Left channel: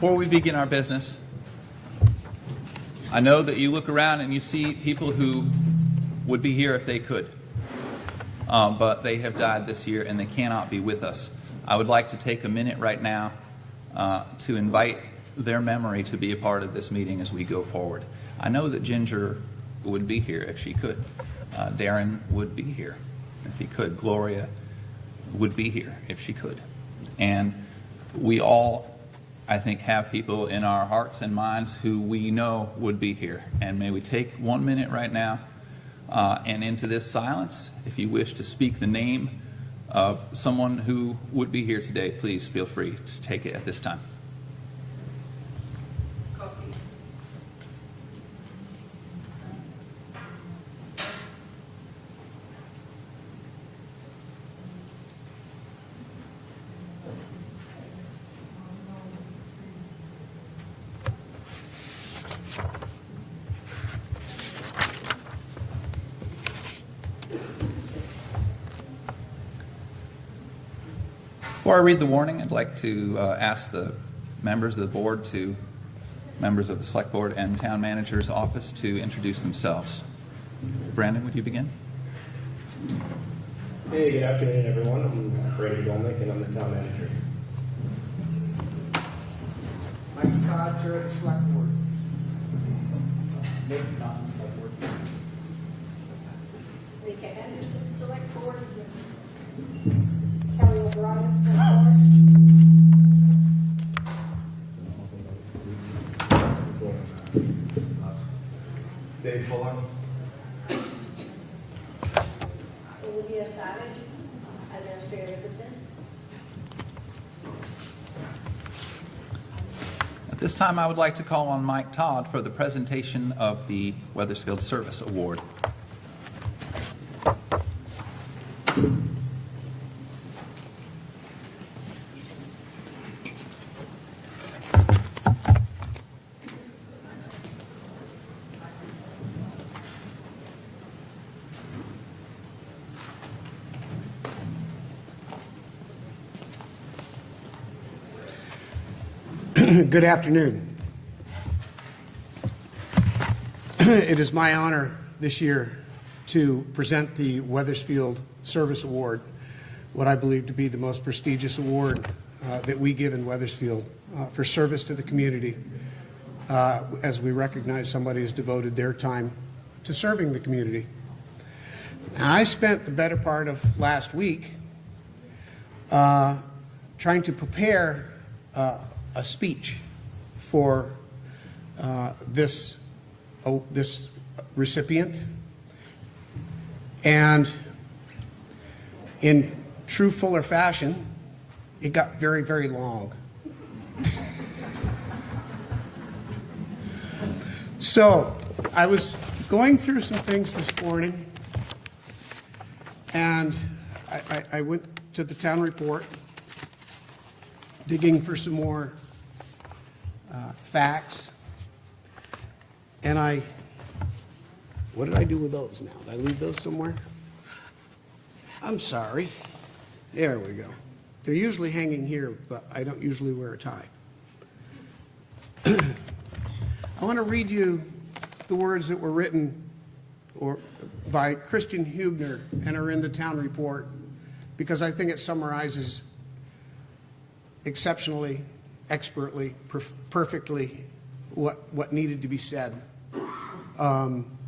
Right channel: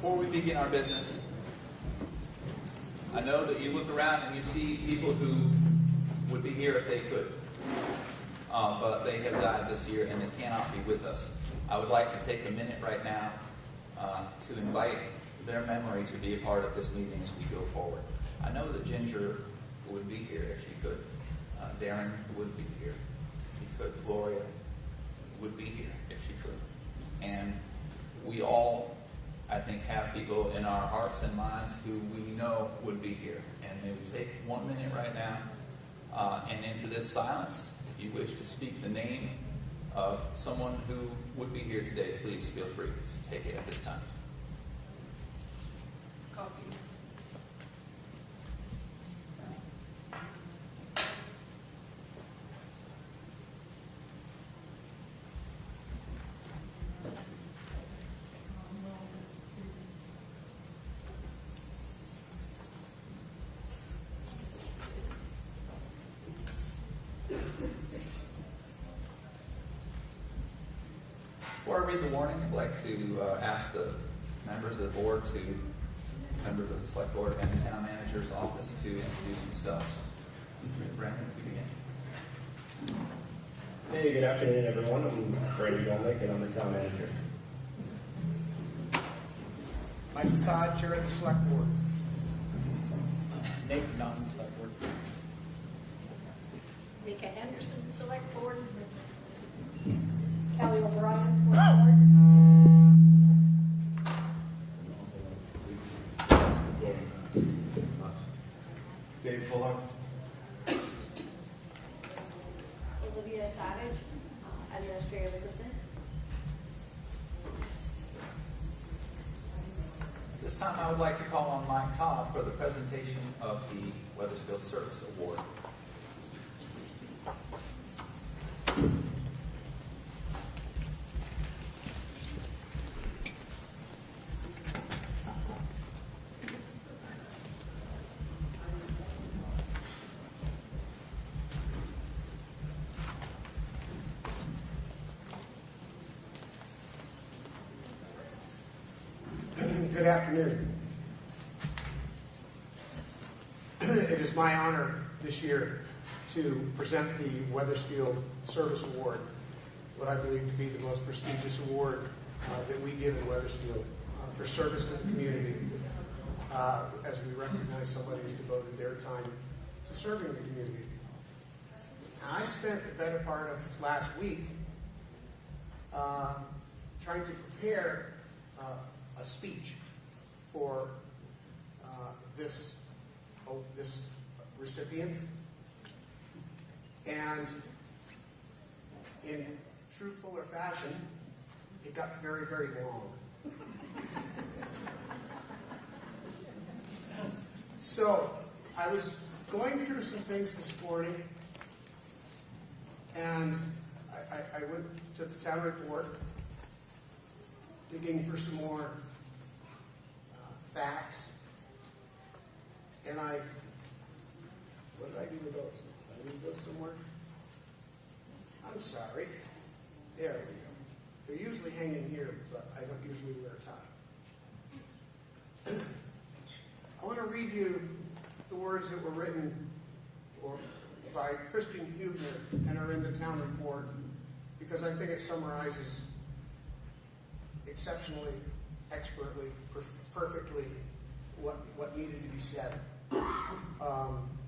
Before we begin our business, I know that you look around and you see people who would be here if they could, but they have died this year and they cannot be with us. I would like to take a minute right now to invite their memory to be a part of this meeting as we go forward. I know that Ginger would be here if she could. Darren would be here if he could. Gloria would be here if she could. And we all, I think, have people in our hearts and minds who we know would be here. And may we take 1 minute right now and into this silence, if you wish to speak the name of someone who would be here today, please feel free to take it at this time. Before I read the warning, I'd like to ask the members of the board members of the select board and town manager's office to introduce themselves. Brandon, would you begin? Hey, good afternoon, everyone. I'm Brandon Dolnick, and I'm the town manager. Mike Todd, you're at the select board. Nate Don, select board. Rika Henderson, select board. Kelly O'Brien, select board. Dave Fuller. Olivia Savage, administrative assistant. At this time, I would like to call on Mike Todd for the presentation of the Weathersfield Service Award. Good afternoon. It is my honor this year to present the Weathersfield Service Award, what I believe to be the most prestigious award that we give in Weathersfield for service to the community, as we recognize somebody who's devoted their time to serving the community. And I spent the better part of last week trying to prepare a speech for this recipient, and in true Fuller fashion, it got very, very long. So I was going through some things this morning, and I went to the town report, digging for some more facts, and what did I do with those now? Did I leave those somewhere? I'm sorry. There we go. They're usually hanging here, but I don't usually wear a tie. I want to read you the words that were written by Christian Hubner and are in the town report, because I think it summarizes exceptionally, expertly, perfectly what needed to be said.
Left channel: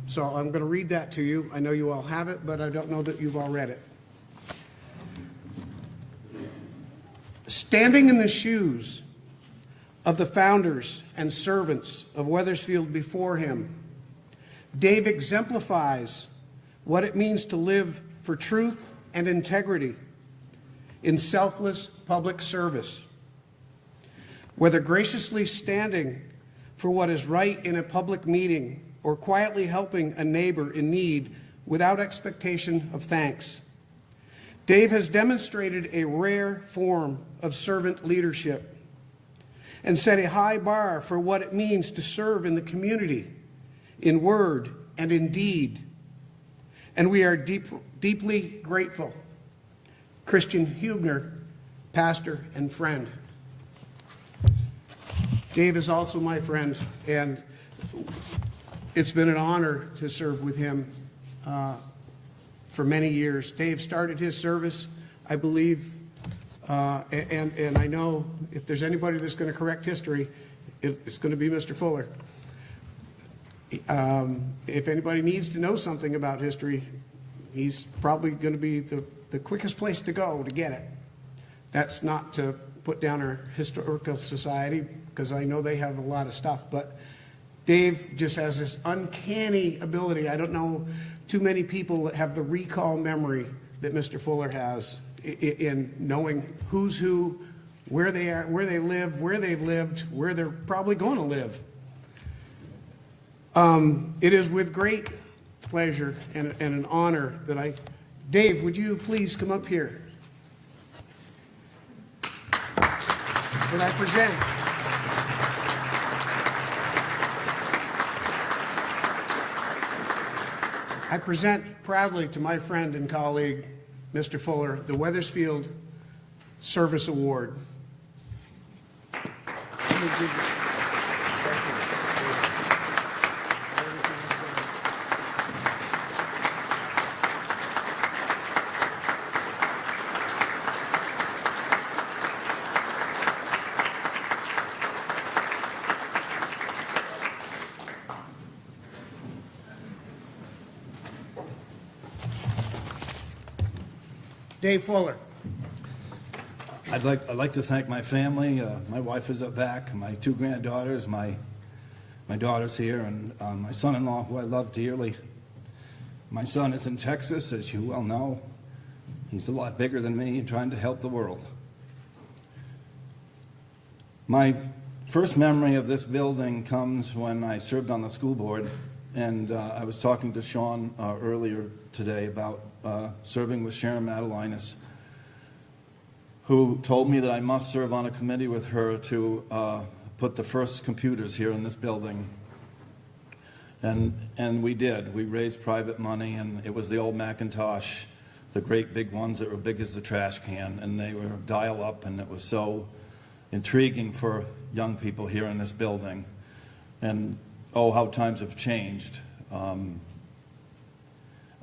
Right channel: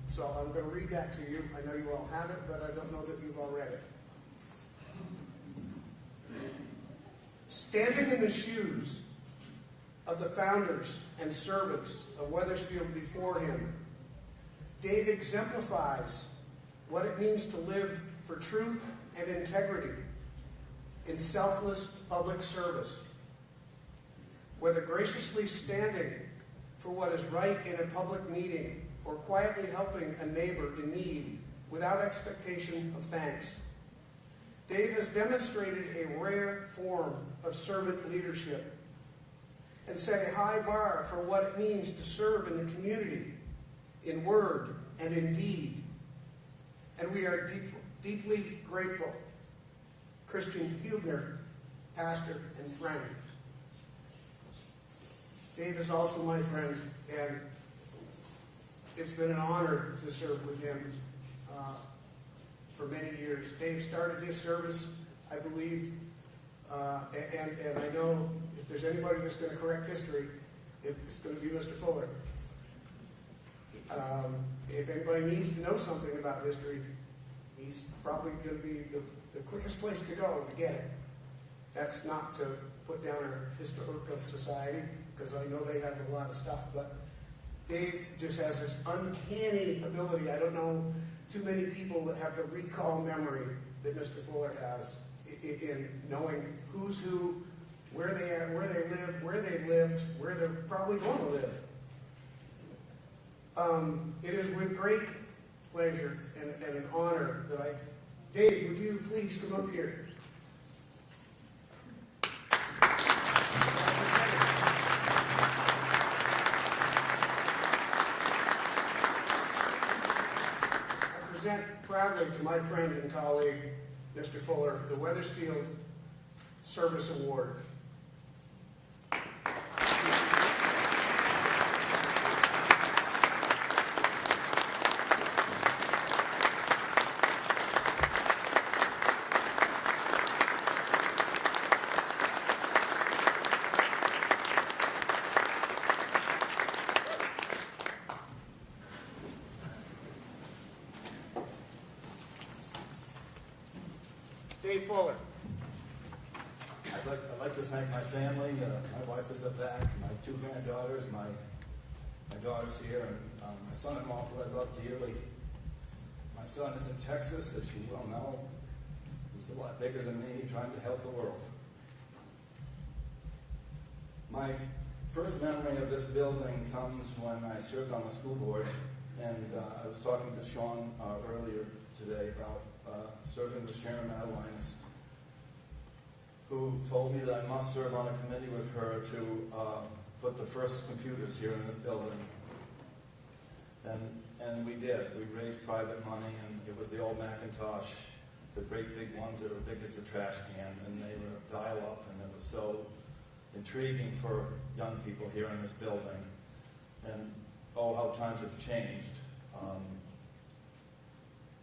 So I'm going to read that to you. I know you all have it, but I don't know that you've all read it. Standing in the shoes of the founders and servants of Weathersfield before him, Dave exemplifies what it means to live for truth and integrity in selfless public service. Whether graciously standing for what is right in a public meeting or quietly helping a neighbor in need without expectation of thanks, Dave has demonstrated a rare form of servant leadership and set a high bar for what it means to serve in the community, in word and in deed. And we are deeply grateful. Christian Hubner, pastor and friend. Dave is also my friend, and it's been an honor to serve with him for many years. Dave started his service, I believe, and I know if there's anybody that's going to correct history, it's going to be Mr. Fuller. If anybody needs to know something about history, he's probably going to be the quickest place to go to get it. That's not to put down our historical society, because I know they have a lot of stuff, but Dave just has this uncanny ability. I don't know too many people that have the recall memory that Mr. Fuller has in knowing who's who, where they are, where they live, where they've lived, where they're probably going to live. It is with great pleasure and an honor that Dave, would you please come up here? That I present. I present proudly to my friend and colleague, Mr. Fuller, the Weathersfield Service Award. Dave Fuller. I'd like to thank my family. My wife is up back, my two granddaughters, my daughter's here, and my son-in-law, who I love dearly. My son is in Texas, as you well know. He's a lot bigger than me, trying to help the world. My first memory of this building comes when I served on the school board, and I was talking to Sean earlier today about serving with Sharon Madelinas, who told me that I must serve on a committee with her to put the first computers here in this building. And we did. We raised private money, and it was the old Macintosh, the great big ones that were big as the trash can, and they were dial-up, and it was so intriguing for young people here in this building. And oh, how times have changed.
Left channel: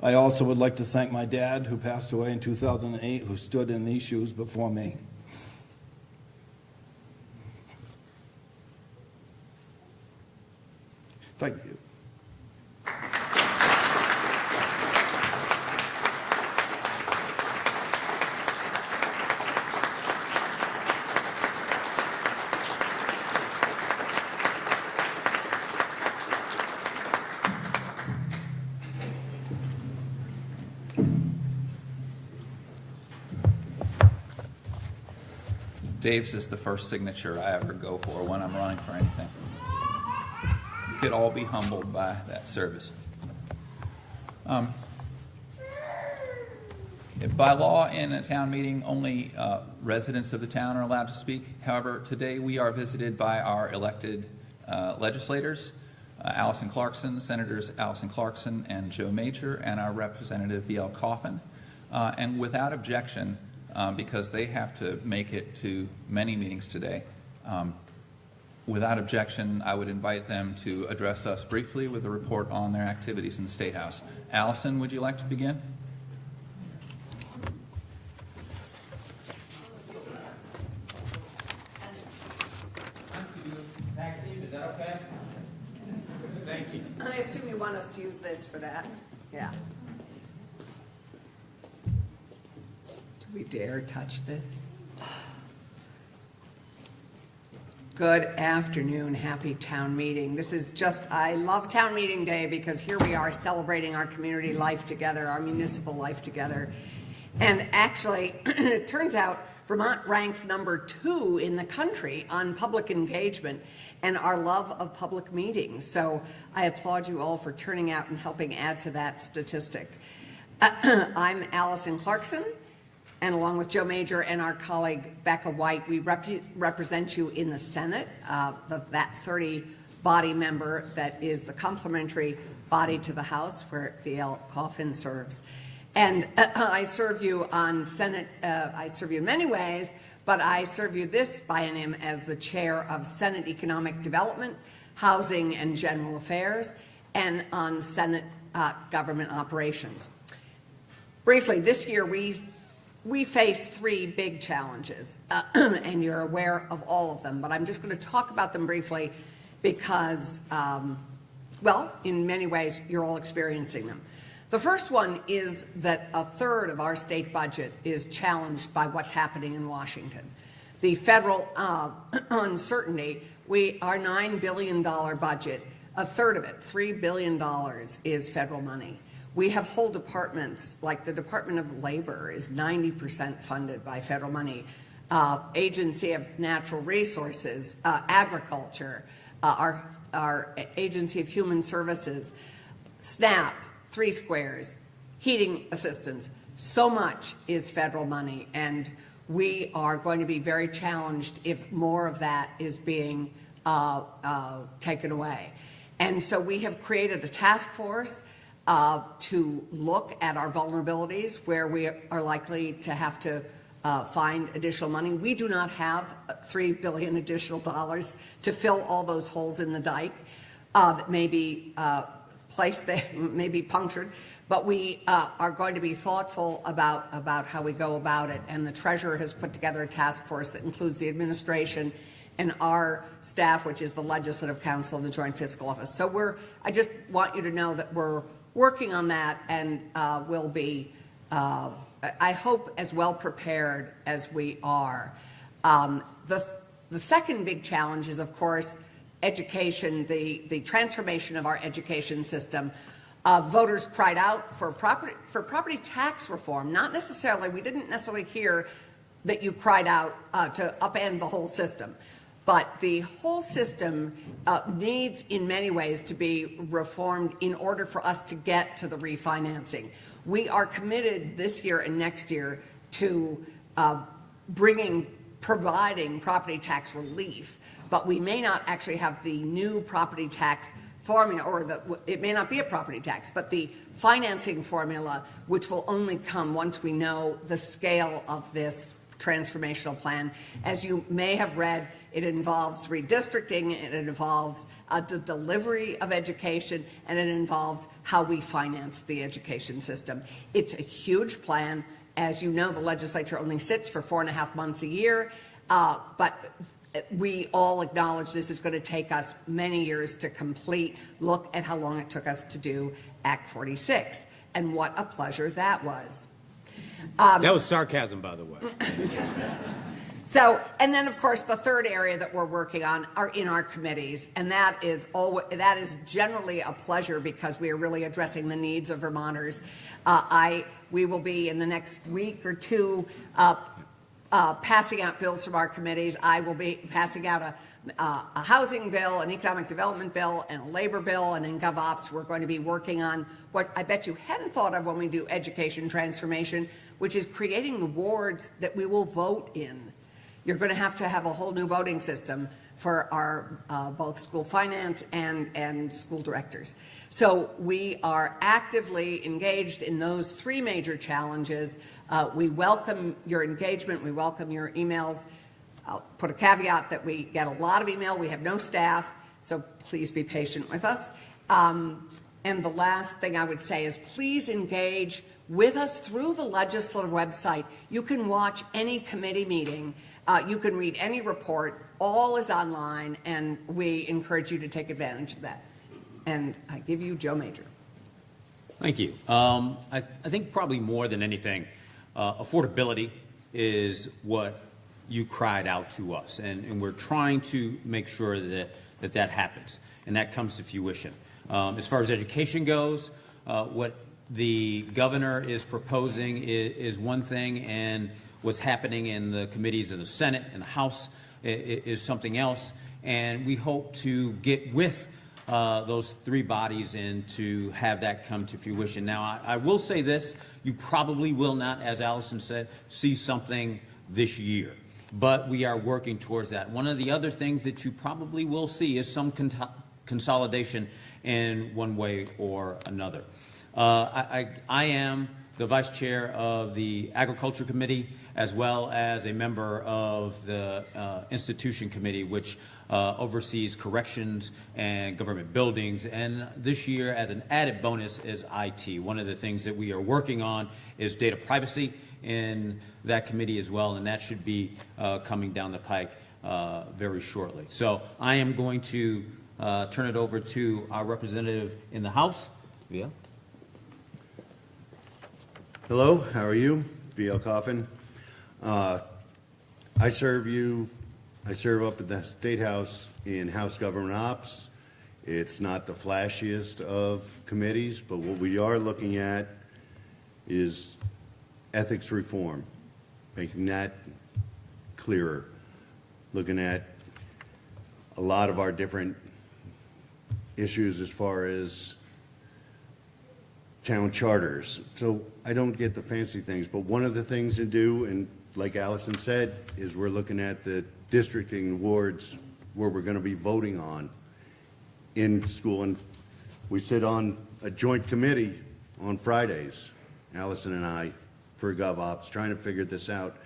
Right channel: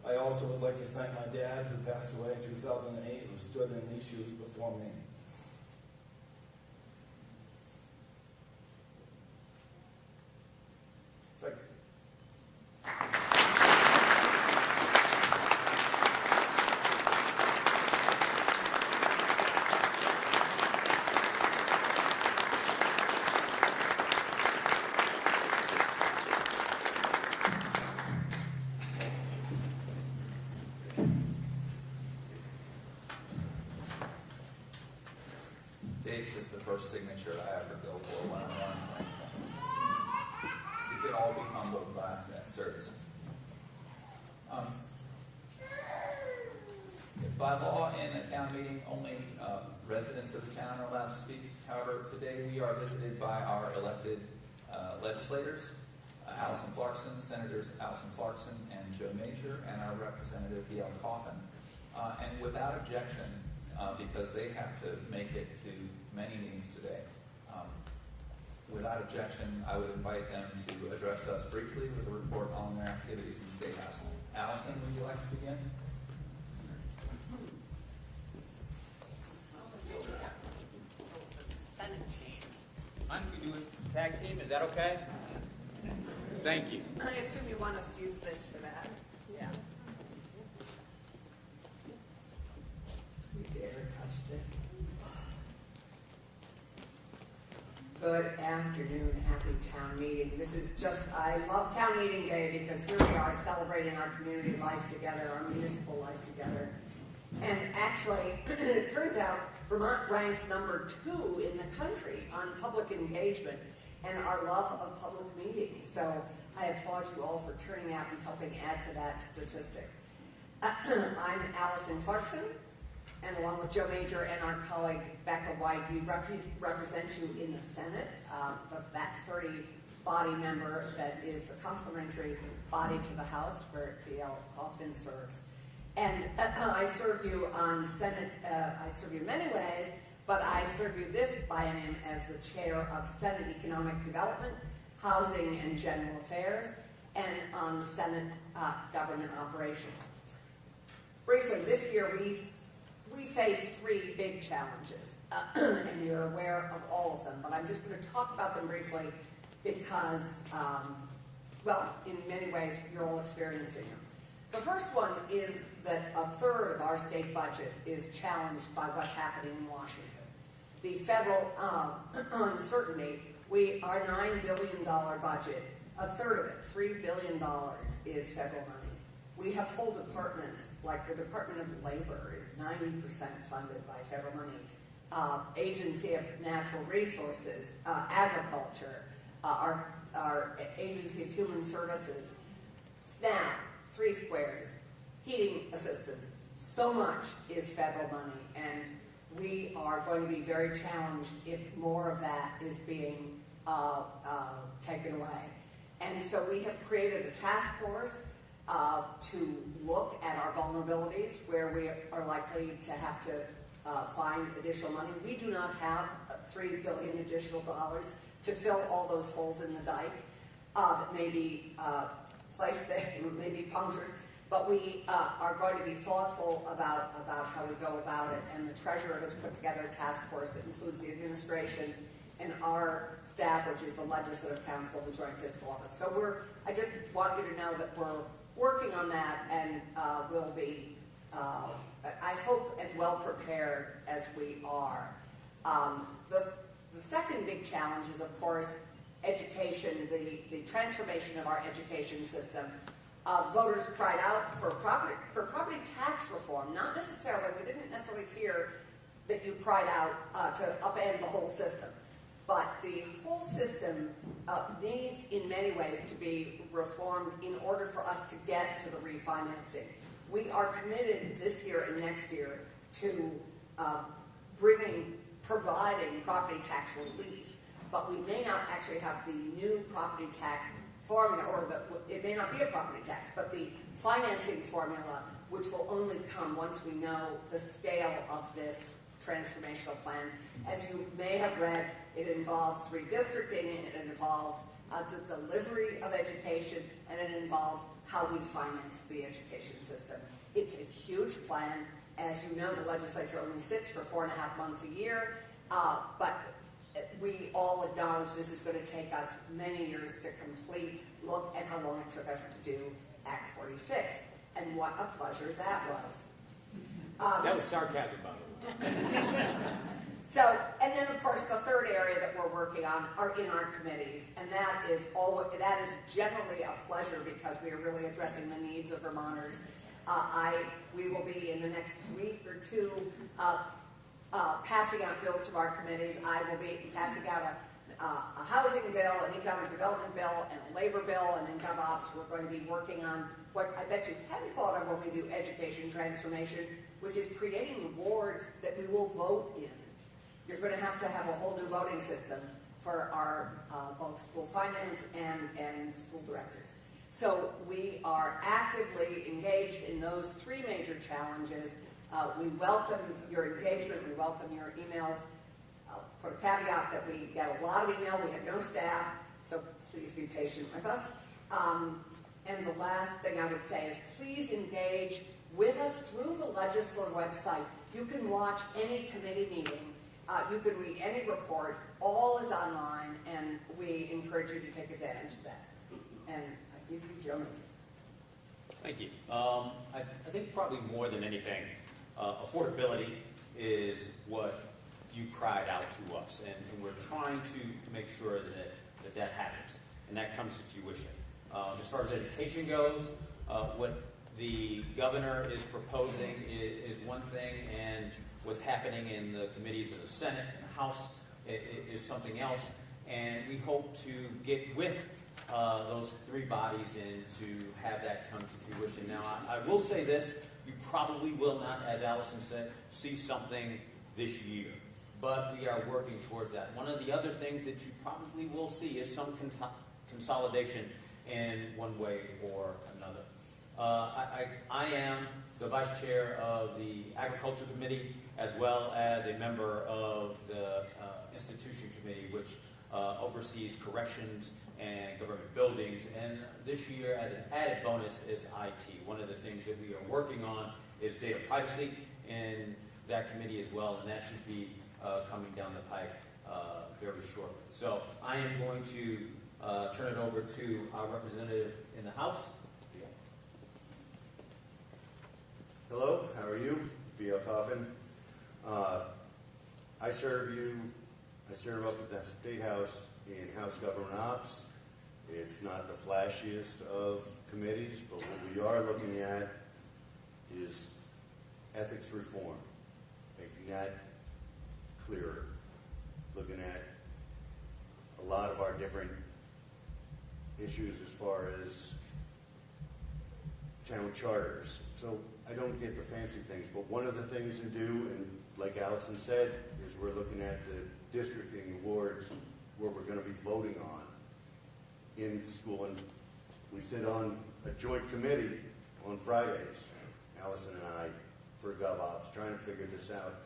I also would like to thank my dad, who passed away in 2008, who stood in these shoes before me. Thank you. Dave's is the first signature I ever go for when I'm running for anything. You could all be humbled by that service. By law, in a town meeting, only residents of the town are allowed to speak. However, today we are visited by our elected legislators, Allison Clarkson, Senators Allison Clarkson and Joe Major, and our Representative V.L. Coffin. And without objection, because they have to make it to many meetings today. Without objection, I would invite them to address us briefly with a report on their activities in the State House. Allison, would you like to begin? Tag team, is that okay? Thank you. I assume you want us to use this for that. Yeah. Do we dare touch this? Good afternoon, happy town meeting. This is just, I love town meeting day because here we are celebrating our community life together, our municipal life together. And actually, it turns out Vermont ranks #2 in the country on public engagement and our love of public meetings. So I applaud you all for turning out and helping add to that statistic. I'm Allison Clarkson, and along with Joe Major and our colleague Becca White, we represent you in the Senate, that 30-body member that is the complementary body to the House where V.L. Coffin serves. And I serve you on Senate, I serve you in many ways, but I serve you this biennium as the chair of Senate Economic Development, Housing and General Affairs, and on Senate Government Operations. Briefly, this year we face three big challenges, and you're aware of all of them, but I'm just going to talk about them briefly because, well, in many ways, you're all experiencing them. The first one is that a third of our state budget is challenged by what's happening in Washington. The federal uncertainty, our $9 billion budget, a third of it, $3 billion, is federal money. We have whole departments, like the Department of Labor is 90% funded by federal money. Agency of Natural Resources, Agriculture, our Agency of Human Services, SNAP, 3 Squares, heating assistance. So much is federal money, and we are going to be very challenged if more of that is being taken away. And so we have created a task force to look at our vulnerabilities where we are likely to have to find additional money. We do not have $3 billion additional dollars to fill all those holes in the dike that may be placed there, may be punctured, but we are going to be thoughtful about how we go about it. And the treasurer has put together a task force that includes the administration and our staff, which is the Legislative Council and the Joint Fiscal Office. So I just want you to know that we're working on that, and will be, I hope, as well prepared as we are. The second big challenge is, of course, education, the transformation of our education system. Voters cried out for property tax reform. Not necessarily, we didn't necessarily hear that you cried out to upend the whole system. But the whole system needs, in many ways, to be reformed in order for us to get to the refinancing. We are committed this year and next year to providing property tax relief, but we may not actually have the new property tax formula, or it may not be a property tax, but the financing formula, which will only come once we know the scale of this transformational plan. As you may have read, it involves redistricting, it involves the delivery of education, and it involves how we finance the education system. It's a huge plan. As you know, the legislature only sits for 4.5 months a year, but we all acknowledge this is going to take us many years to complete. Look at how long it took us to do Act 46, and what a pleasure that was. That was sarcasm, by the way. So, and then of course the third area that we're working on are in our committees, and that is generally a pleasure because we are really addressing the needs of Vermonters. We will be in the next week or two passing out bills from our committees. I will be passing out a housing bill, an economic development bill, and a labor bill, and in GovOps we're going to be working on what I bet you hadn't thought of when we do education transformation, which is creating the wards that we will vote in. You're going to have a whole new voting system for our both school finance and school directors. So we are actively engaged in those three major challenges. We welcome your engagement. We welcome your emails. I'll put a caveat that we get a lot of email. We have no staff, so please be patient with us. And the last thing I would say is please engage with us through the legislative website. You can watch any committee meeting. You can read any report. All is online, and we encourage you to take advantage of that. And I give you Joe Major. Thank you. I think probably more than anything, affordability is what you cried out to us, and we're trying to make sure that happens, and that comes to fruition. As far as education goes, what the governor is proposing is one thing, and what's happening in the committees of the Senate and the House is something else, and we hope to get with those three bodies and to have that come to fruition. Now, I will say this, you probably will not, as Allison said, see something this year, but we are working towards that. One of the other things that you probably will see is some consolidation in one way or another. I am the vice chair of the Agriculture Committee, as well as a member of the Institution Committee, which oversees corrections and government buildings. And this year, as an added bonus, is IT. One of the things that we are working on is data privacy in that committee as well, and that should be coming down the pike very shortly. So I am going to turn it over to our representative in the House. Yeah. Hello, how are you? V.L. Coffin. I serve up at the State House in House Government Ops. It's not the flashiest of committees, but what we are looking at is ethics reform, making that clearer, looking at a lot of our different issues as far as town charters. So I don't get the fancy things, but one of the things to do, and like Allison said, is we're looking at the districting wards where we're going to be voting on in school. And we sit on a joint committee on Fridays, Allison and I, for GovOps, trying to figure this out,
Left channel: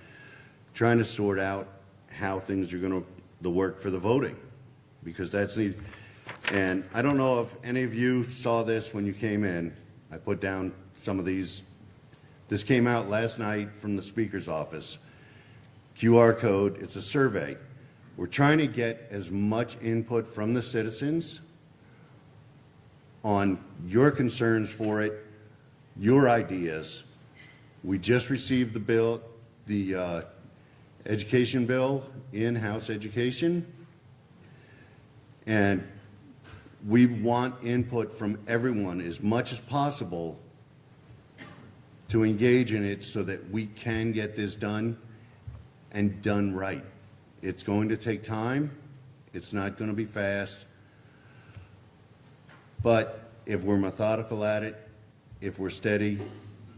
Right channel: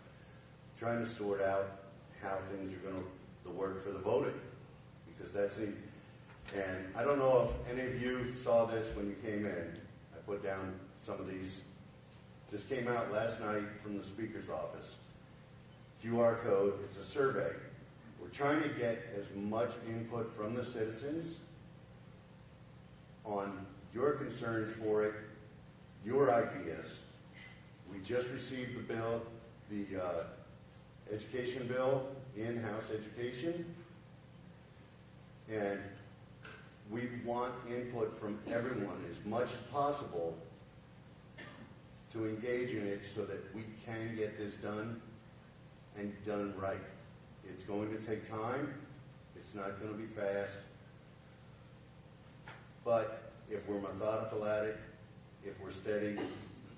trying to sort out how things are going to work for the voting, because that's needed. And I don't know if any of you saw this when you came in. I put down some of these. This came out last night from the Speaker's office. QR code, it's a survey. We're trying to get as much input from the citizens on your concerns for it, your ideas. We just received the bill, the education bill, in-house education, and we want input from everyone as much as possible to engage in it so that we can get this done and done right. It's going to take time. It's not going to be fast. But if we're methodical at it, if we're steady,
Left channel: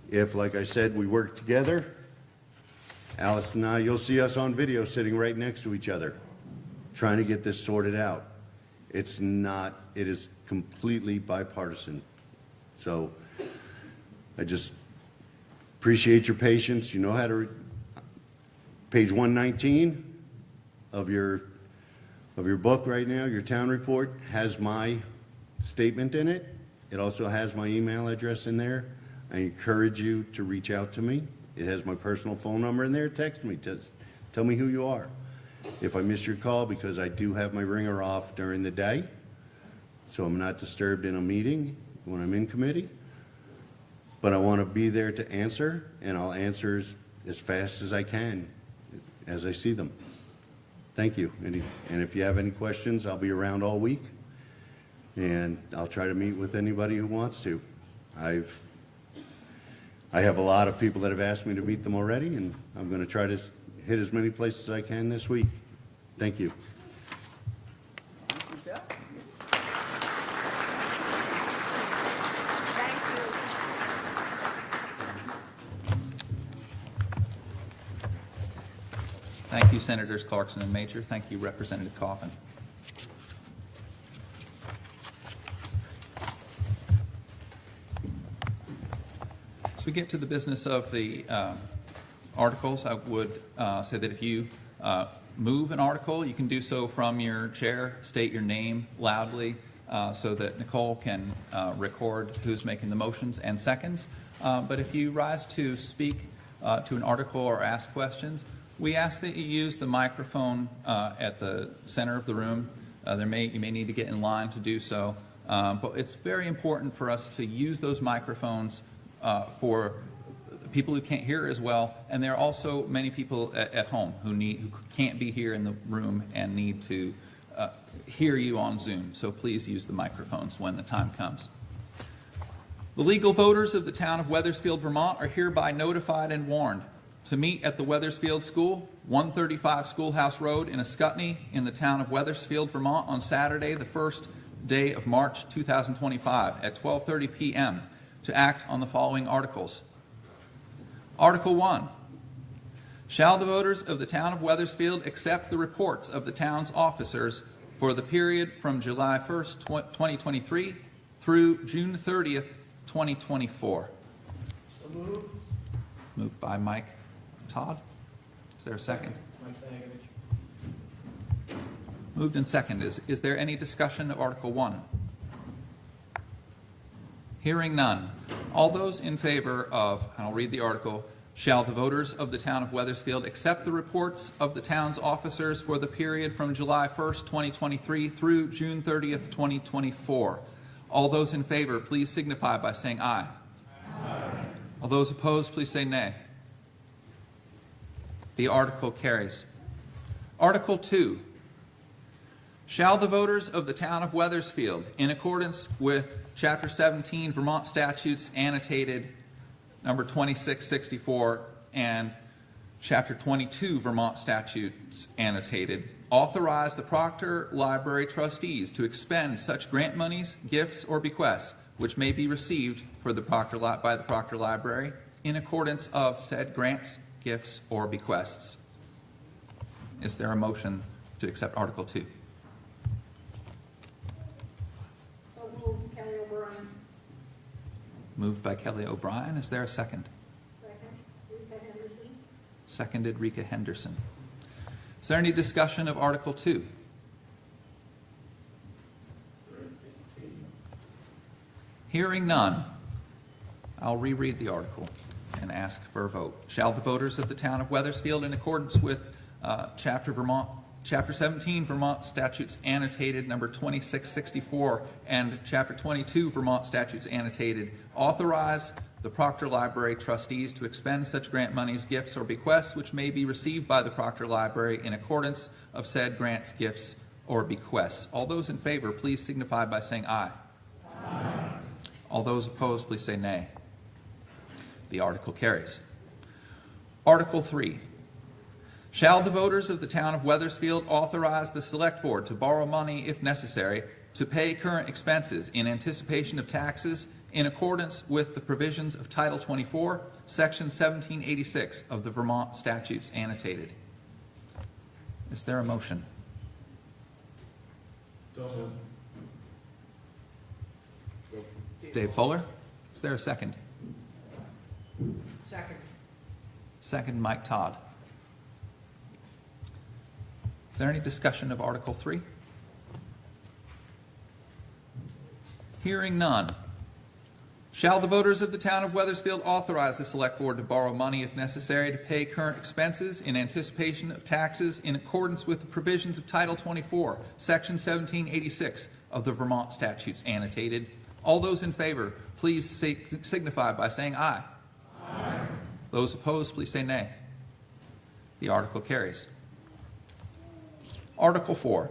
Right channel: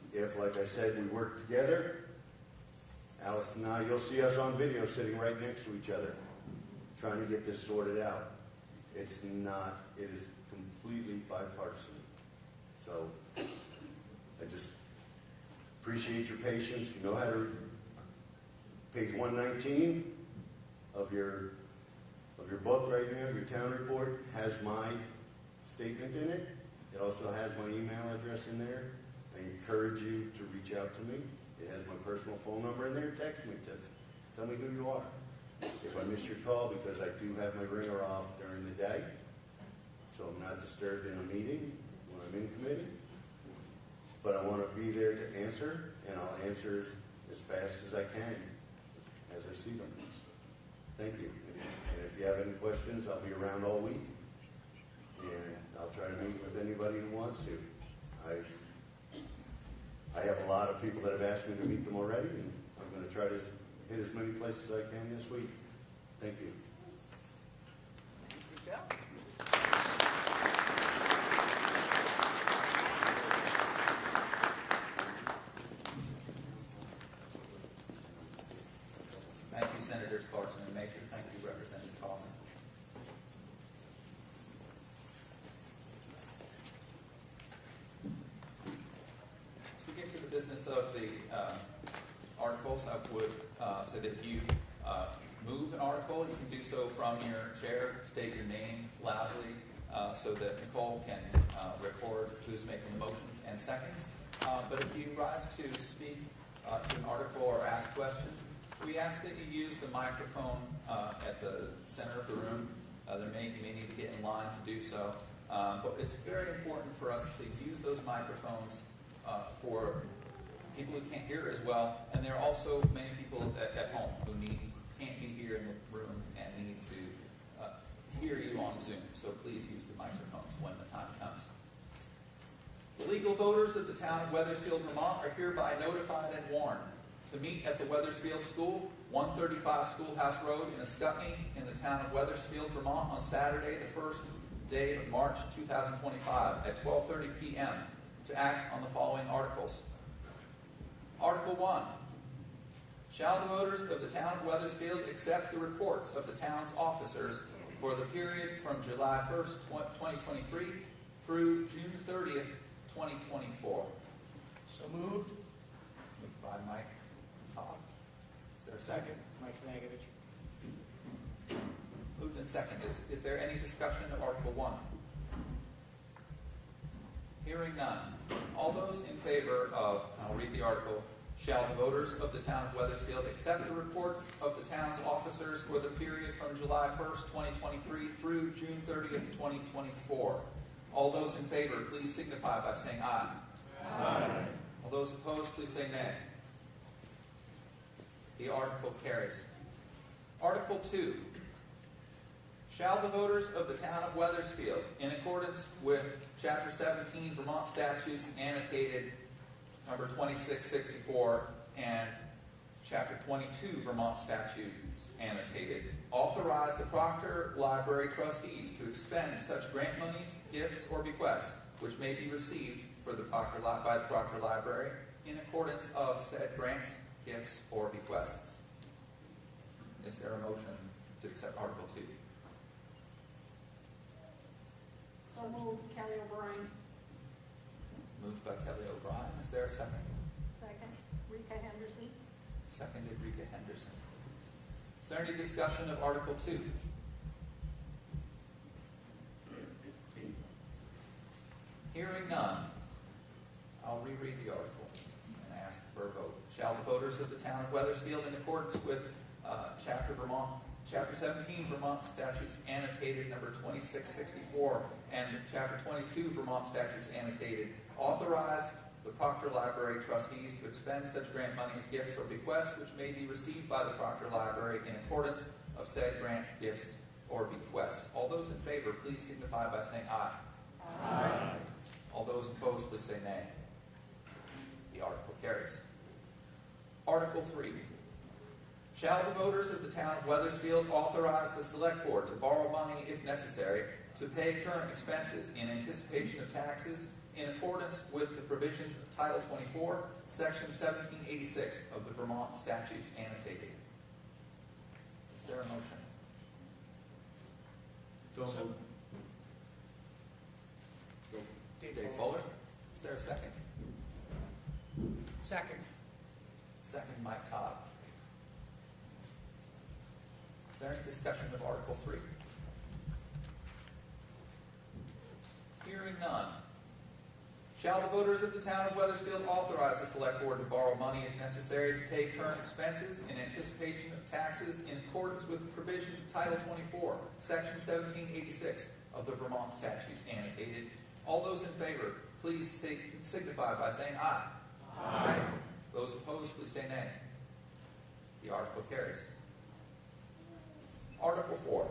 if, like I said, we work together, Alice and I, you'll see us on video sitting right next to each other, trying to get this sorted out. It's not, it is completely bipartisan. So I just appreciate your patience. You know how to, page 119 of your book right now, your town report, has my statement in it. It also has my email address in there. I encourage you to reach out to me. It has my personal phone number in there. Text me. Just tell me who you are. If I miss your call, because I do have my ringer off during the day, so I'm not disturbed in a meeting when I'm in committee. But I want to be there to answer, and I'll answer as fast as I can, as I see them. Thank you. And if you have any questions, I'll be around all week, and I'll try to meet with anybody who wants to. I have a lot of people that have asked me to meet them already, and I'm going to try to hit as many places as I can this week. Thank you. Thank you, Senators Clarkson and Major. Thank you, Representative Coffin. As we get to the business of the articles, I would say that if you move an article, you can do so from your chair. State your name loudly so that Nicole can record who's making the motions and seconds. But if you rise to speak to an article or ask questions, we ask that you use the microphone at the center of the room. You may need to get in line to do so. But it's very important for us to use those microphones for people who can't hear as well, and there are also many people at home who can't be here in the room and need to hear you on Zoom. So please use the microphones when the time comes. The legal voters of the town of Weathersfield, Vermont are hereby notified and warned to meet at the Weathersfield School, 135 Schoolhouse Road in Ascutney in the town of Weathersfield, Vermont on Saturday, the first day of March 2025 at 12:30 p.m. to act on the following articles. Article 1. Shall the voters of the town of Weathersfield accept the reports of the town's officers for the period from July 1st, 2023 through June 30th, 2024? So moved. Moved by Mike Todd. Is there a second? Mike Stankovich. Moved and seconded. Is there any discussion of Article 1? Hearing none. All those in favor of, I'll read the article, shall the voters of the town of Weathersfield accept the reports of the town's officers for the period from July 1st, 2023 through June 30th, 2024? All those in favor, please signify by saying aye. Aye. All those opposed, please say nay. The article carries. Article 2. Shall the voters of the town of Weathersfield, in accordance with Chapter 17 Vermont Statutes annotated number 2664 and Chapter 22 Vermont Statutes annotated, authorize the Proctor Library trustees to expend such grant monies, gifts, or bequests which may be received by the Proctor Library in accordance of said grants, gifts, or bequests? Is there a motion to accept Article 2? So moved, Kelly O'Brien. Moved by Kelly O'Brien. Is there a second? Second, Rika Henderson. Seconded Rika Henderson. Is there any discussion of Article 2? Hearing none, I'll reread the article and ask for a vote. Shall the voters of the town of Weathersfield, in accordance with Chapter 17 Vermont Statutes annotated number 2664 and Chapter 22 Vermont Statutes annotated, authorize the Proctor Library trustees to expend such grant monies, gifts, or bequests which may be received by the Proctor Library in accordance of said grants, gifts, or bequests? All those in favor, please signify by saying aye. Aye. All those opposed, please say nay. The article carries. Article 3. Shall the voters of the town of Weathersfield authorize the select board to borrow money if necessary to pay current expenses in anticipation of taxes in accordance with the provisions of Title 24, Section 1786 of the Vermont Statutes annotated? Is there a motion? Dave Fuller. Is there a second? Second. Second, Mike Todd. Is there any discussion of Article 3? Hearing none. Shall the voters of the town of Weathersfield authorize the select board to borrow money if necessary to pay current expenses in anticipation of taxes in accordance with the provisions of Title 24, Section 1786 of the Vermont Statutes annotated? All those in favor, please signify by saying aye. Aye. Those opposed, please say nay. The article carries. Article 4.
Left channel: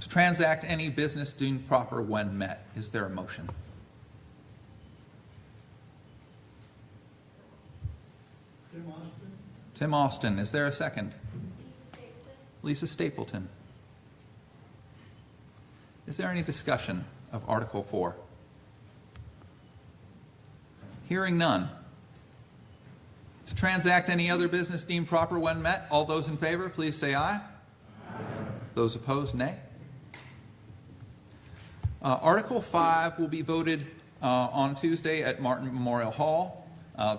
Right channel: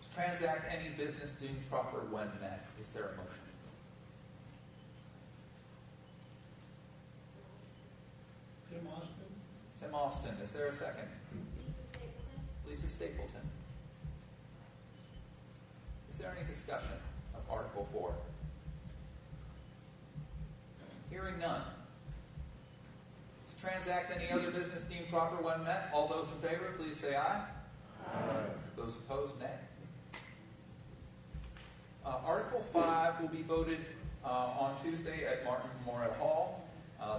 To transact any business deemed proper when met. Is there a motion? Tim Austin. Is there a second? Lisa Stapleton. Is there any discussion of Article 4? Hearing none. To transact any other business deemed proper when met. All those in favor, please say aye. Aye. Those opposed, nay. Article 5 will be voted on Tuesday at Martin Memorial Hall.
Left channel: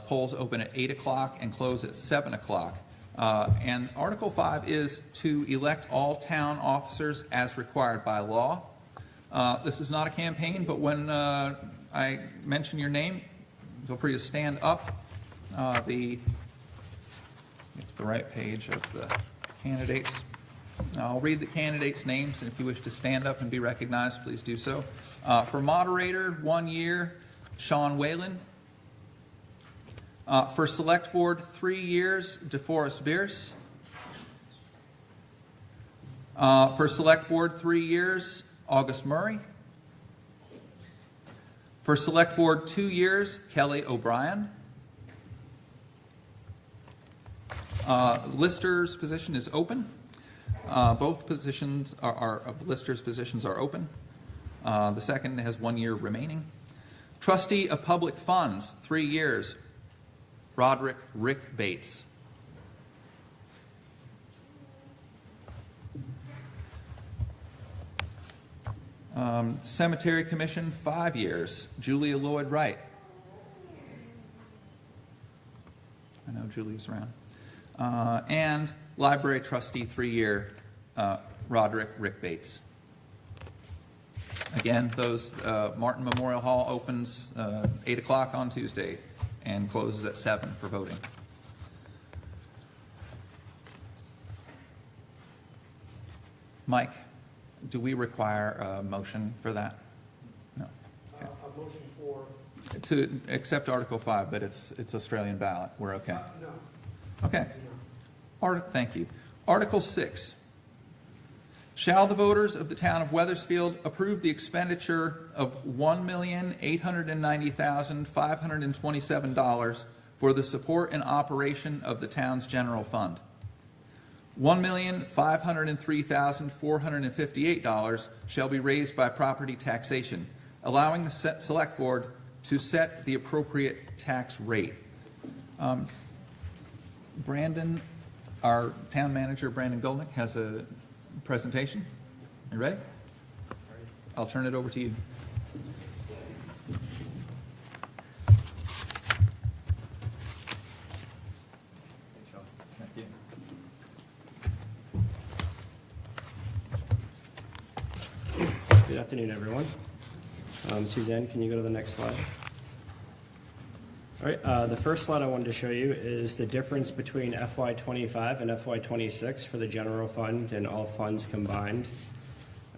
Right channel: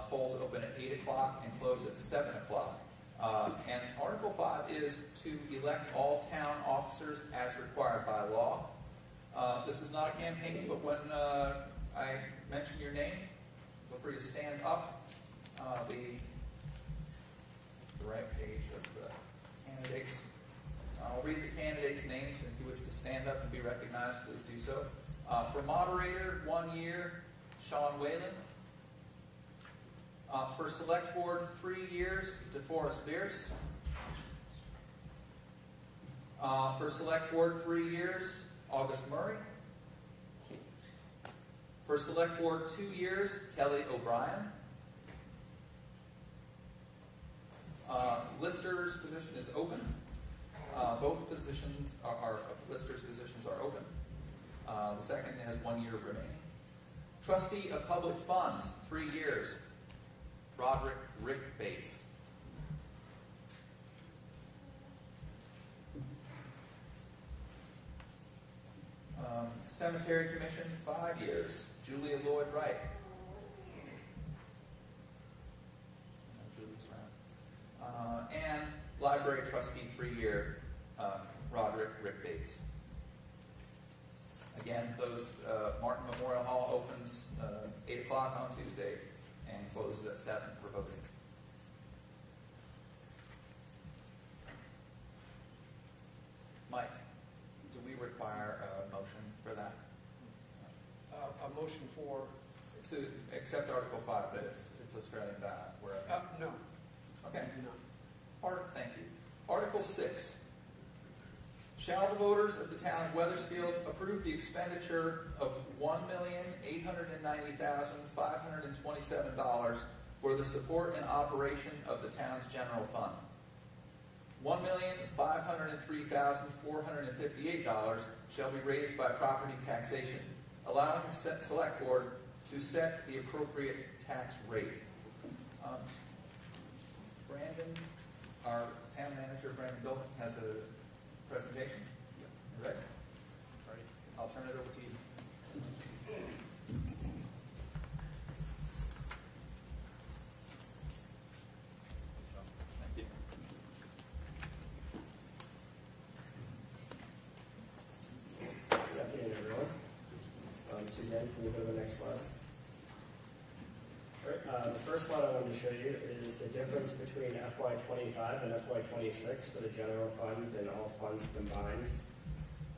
Polls open at 8 o'clock and close at 7 o'clock. And Article 5 is to elect all town officers as required by law. This is not a campaign, but when I mention your name, feel free to stand up. It's the right page of the candidates. I'll read the candidates' names, and if you wish to stand up and be recognized, please do so. For moderator, 1 year, Sean Whalen. For select board, 3 years, DeForest Bierce. For select board, 3 years, August Murray. For select board, 2 years, Kelly O'Brien. Lister's position is open. Both positions of the lister's positions are open. The second has 1 year remaining. Trustee of Public Funds, 3 years, Rick Bates. Cemetery Commission, 5 years, Julia Lloyd Wright. Julie's around. And library trustee, 3-year, Rick Bates. Again, those, Martin Memorial Hall opens 8 o'clock on Tuesday and closes at 7 for voting. Mike, do we require a motion for that? No. A motion for? To accept Article 5, but it's Australian ballot. We're okay. No. Okay. Thank you. Article 6. Shall the voters of the town of Weathersfield approve the expenditure of $1,890,527 for the support and operation of the town's general fund? $1,503,458 shall be raised by property taxation, allowing the select board to set the appropriate tax rate. Brandon, our town manager, Brandon Goldnick, has a presentation. You ready? I'll turn it over to you. Thank you. Good afternoon, everyone. Suzanne, can you go to the next slide? All right, the first slide I wanted to show you is the difference between FY25 and FY26 for the general fund and all funds combined.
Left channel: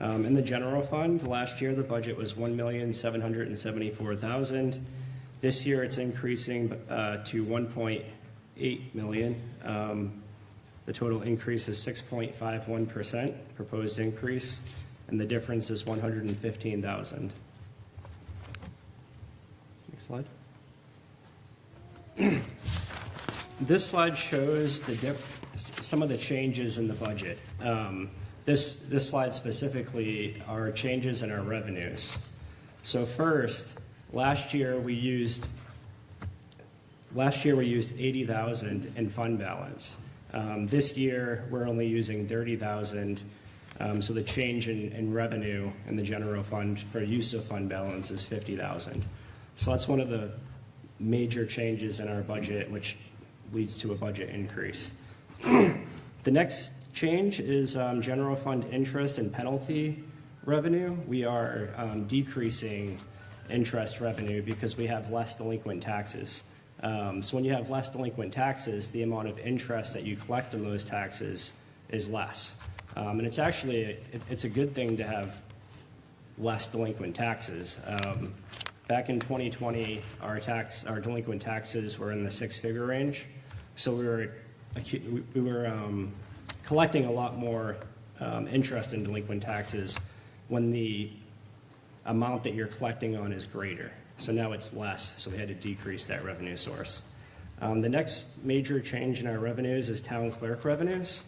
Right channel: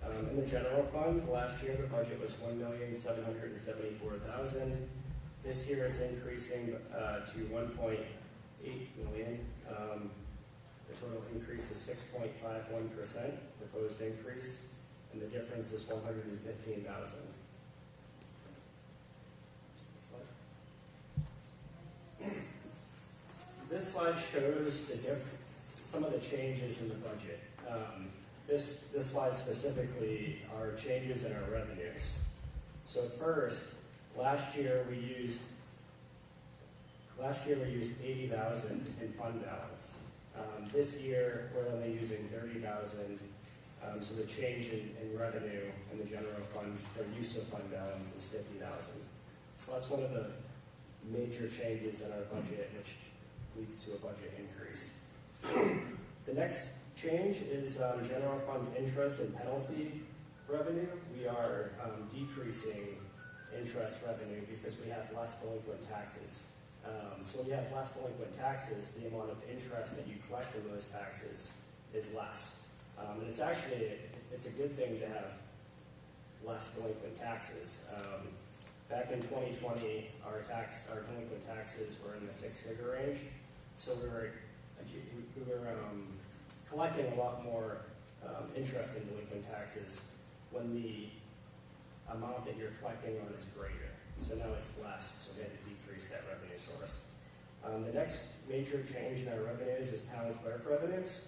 In the general fund, last year the budget was $1,774,000. This year it's increasing to $1.8 million. The total increase is 6.51% proposed increase, and the difference is $115,000. Next slide. This slide shows some of the changes in the budget. This slide specifically are changes in our revenues. So first, last year we used $80,000 in fund balance. This year we're only using $30,000. So the change in revenue in the general fund for use of fund balance is $50,000. So that's one of the major changes in our budget, which leads to a budget increase. The next change is general fund interest and penalty revenue. We are decreasing interest revenue because we have less delinquent taxes. So when you have less delinquent taxes, the amount of interest that you collect on those taxes is less. And it's actually, it's a good thing to have less delinquent taxes. Back in 2020, our delinquent taxes were in the 6-figure range. So we were collecting a lot more interest in delinquent taxes when the amount that you're collecting on is greater. So now it's less, so we had to decrease that revenue source. The next major change in our revenues is town clerk revenues.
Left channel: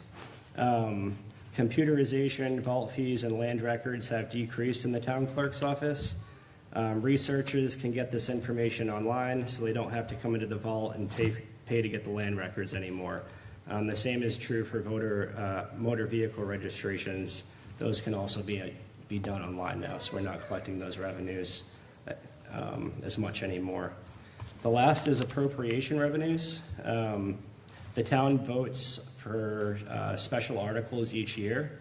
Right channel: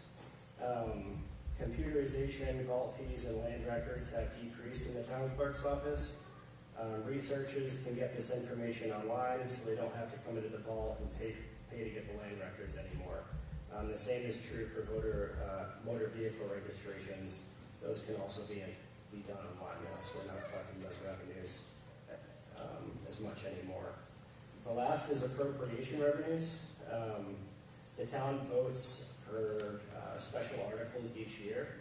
Computerization, vault fees, and land records have decreased in the town clerk's office. Researchers can get this information online, so they don't have to come into the vault and pay to get the land records anymore. The same is true for motor vehicle registrations. Those can also be done online now, so we're not collecting those revenues as much anymore. The last is appropriation revenues. The town votes for special articles each year,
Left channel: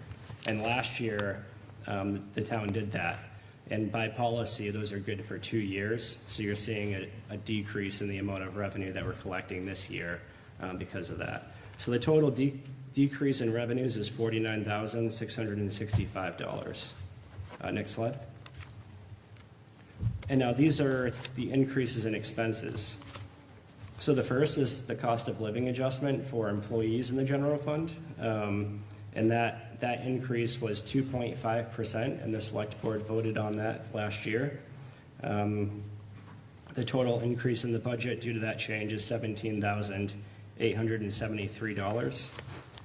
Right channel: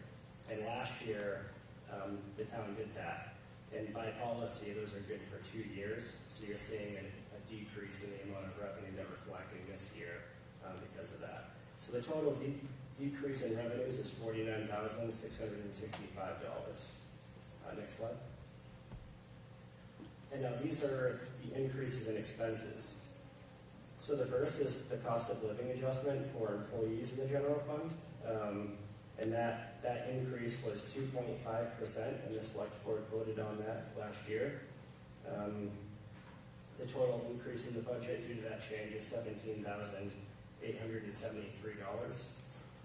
and last year the town did that. And by policy, those are good for 2 years, so you're seeing a decrease in the amount of revenue that we're collecting this year because of that. So the total decrease in revenues is $49,665. Next slide. And now these are the increases in expenses. So the first is the cost of living adjustment for employees in the general fund. And that increase was 2.5%, and the select board voted on that last year. The total increase in the budget due to that change is $17,873.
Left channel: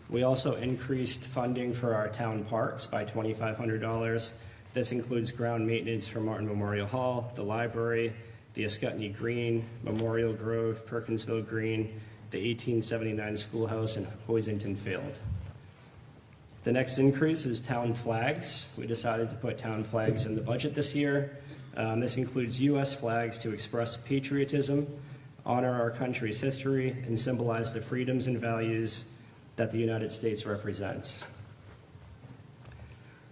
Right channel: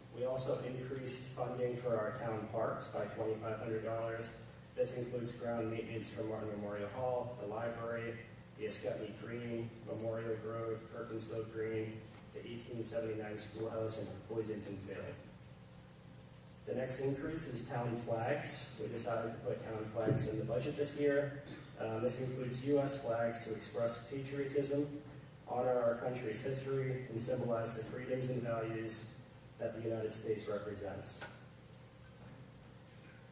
We also increased funding for our town parks by $2,500. This includes ground maintenance for Martin Memorial Hall, the library, the Ascutney Green, Memorial Grove, Perkinsville Green, the 1879 Schoolhouse, and Hoisington Field. The next increase is town flags. We decided to put town flags in the budget this year. This includes U.S. flags to express patriotism, honor our country's history, and symbolize the freedoms and values that the United States represents.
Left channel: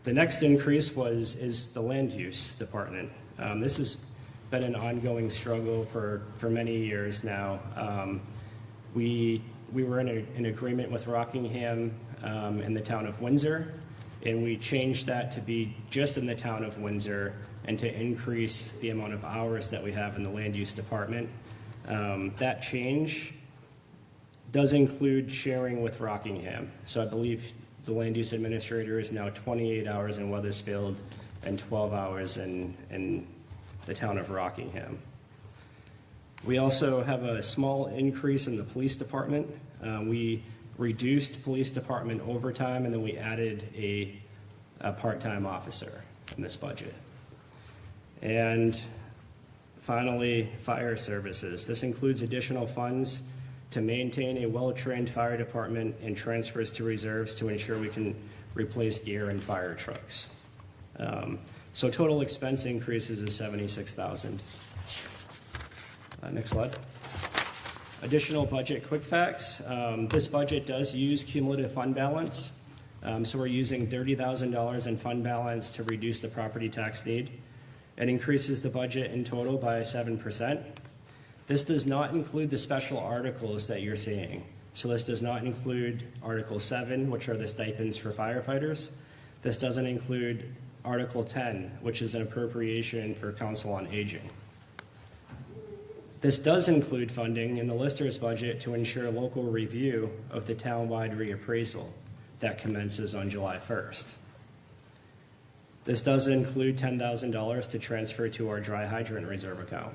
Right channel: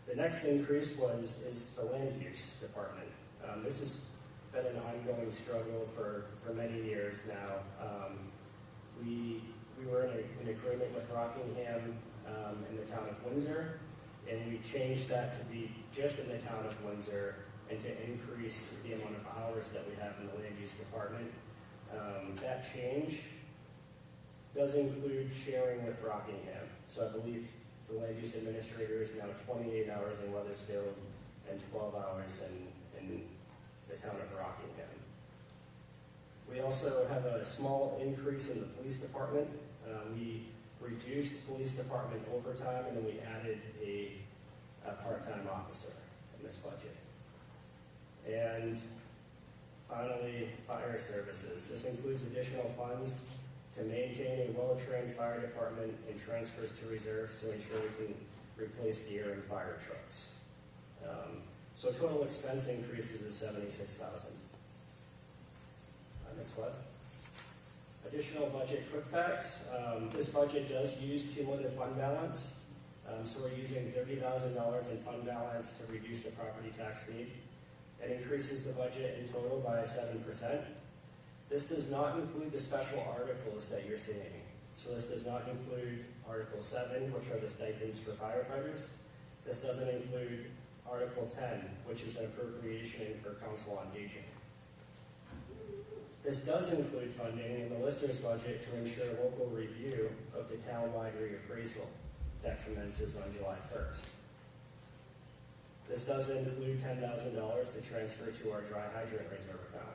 The next increase is the land use department. This has been an ongoing struggle for many years now. We were in an agreement with Rockingham in the town of Windsor, and we changed that to be just in the town of Windsor and to increase the amount of hours that we have in the land use department. That change does include sharing with Rockingham. So I believe the land use administrator is now 28 hours in Weathersfield and 12 hours in the town of Rockingham. We also have a small increase in the police department. We reduced police department overtime, and then we added a part-time officer in this budget. And finally, fire services. This includes additional funds to maintain a well-trained fire department and transfers to reserves to ensure we can replace gear in fire trucks. So total expense increases is $76,000. Next slide. Additional budget quick facts. This budget does use cumulative fund balance. So we're using $30,000 in fund balance to reduce the property tax need. It increases the budget in total by 7%. This does not include the special articles that you're seeing. So this does not include Article 7, which are the stipends for firefighters. This doesn't include Article 10, which is an appropriation for Council on Aging. This does include funding in the Lister's budget to ensure local review of the town-wide reappraisal that commences on July 1st. This does include $10,000 to transfer to our dry hydrant reserve account.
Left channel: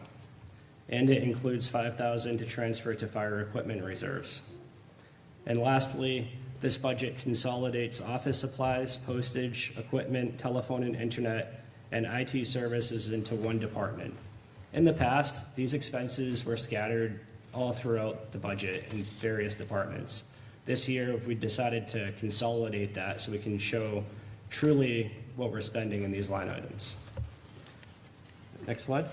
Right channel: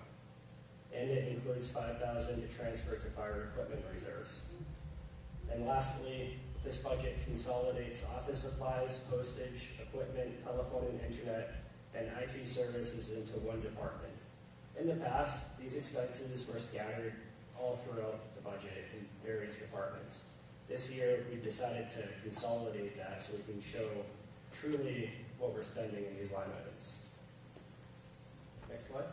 And it includes $5,000 to transfer to fire equipment reserves. And lastly, this budget consolidates office supplies, postage, equipment, telephone and internet, and IT services into one department. In the past, these expenses were scattered all throughout the budget in various departments. This year, we decided to consolidate that so we can show truly what we're spending in these line items. Next slide.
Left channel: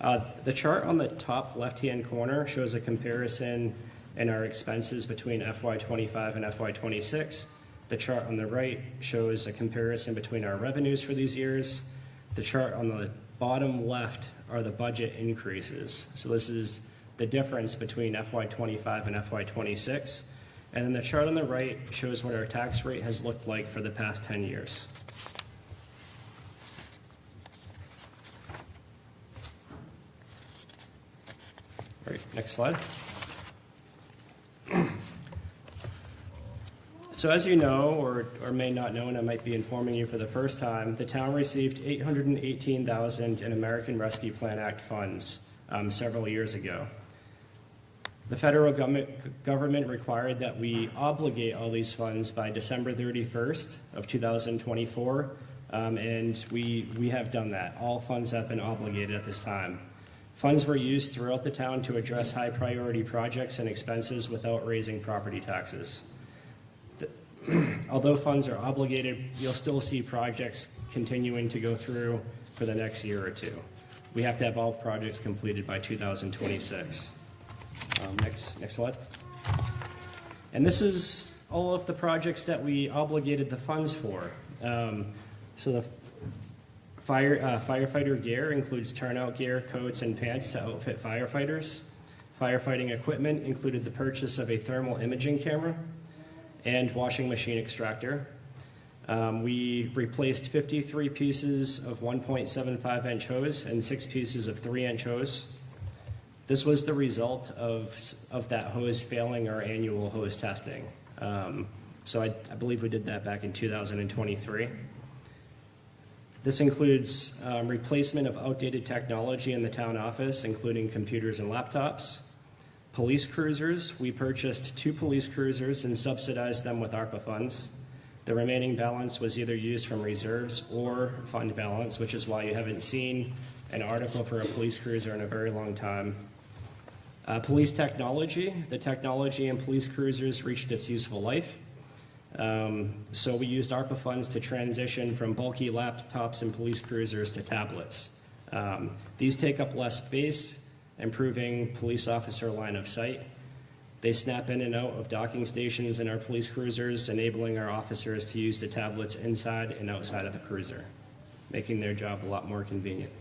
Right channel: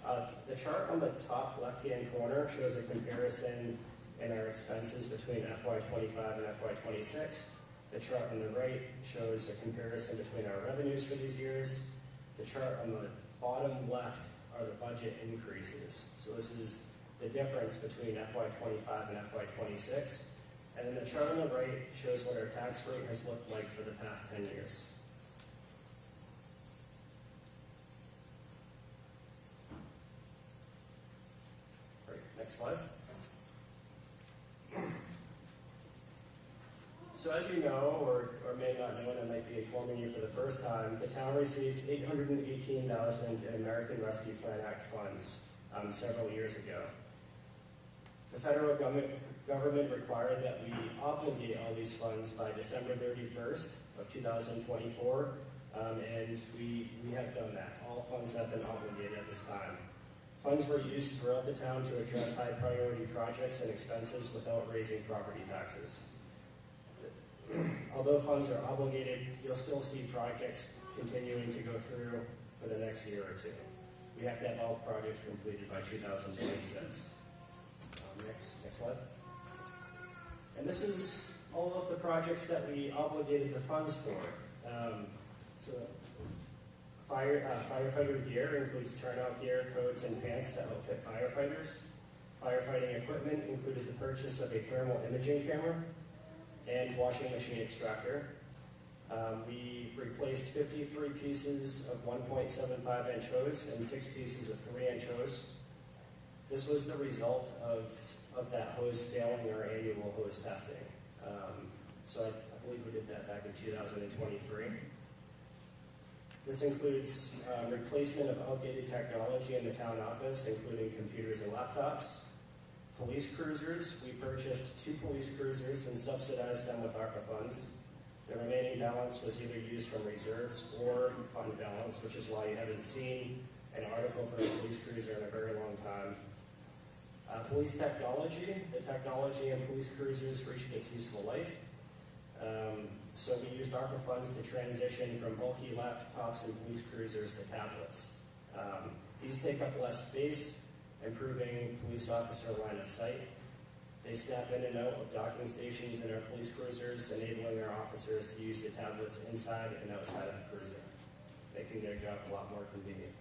The chart on the top left-hand corner shows a comparison in our expenses between FY25 and FY26. The chart on the right shows a comparison between our revenues for these years. The chart on the bottom left are the budget increases. So this is the difference between FY25 and FY26. And then the chart on the right shows what our tax rate has looked like for the past 10 years. All right, next slide. So as you know, or may not know, and I might be informing you for the first time, the town received $818,000 in American Rescue Plan Act funds several years ago. The federal government required that we obligate all these funds by December 31st of 2024, and we have done that. All funds have been obligated at this time. Funds were used throughout the town to address high priority projects and expenses without raising property taxes. Although funds are obligated, you'll still see projects continuing to go through for the next year or two. We have to have all projects completed by 2026. Next slide. And this is all of the projects that we obligated the funds for. So the firefighter gear includes turnout gear, coats, and pants to outfit firefighters. Firefighting equipment included the purchase of a thermal imaging camera and washing machine extractor. We replaced 53 pieces of 1.75-inch hose and 6 pieces of 3-inch hose. This was the result of that hose failing our annual hose testing. So I believe we did that back in 2023. This includes replacement of outdated technology in the town office, including computers and laptops. Police cruisers, we purchased 2 police cruisers and subsidized them with ARPA funds. The remaining balance was either used from reserves or fund balance, which is why you haven't seen an article for a police cruiser in a very long time. Police technology, the technology in police cruisers reached its useful life. So we used ARPA funds to transition from bulky laptops and police cruisers to tablets. These take up less space improving police officer line of sight. They snap in and out of docking stations in our police cruisers, enabling our officers to use the tablets inside and outside of the cruiser, making their job a lot more convenient.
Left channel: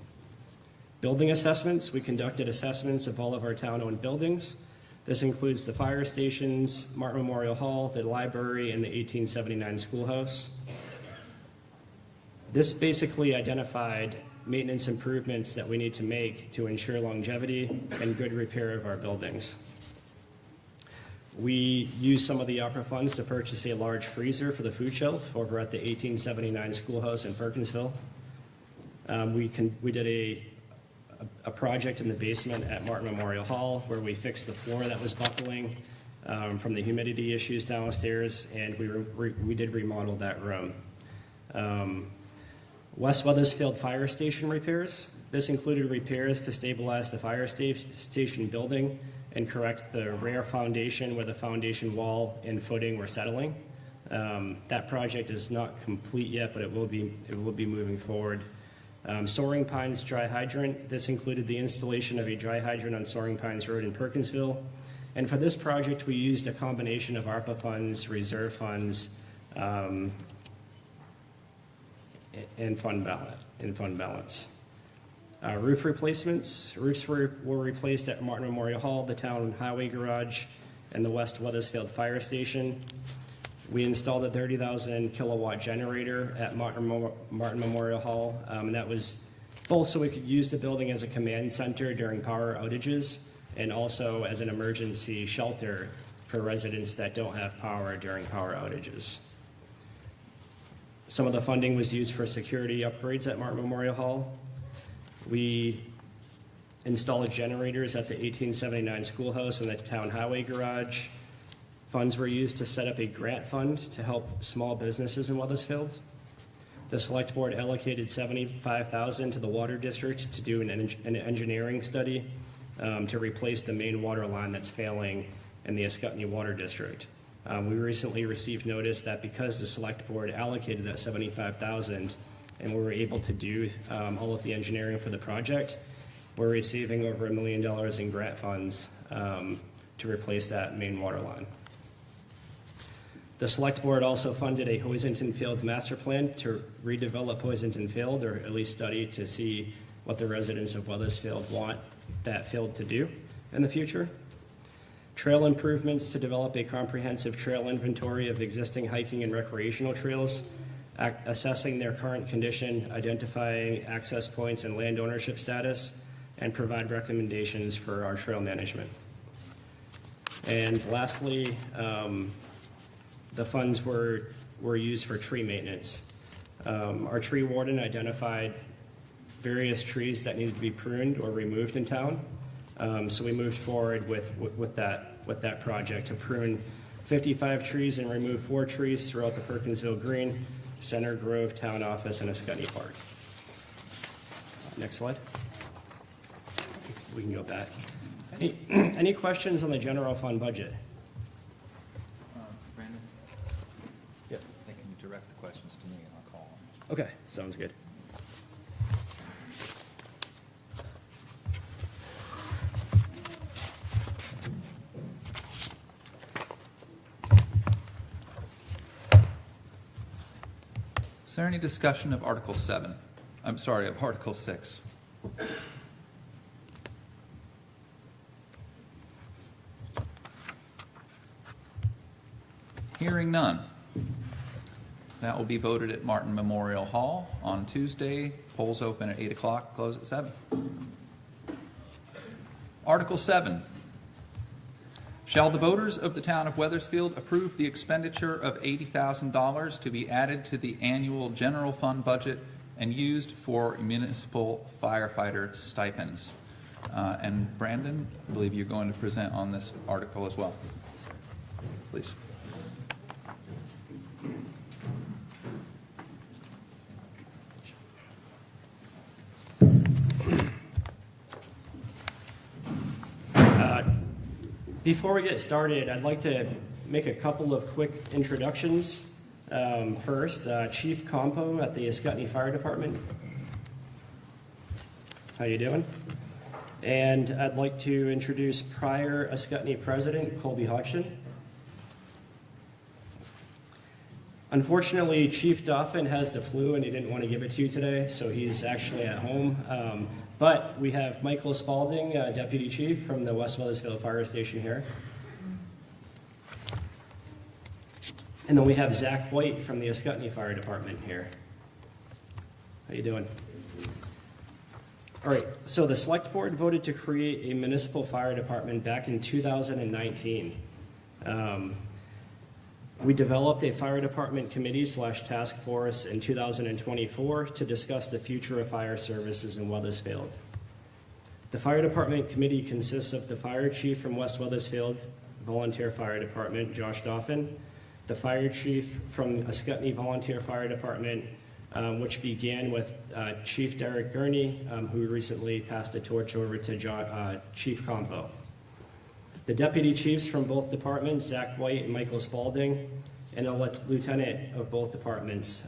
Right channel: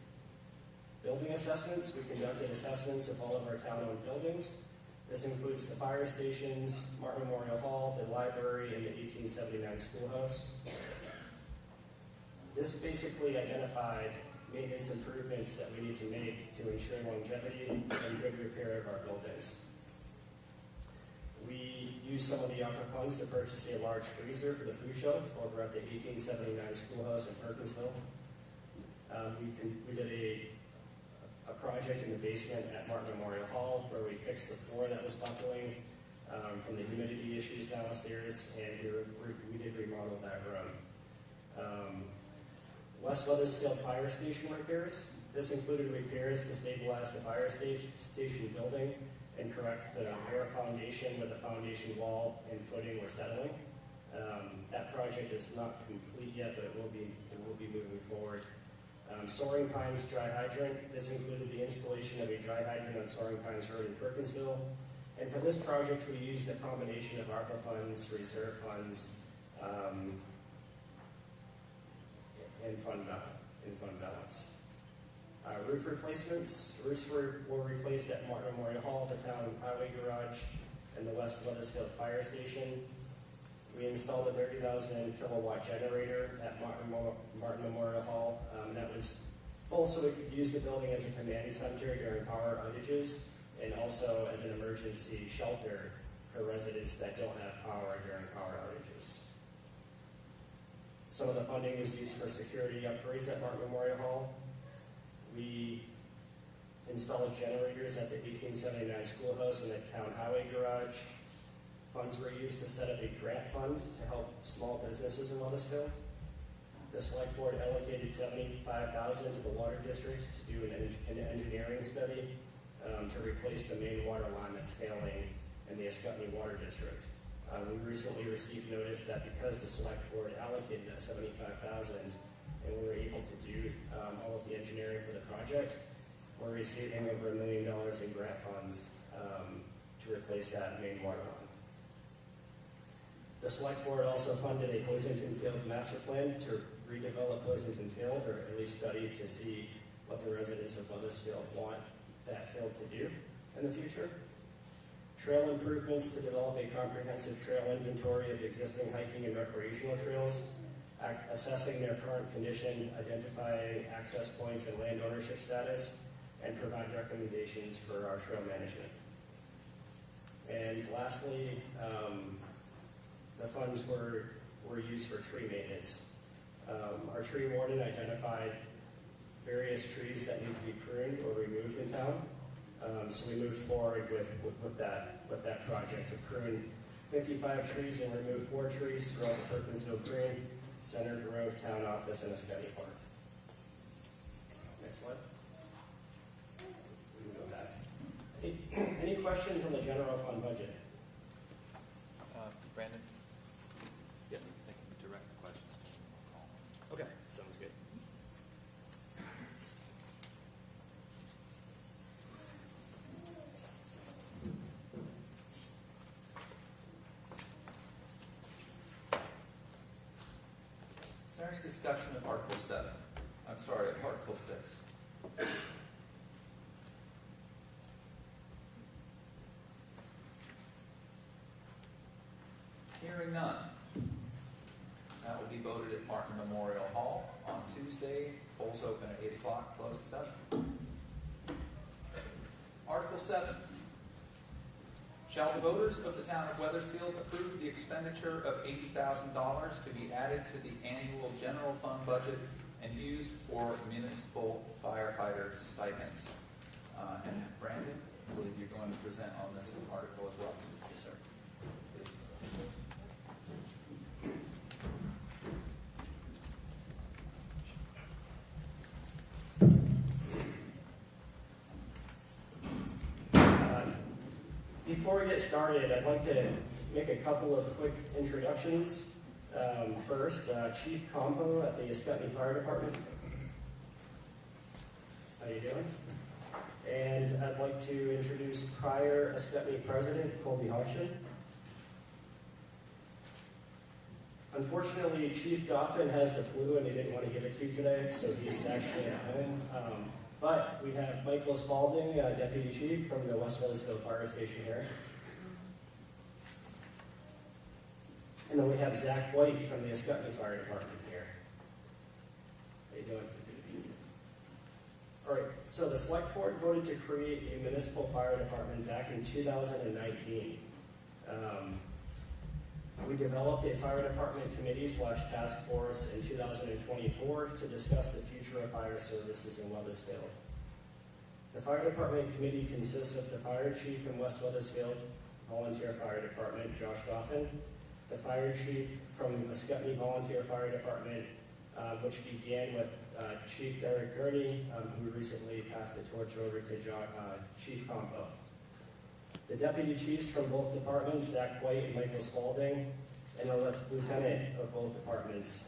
Building assessments, we conducted assessments of all of our town-owned buildings. This includes the fire stations, Martin Memorial Hall, the library, and the 1879 schoolhouse. This basically identified maintenance improvements that we need to make to ensure longevity and good repair of our buildings. We used some of the opera funds to purchase a large freezer for the food shelf over at the 1879 schoolhouse in Perkinsville. We did a project in the basement at Martin Memorial Hall where we fixed the floor that was buckling from the humidity issues downstairs, and we did remodel that room. West Weathersfield Fire Station repairs. This included repairs to stabilize the fire station building and correct the rear foundation where the foundation wall and footing were settling. That project is not complete yet, but it will be moving forward. Soaring Pines Dry Hydrant. This included the installation of a dry hydrant on Soaring Pines Road in Perkinsville. And for this project, we used a combination of ARPA funds, reserve funds, and fund balance. Roof replacements. Roofs were replaced at Martin Memorial Hall, the town highway garage, and the West Weathersfield Fire Station. We installed a 30,000 kilowatt generator at Martin Memorial Hall, and that was both so we could use the building as a command center during power outages and also as an emergency shelter for residents that don't have power during power outages. Some of the funding was used for security upgrades at Martin Memorial Hall. We installed generators at the 1879 schoolhouse and the town highway garage. Funds were used to set up a grant fund to help small businesses in Weathersfield. The select board allocated $75,000 to the water district to do an engineering study to replace the main water line that's failing in the Ascutney Water District. We recently received notice that because the select board allocated that $75,000 and we were able to do all of the engineering for the project, we're receiving over $1 million in grant funds to replace that main water line. The select board also funded a Hoisington Field master plan to redevelop Hoisington Field, or at least study to see what the residents of Weathersfield want that field to do in the future. Trail improvements to develop a comprehensive trail inventory of existing hiking and recreational trails, assessing their current condition, identifying access points and land ownership status, and provide recommendations for our trail management. And lastly, the funds were used for tree maintenance. Our tree warden identified various trees that needed to be pruned or removed in town. So we moved forward with that project to prune 55 trees and remove 4 trees throughout the Perkinsville Green, Center Grove, Town Office, and Ascutney Park. Next slide. We can go back. Any questions on the general fund budget? Brandon? Yep. They can direct the questions to me and I'll call them. Okay, sounds good. Is there any discussion of Article 7? I'm sorry, of Article 6? Hearing none. That will be voted at Martin Memorial Hall on Tuesday. Polls open at 8 o'clock, close at 7. Article 7. Shall the voters of the town of Weathersfield approve the expenditure of $80,000 to be added to the annual general fund budget and used for municipal firefighter stipends? And Brandon, I believe you're going to present on this article as well. Please. Before we get started, I'd like to make a couple of quick introductions. First, Chief Compo at the Ascutney Fire Department. How you doing? And I'd like to introduce prior Ascutney President Colby Hodgson. Unfortunately, Chief Dauphin has the flu and he didn't want to give it to you today, so he's actually at home. But we have Michael Spalding, Deputy Chief from the West Weathersfield Fire Station here. And then we have Zach White from the Ascutney Fire Department here. How you doing? All right, so the Select Board voted to create a municipal fire department back in 2019. We developed a fire department committee / task force in 2024 to discuss the future of fire services in Weathersfield. The fire department committee consists of the fire chief from West Weathersfield Volunteer Fire Department, Josh Dauphin, the fire chief from Ascutney Volunteer Fire Department, which began with Chief Derek Gurney, who recently passed the torch over to Chief Compo. The deputy chiefs from both departments, Zach White and Michael Spalding, and a lieutenant of both departments,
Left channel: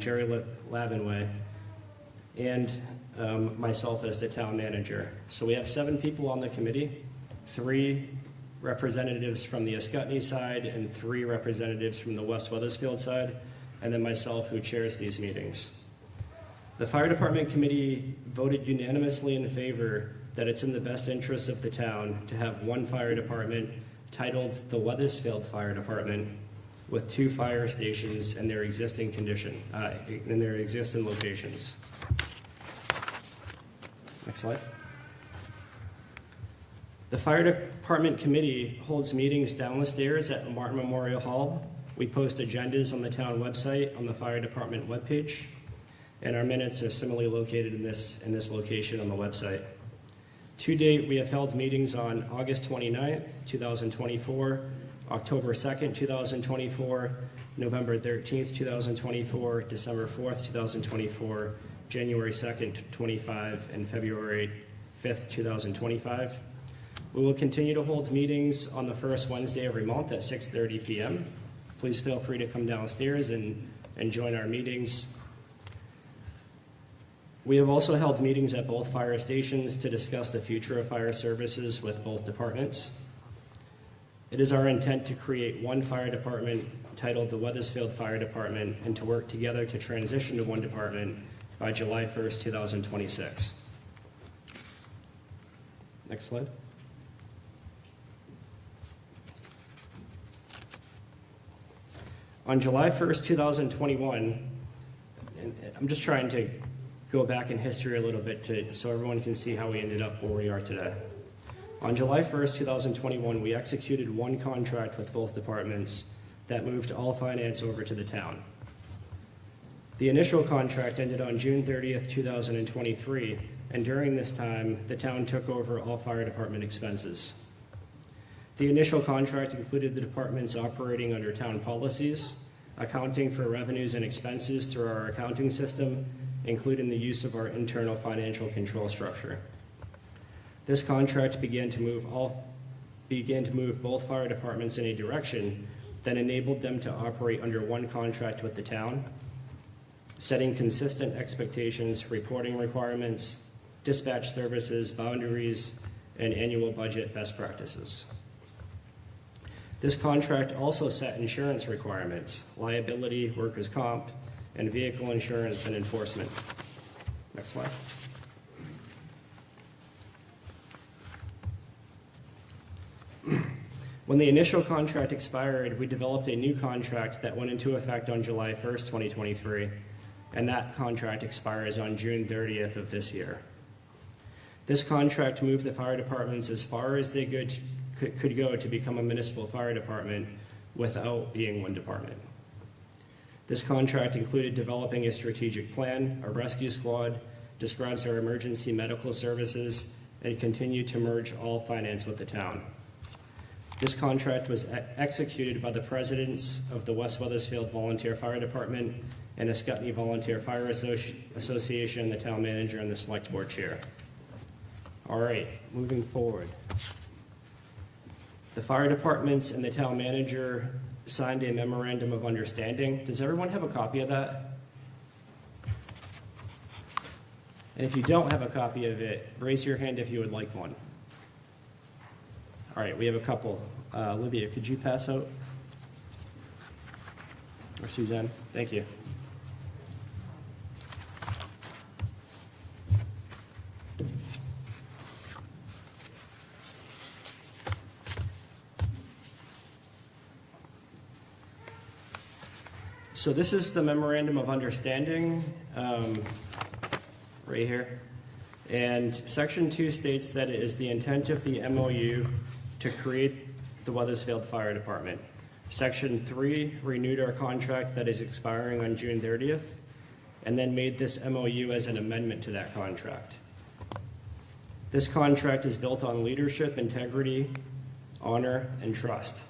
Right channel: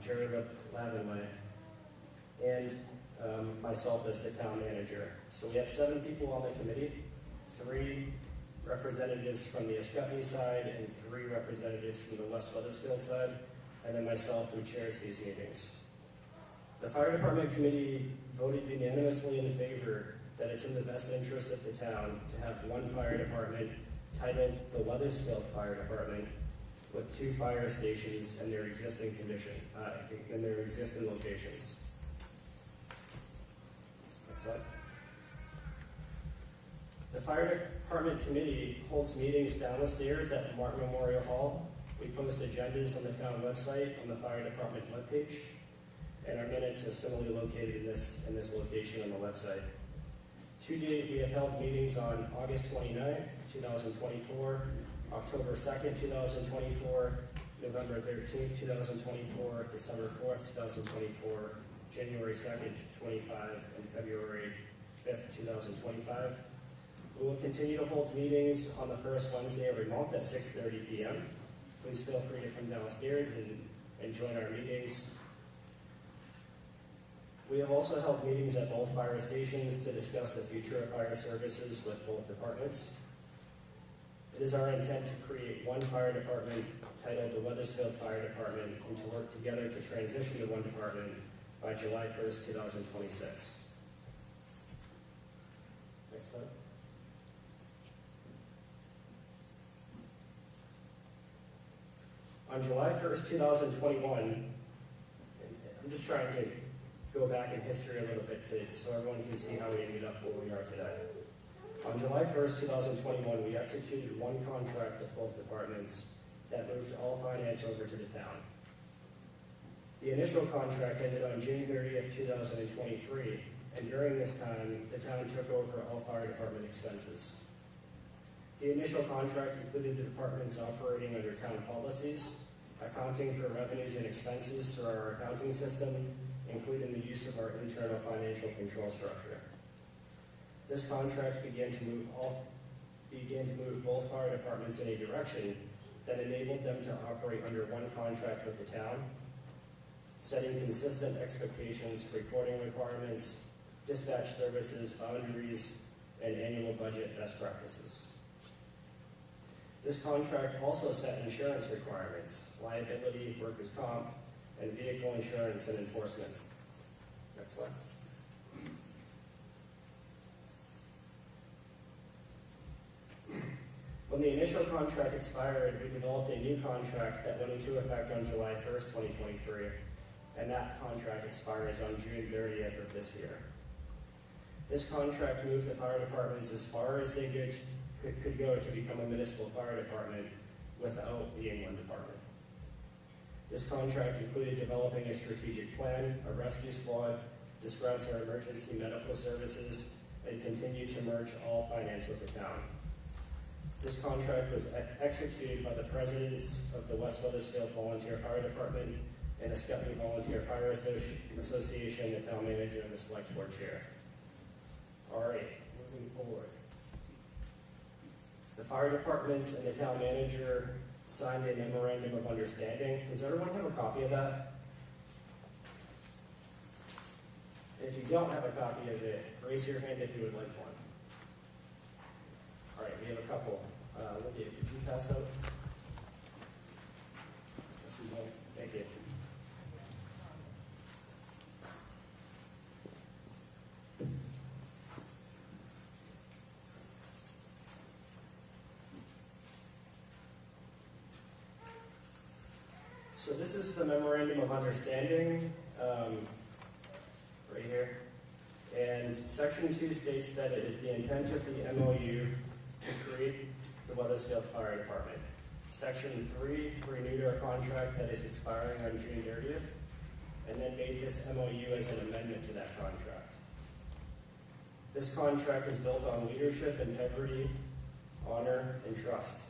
Jerry Lavenway, and myself as the town manager. So we have 7 people on the committee, 3 representatives from the Ascutney side and 3 representatives from the West Weathersfield side, and then myself who chairs these meetings. The fire department committee voted unanimously in favor that it's in the best interest of the town to have one fire department titled the Weathersfield Fire Department with 2 fire stations in their existing locations. Next slide. The fire department committee holds meetings down the stairs at Martin Memorial Hall. We post agendas on the town website on the fire department webpage, and our minutes are similarly located in this location on the website. To date, we have held meetings on August 29th, 2024, October 2nd, 2024, November 13th, 2024, December 4th, 2024, January 2nd, 25, and February 5th, 2025. We will continue to hold meetings on the first Wednesday every month at 6:30 p.m. Please feel free to come downstairs and join our meetings. We have also held meetings at both fire stations to discuss the future of fire services with both departments. It is our intent to create one fire department titled the Weathersfield Fire Department and to work together to transition to one department by July 1st, 2026. Next slide. On July 1st, 2021, and I'm just trying to go back in history a little bit so everyone can see how we ended up where we are today. On July 1st, 2021, we executed one contract with both departments that moved all finance over to the town. The initial contract ended on June 30th, 2023, and during this time, the town took over all fire department expenses. The initial contract included the departments operating under town policies, accounting for revenues and expenses through our accounting system, including the use of our internal financial control structure. This contract began to move both fire departments in a direction that enabled them to operate under one contract with the town, setting consistent expectations, reporting requirements, dispatch services, boundaries, and annual budget best practices. This contract also set insurance requirements, liability, workers' comp, and vehicle insurance and enforcement. Next slide. When the initial contract expired, we developed a new contract that went into effect on July 1st, 2023, and that contract expires on June 30th of this year. This contract moved the fire departments as far as they could go to become a municipal fire department without being one department. This contract included developing a strategic plan, a rescue squad, describes our emergency medical services, and continued to merge all finance with the town. This contract was executed by the presidents of the West Weathersfield Volunteer Fire Department and Ascutney Volunteer Fire Association, the town manager, and the select board chair. All right, moving forward. The fire departments and the town manager signed a memorandum of understanding. Does everyone have a copy of that? And if you don't have a copy of it, raise your hand if you would like one. All right, we have a couple. Olivia, could you pass out? Or Suzanne? Thank you. So this is the memorandum of understanding, right here. And section 2 states that it is the intent of the MOU to create the Weathersfield Fire Department. Section 3 renewed our contract that is expiring on June 30th, and then made this MOU as an amendment to that contract. This contract is built on leadership, integrity, honor, and trust,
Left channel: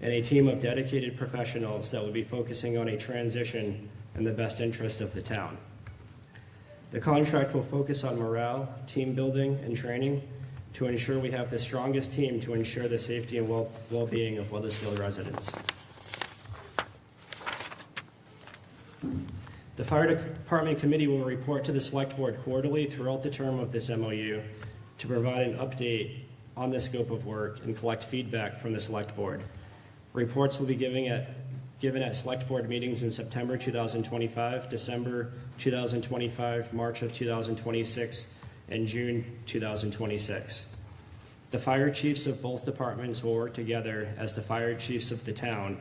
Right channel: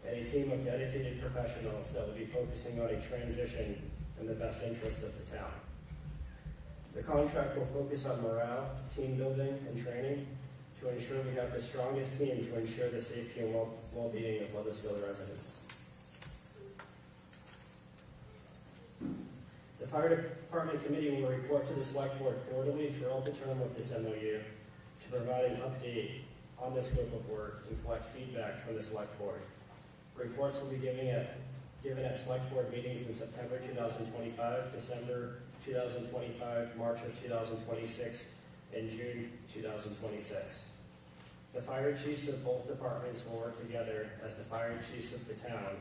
and a team of dedicated professionals that will be focusing on a transition in the best interest of the town. The contract will focus on morale, team building, and training to ensure we have the strongest team to ensure the safety and well-being of Weathersfield residents. The Fire Department Committee will report to the Select Board quarterly throughout the term of this MOU to provide an update on the scope of work and collect feedback from the Select Board. Reports will be given at Select Board meetings in September 2025, December 2025, March of 2026, and June 2026. The fire chiefs of both departments will work together as the fire chiefs of the town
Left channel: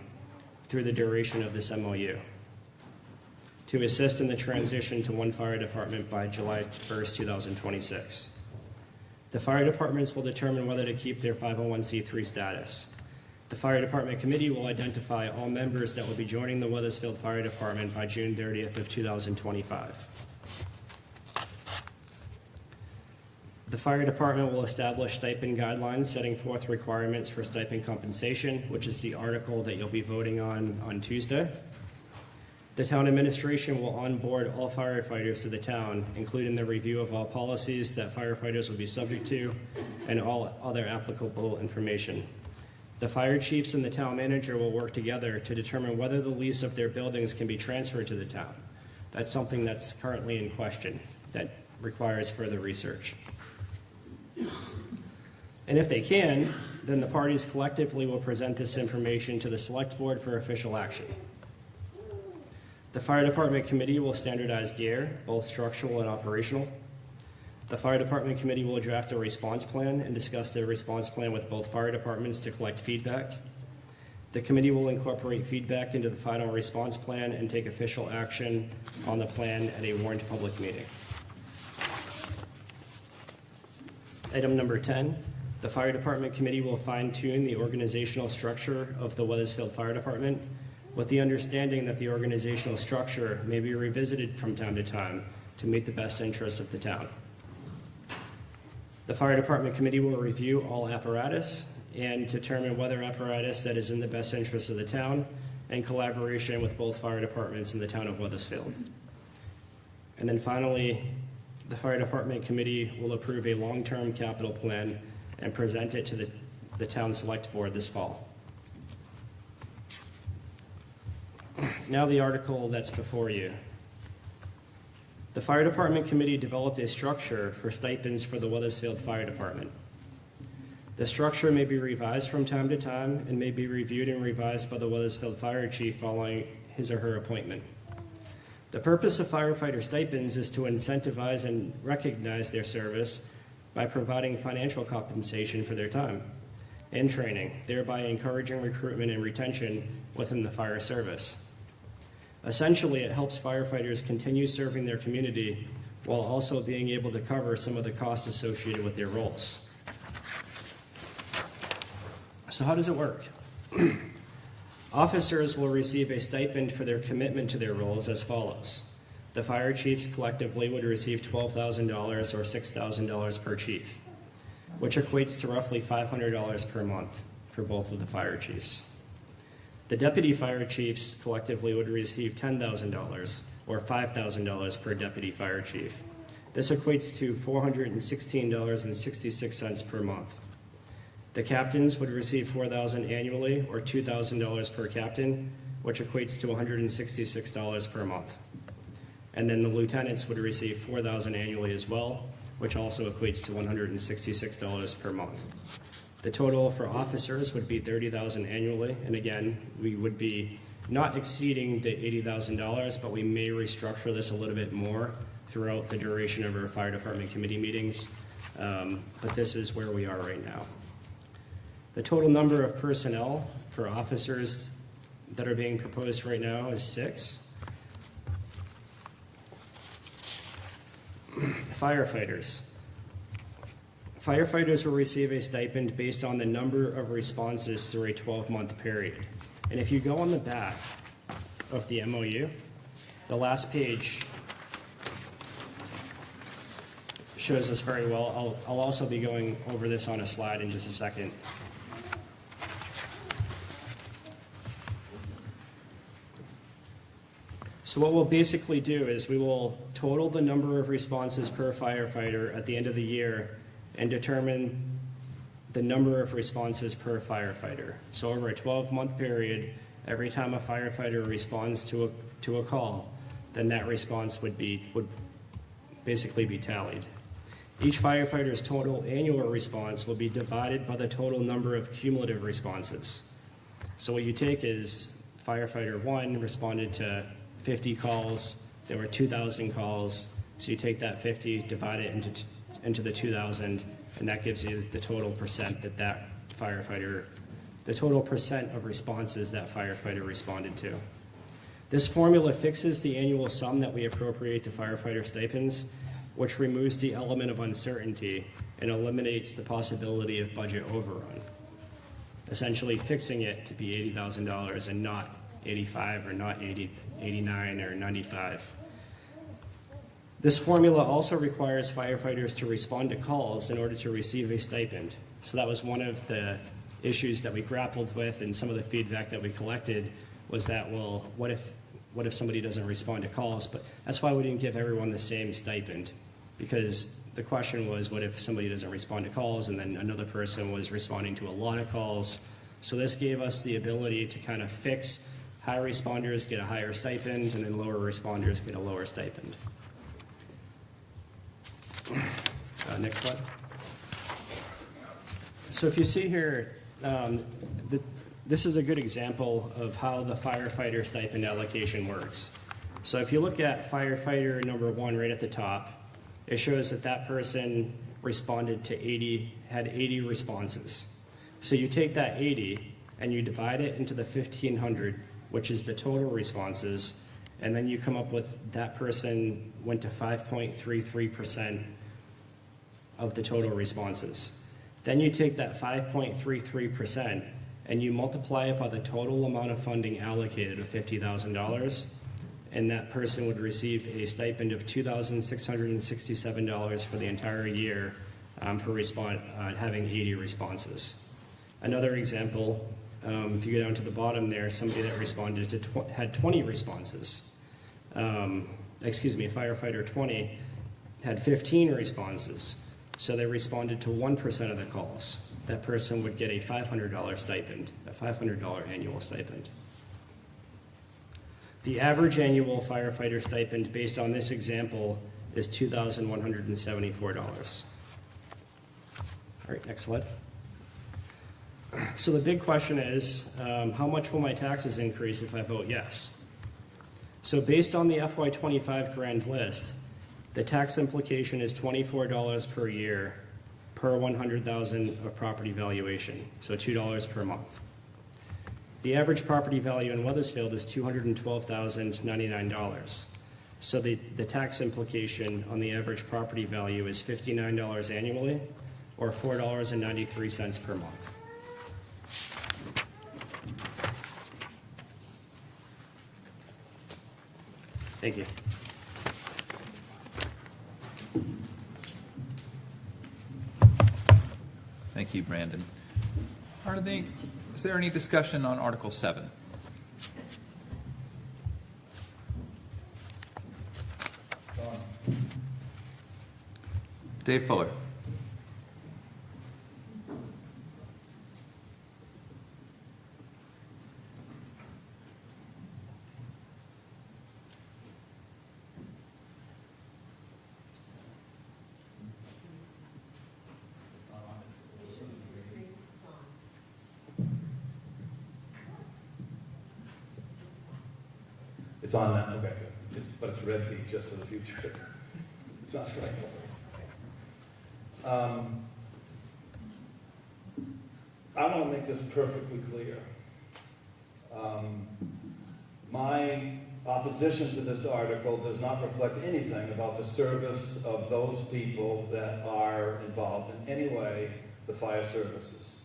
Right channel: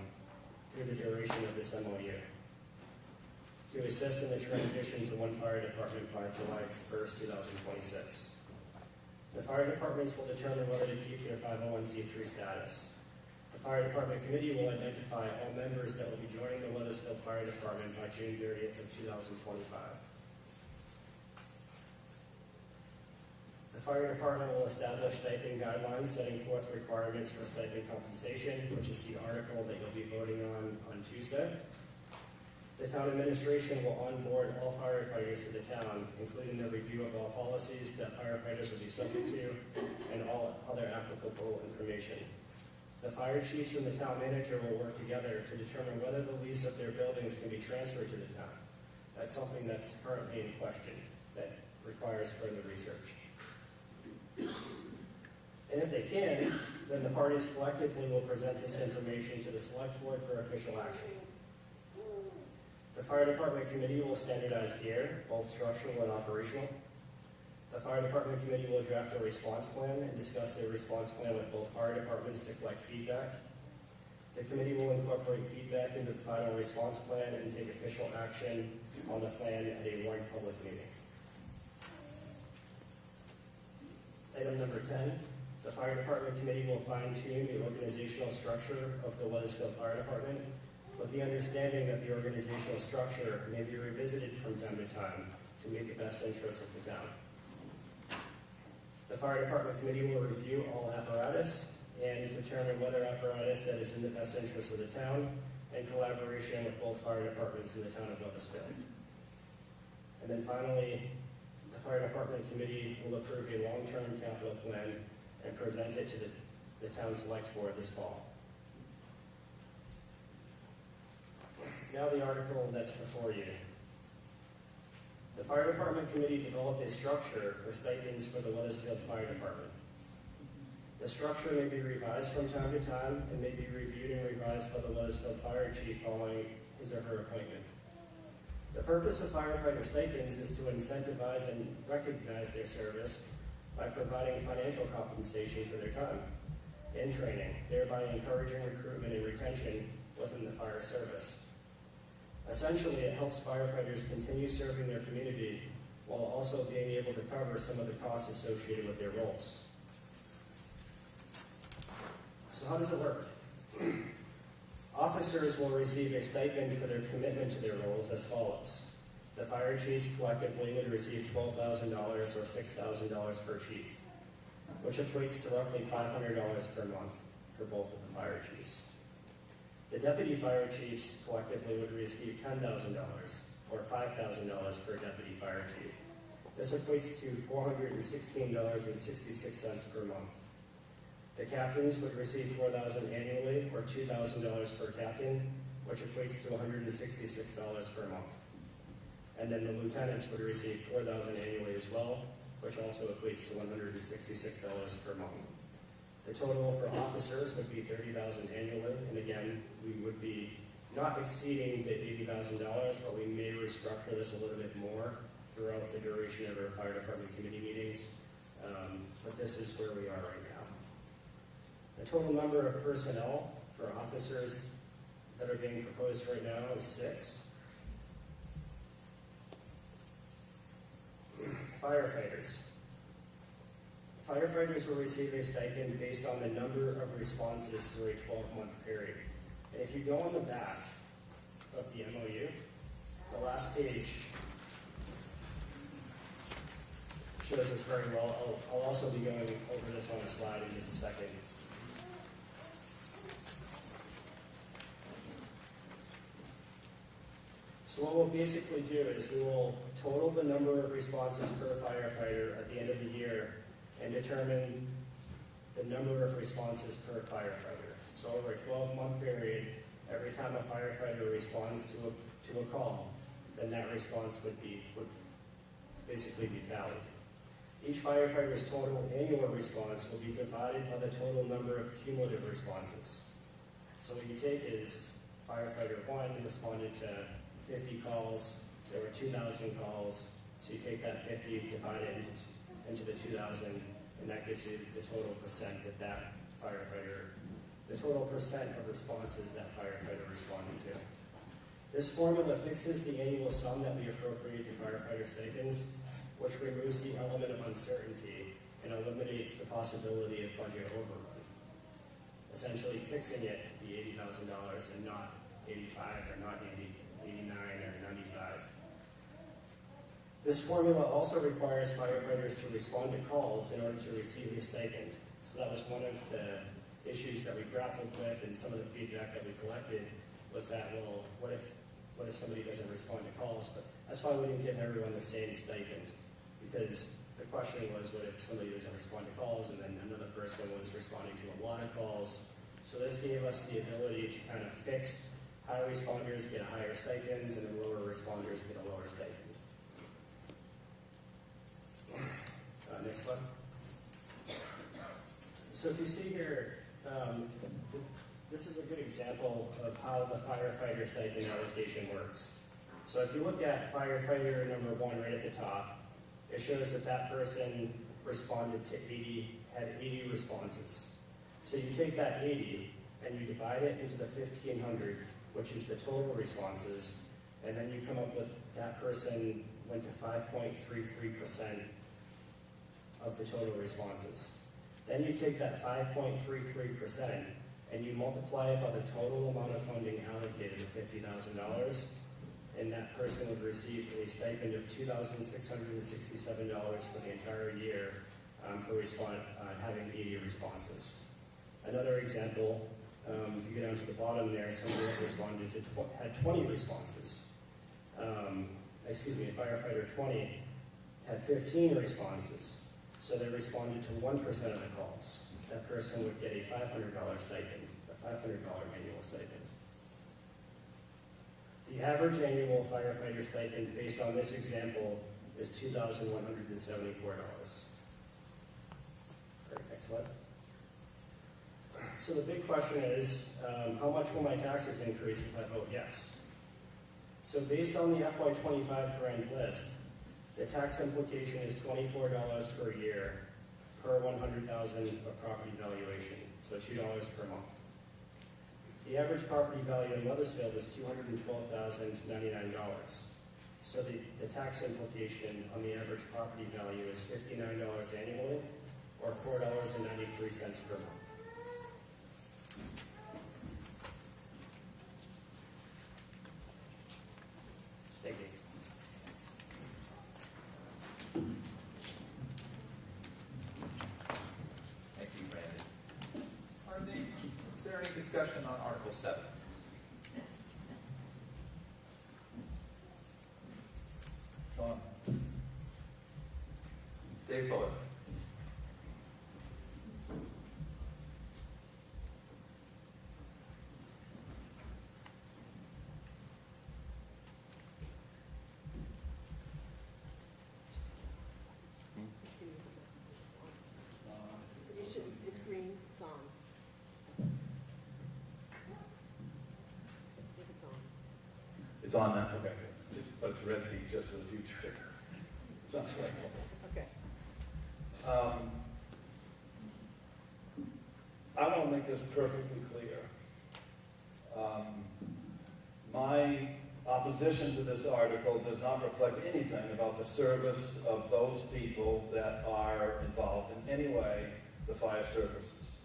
through the duration of this MOU to assist in the transition to one fire department by July 1st, 2026. The fire departments will determine whether to keep their 501c3 status. The Fire Department Committee will identify all members that will be joining the Weathersfield Fire Department by June 30th of 2025. The Fire Department will establish stipend guidelines setting forth requirements for stipend compensation, which is the article that you'll be voting on Tuesday. The town administration will onboard all firefighters to the town, including the review of all policies that firefighters will be subject to and all other applicable information. The fire chiefs and the town manager will work together to determine whether the lease of their buildings can be transferred to the town. That's something that's currently in question that requires further research. And if they can, then the parties collectively will present this information to the Select Board for official action. The Fire Department Committee will standardize gear, both structural and operational. The Fire Department Committee will draft a response plan and discuss the response plan with both fire departments to collect feedback. The committee will incorporate feedback into the final response plan and take official action on the plan at a warned public meeting. Item number 10, the Fire Department Committee will fine-tune the organizational structure of the Weathersfield Fire Department with the understanding that the organizational structure may be revisited from time to time to meet the best interests of the town. The Fire Department Committee will review all apparatus and determine whether apparatus that is in the best interest of the town in collaboration with both fire departments in the town of Weathersfield. And then finally, the Fire Department Committee will approve a long-term capital plan and present it to the town Select Board this fall. Now the article that's before you. The Fire Department Committee developed a structure for stipends for the Weathersfield Fire Department. The structure may be revised from time to time and may be reviewed and revised by the Weathersfield Fire Chief following his or her appointment. The purpose of firefighter stipends is to incentivize and recognize their service by providing financial compensation for their time and training, thereby encouraging recruitment and retention within the fire service. Essentially, it helps firefighters continue serving their community while also being able to cover some of the costs associated with their roles. So how does it work? Officers will receive a stipend for their commitment to their roles as follows. The fire chiefs collectively would receive $12,000 or $6,000 per chief, which equates to roughly $500 per month for both of the fire chiefs. The deputy fire chiefs collectively would receive $10,000 or $5,000 per deputy fire chief. This equates to $416.66 per month. The captains would receive $4,000 annually or $2,000 per captain, which equates to $166 per month. And then the lieutenants would receive $4,000 annually as well, which also equates to $166 per month. The total for officers would be $30,000 annually, and again, we would be not exceeding the $80,000, but we may restructure this a little bit more throughout the duration of our fire department committee meetings, but this is where we are right now. The total number of personnel for officers that are being proposed right now is 6. Firefighters. Firefighters will receive a stipend based on the number of responses through a 12-month period. And if you go on the back of the MOU, the last page shows this very well. I'll also be going over this on a slide in just a second. So what we'll basically do is we will total the number of responses per firefighter at the end of the year and determine the number of responses per firefighter. So over a 12-month period, every time a firefighter responds to a call, then that response would basically be tallied. Each firefighter's total annual response will be divided by the total number of cumulative responses. So what you take is firefighter 1 responded to 50 calls, there were 2,000 calls, so you take that 50, divide it into the 2,000, and that gives you the total percent that firefighter, the total percent of responses that firefighter responded to. This formula fixes the annual sum that we appropriate to firefighter stipends, which removes the element of uncertainty and eliminates the possibility of budget overrun, essentially fixing it to be $80,000 and not 85 or not 89 or 95. This formula also requires firefighters to respond to calls in order to receive a stipend. So that was one of the issues that we grappled with, and some of the feedback that we collected was that, well, what if somebody doesn't respond to calls? But that's why we didn't give everyone the same stipend, because the question was, what if somebody doesn't respond to calls and then another person was responding to a lot of calls? So this gave us the ability to kind of fix high responders get a higher stipend, and then lower responders get a lower stipend. Next slide. So if you see here, this is a good example of how the firefighter stipend allocation works. So if you look at firefighter number 1 right at the top, it shows that person responded to 80, had 80 responses. So you take that 80 and you divide it into the 1,500, which is the total responses, and then you come up with that person went to 5.33% of the total responses. Then you take that 5.33% and you multiply it by the total amount of funding allocated of $50,000, and that person would receive a stipend of $2,667 for the entire year for having 80 responses. Another example, if you go down to the bottom there, somebody that responded to had 20 responses. Firefighter 20 had 15 responses, so they responded to 1% of the calls. That person would get a $500 stipend, a $500 annual stipend. The average annual firefighter stipend based on this example is $2,174. All right, next slide. So the big question is, how much will my taxes increase if I vote yes? So based on the FY25 grand list, the tax implication is $24 per year per 100,000 of property valuation, so $2 per month. The average property value in Weathersfield is $212,099. So the tax implication on the average property value is $59 annually, or $4.93 per month. Thank you. Thank you, Brandon. Is there any discussion on Article 7? Dave Fuller. It's on that, okay, good. But it's red beat, just for the future. It sounds right. I want to make this perfectly clear. My opposition to this article does not reflect anything about the service of those people that are involved in any way, the fire services.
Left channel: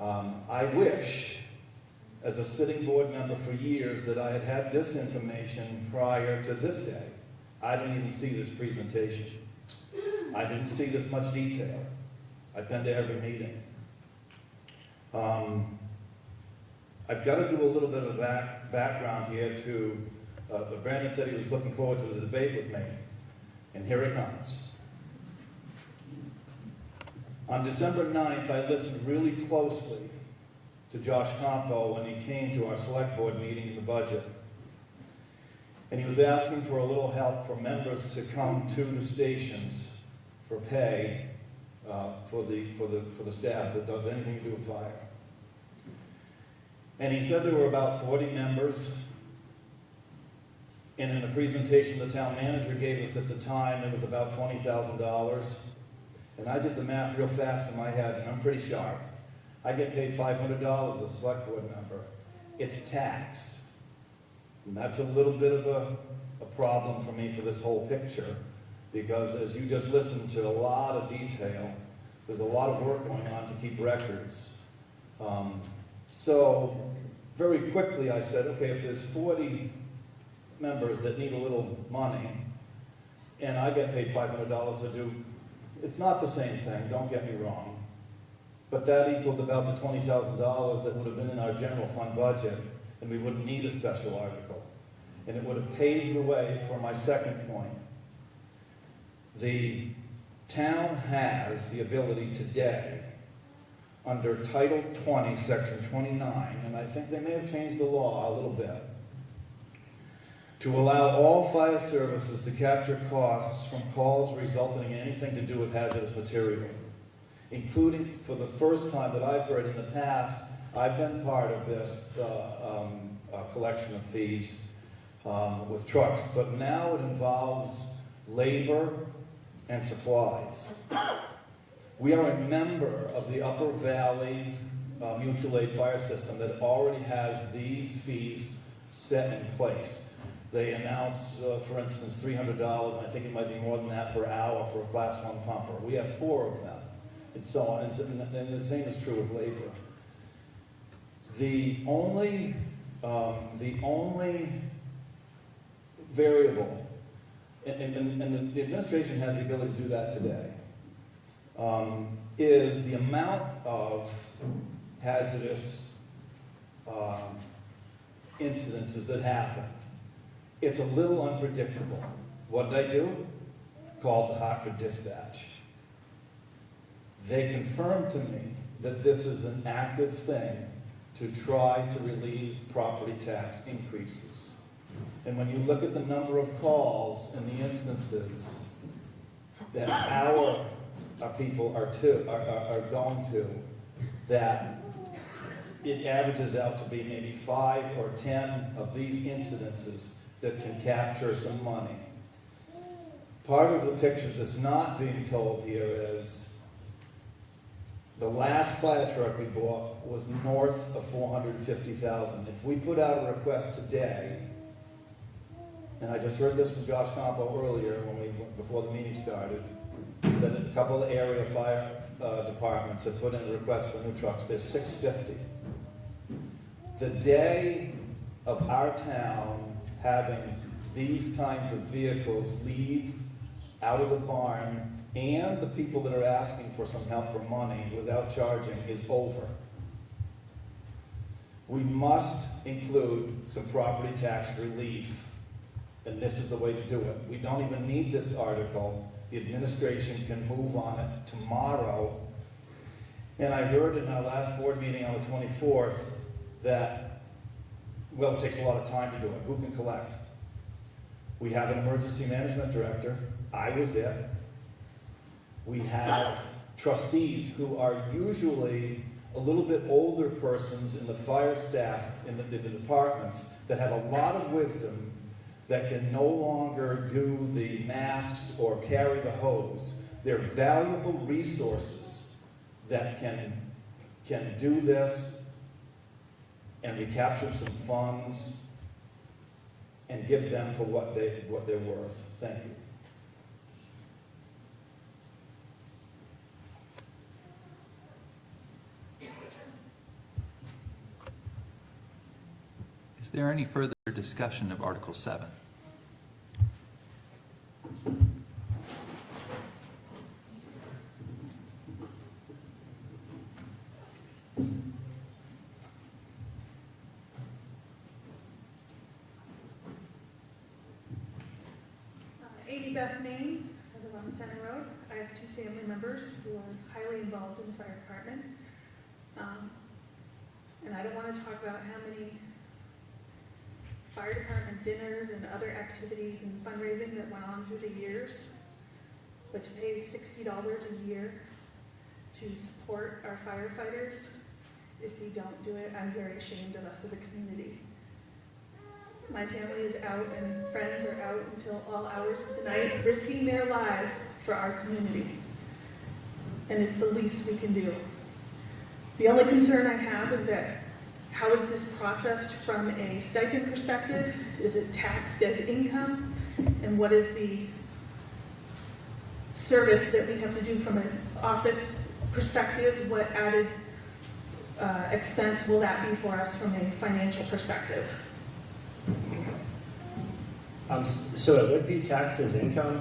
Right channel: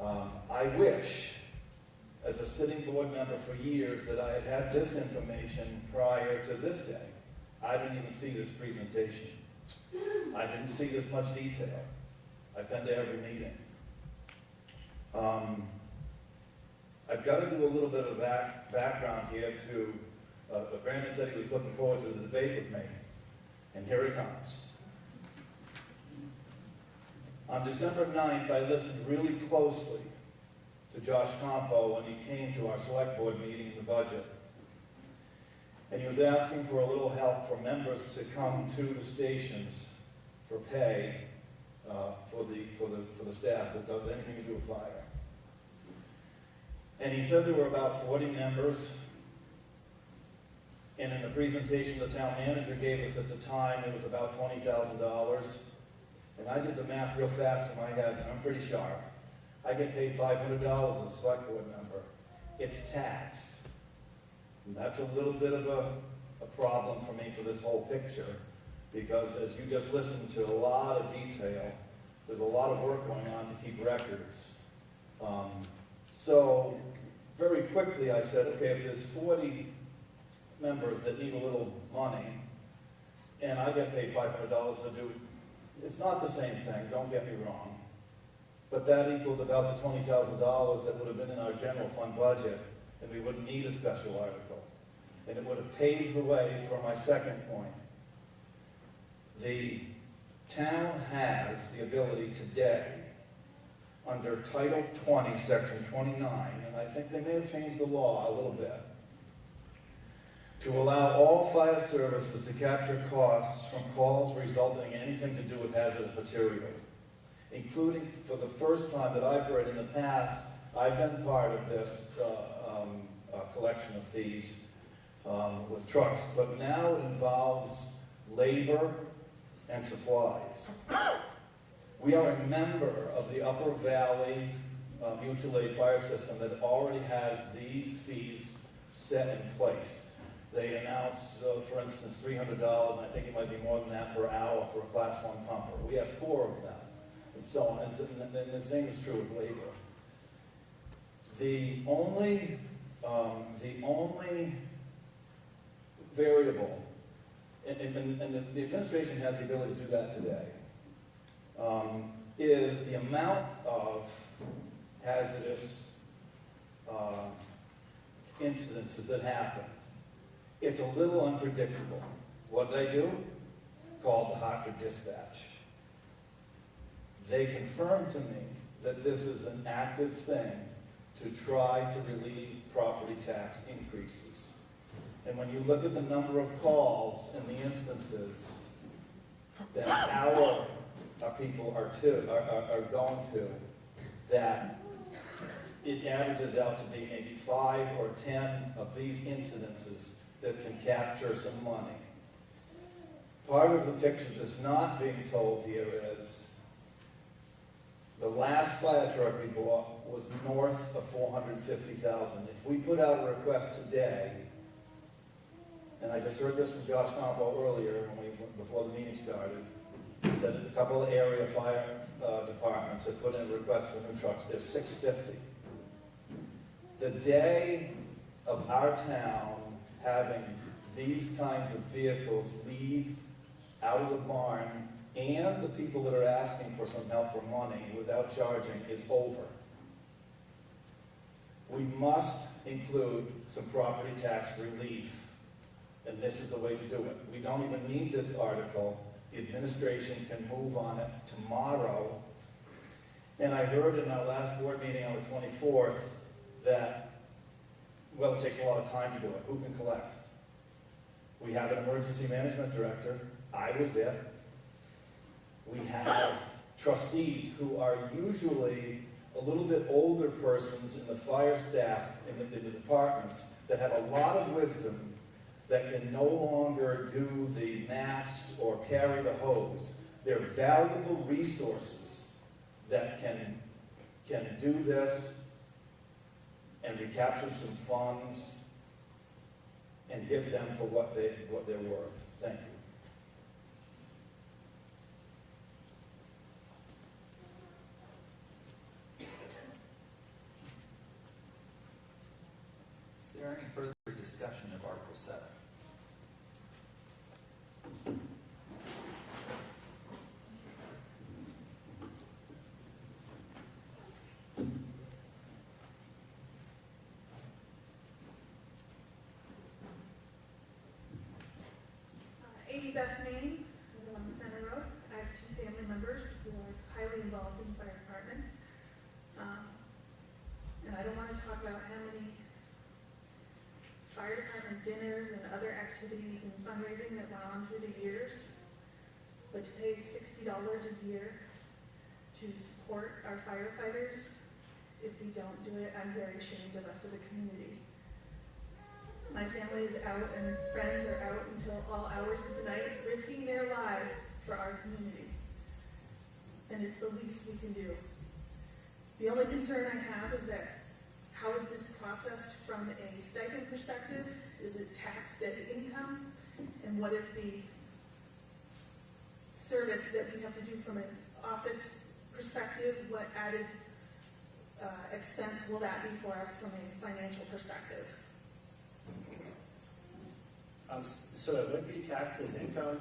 I wish, as a sitting board member for years, that I had had this information prior to this day. I didn't even see this presentation. I didn't see this much detail. I've been to every meeting. I've got to do a little bit of background here to, Brandon said he was looking forward to the debate with me, and here it comes. On December 9th, I listened really closely to Josh Campo when he came to our select board meeting in the budget. And he was asking for a little help for members to come to the stations for pay for the staff that does anything to do with fire. And he said there were about 40 members. And in a presentation the town manager gave us at the time, it was about $20,000. And I did the math real fast in my head, and I'm pretty sharp. I get paid $500 as a select board member. It's taxed. And that's a little bit of a problem for me for this whole picture, because as you just listened to a lot of detail, there's a lot of work going on to keep records. So very quickly I said, okay, if there's 40 members that need a little money, and I get paid $500 to do, it's not the same thing, don't get me wrong, but that equals about the $20,000 that would have been in our general fund budget, and we wouldn't need a special article. And it would have paved the way for my second point. The town has the ability today, under Title 20, Section 29, and I think they may have changed the law a little bit, to allow all fire services to capture costs from calls resulting in anything to do with hazardous material, including, for the first time that I've heard in the past, I've been part of this collection of fees with trucks, but now it involves labor and supplies. We are a member of the Upper Valley Mutual Aid Fire System that already has these fees set in place. They announce, for instance, $300, and I think it might be more than that per hour for a Class 1 pumper. We have 4 of them, and so on. And the same is true with labor. The only variable, and the administration has the ability to do that today, is the amount of hazardous incidences that happen. It's a little unpredictable. What did I do? Called the Hartford Dispatch. They confirmed to me that this is an active thing to try to relieve property tax increases. And when you look at the number of calls and the instances that our people are going to, that it averages out to be maybe 5 or 10 of these incidences that can capture some money. Part of the picture that's not being told here is the last fire truck we bought was north of $450,000. If we put out a request today, and I just heard this from Josh Campo earlier before the meeting started, that a couple of area fire departments have put in a request for new trucks. There's 650. The day of our town having these kinds of vehicles leave out of the barn and the people that are asking for some help for money without charging is over. We must include some property tax relief, and this is the way to do it. We don't even need this article. The administration can move on it tomorrow. And I heard in our last board meeting on the 24th that, well, it takes a lot of time to do it. Who can collect? We have an emergency management director. I was it. We have trustees who are usually a little bit older persons in the fire staff, in the departments, that have a lot of wisdom, that can no longer do the masks or carry the hose. They're valuable resources that can do this and recapture some funds and give them for what they're worth. Thank you. Is there any further discussion of Article 7? Beth Main, I live on Center Road. I have 2 family members who are highly involved in the fire department. And I don't want to talk about how many fire department dinners and other activities and fundraising that went on through the years, but to pay $60 a year to support our firefighters, if we don't do it, I'm very ashamed of us as a community. My family is out and friends are out until all hours of the night, risking their lives for our community. And it's the least we can do. The only concern I have is that how is this processed from a stipend perspective? Is it taxed as income? And what is the service that we have to do from an office perspective? What added expense will that be for us from a financial perspective? So it would be taxed as income.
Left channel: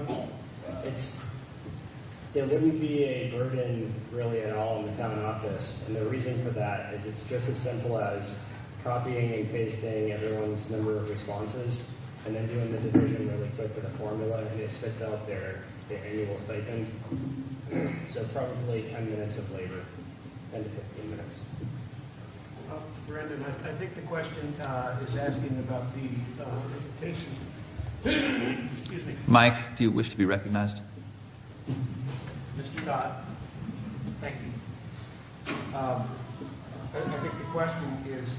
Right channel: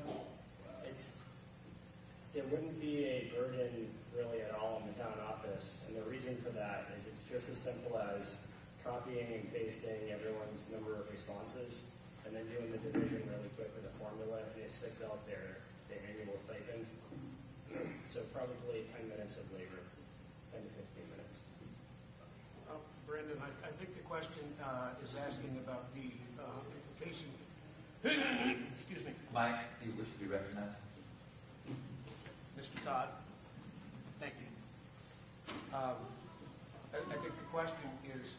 There wouldn't be a burden really at all in the town office. And the reason for that is it's just as simple as copying and pasting everyone's number of responses and then doing the division really quick with a formula, and it spits out their annual stipend. So probably 10 minutes of labor, 10 to 15 minutes. Brendan, I think the question is asking about the implication. Excuse me. Mike, do you wish to be recognized? Mr. Todd, thank you. I think the question is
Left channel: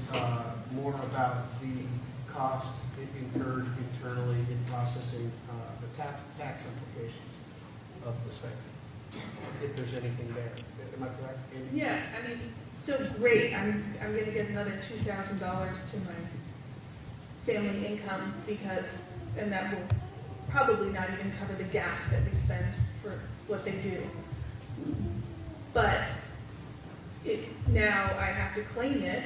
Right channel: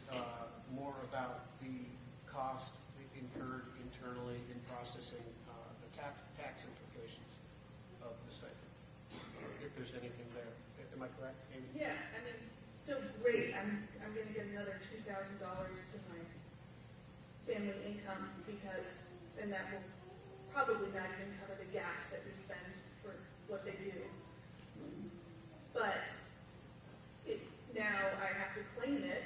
more about the cost incurred internally in processing the tax implications of the stipend, if there's anything there. Am I correct, Amy? Yeah, I mean, so great. I'm going to get another $2,000 to my family income because, and that will probably not even cover the gas that we spend for what they do. But now I have to claim it,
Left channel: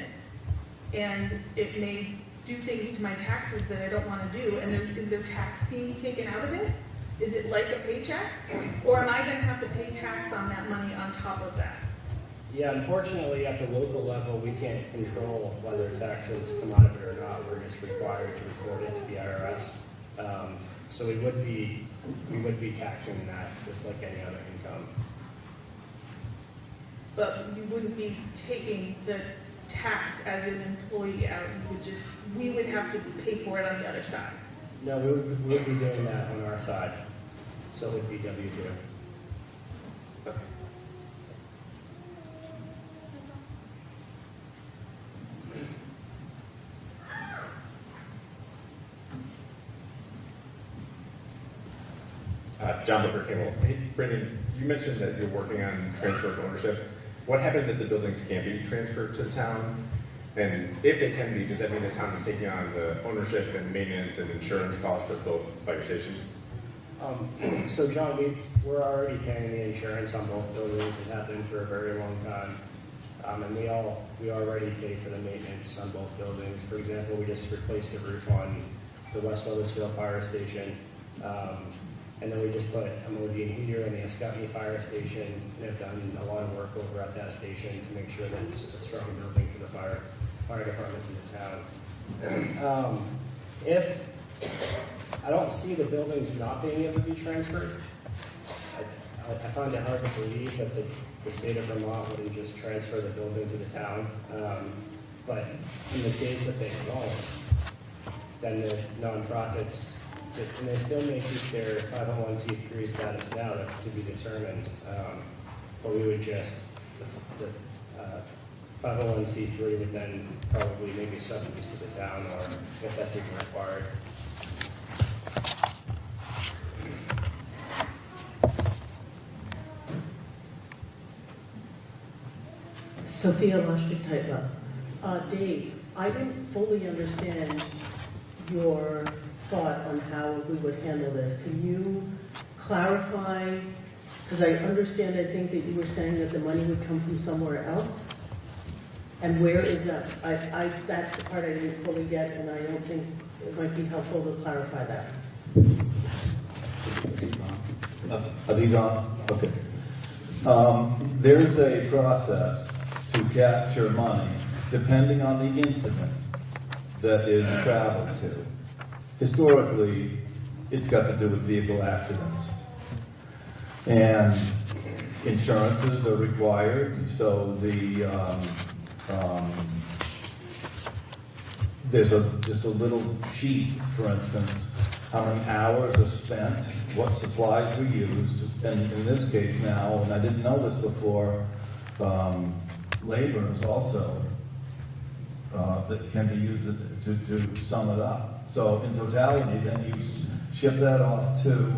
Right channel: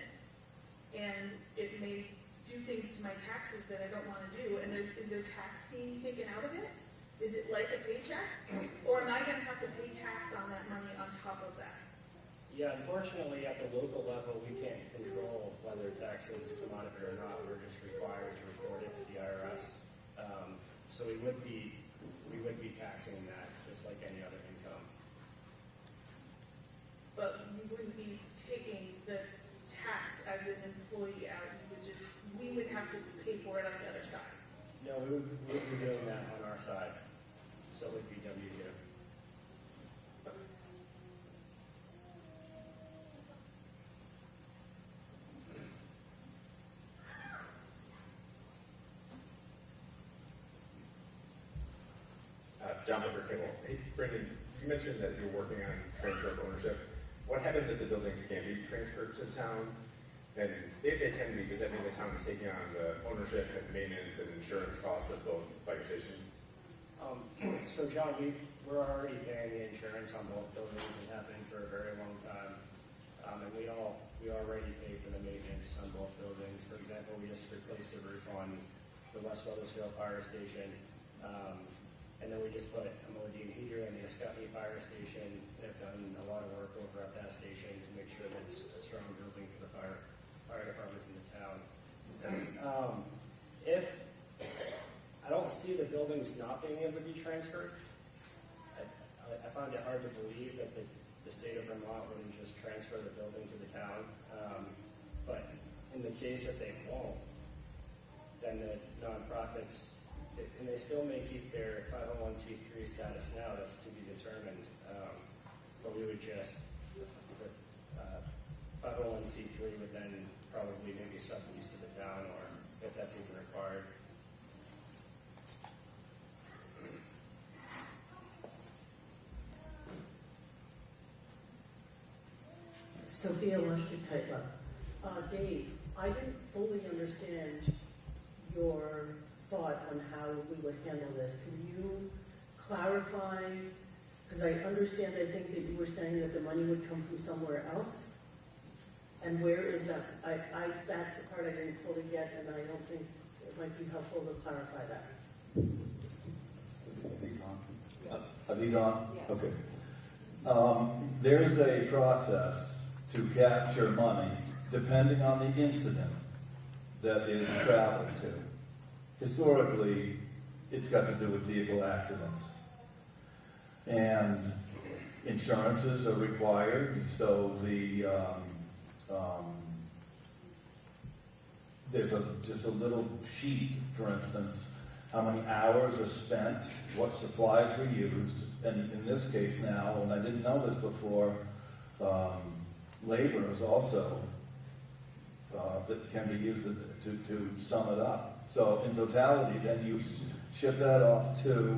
and it may do things to my taxes that I don't want to do. And is there tax being taken out of it? Is it like a paycheck? Or am I going to have to pay tax on that money on top of that? Yeah, unfortunately, at the local level, we can't control whether taxes come out of it or not. We're just required to report it to the IRS. So we would be taxing that just like any other income. But you wouldn't be taking the tax as an employee out. We would have to pay for it on the other side. No, we would be doing that on our side. So it would be W-2. John Booker Kimball. Hey, Brendan, you mentioned that you're working on transfer of ownership. What happens if the buildings can't be transferred to the town? And if they can be, does that mean the town is taking on the ownership and maintenance and insurance costs of both fire stations? So John, we're already paying the insurance on both buildings and have been for a very long time. And we already pay for the maintenance on both buildings. For example, we just replaced the roof on the West Weathersfield Fire Station. And then we just put a Modine heater in the Escutney Fire Station and have done a lot of work over at that station to make sure that it's a strong building for the fire departments in the town. If I don't see the buildings not being able to be transferred, I find it hard to believe that the state of Vermont wouldn't just transfer the building to the town. But in the case that they won't, then the nonprofits, and they still may keep their 501c3 status now, that's to be determined. But we would just, 501c3 would then probably maybe sublease to the town, or if that's even required. Sophia Lustig, type up. Dave, I didn't fully understand your thought on how we would handle this. Can you clarify? Because I understand, I think that you were saying that the money would come from somewhere else. And where is that? That's the part I didn't fully get, and I don't think it might be helpful to clarify that. Are these on? Okay. There is a process to capture money depending on the incident that is traveled to. Historically, it's got to do with vehicle accidents. And insurances are required, so there's just a little sheet, for instance, how many hours are spent, what supplies were used, and in this case now, and I didn't know this before, labor is also that can be used to sum it up. So in totality, then you ship that off to,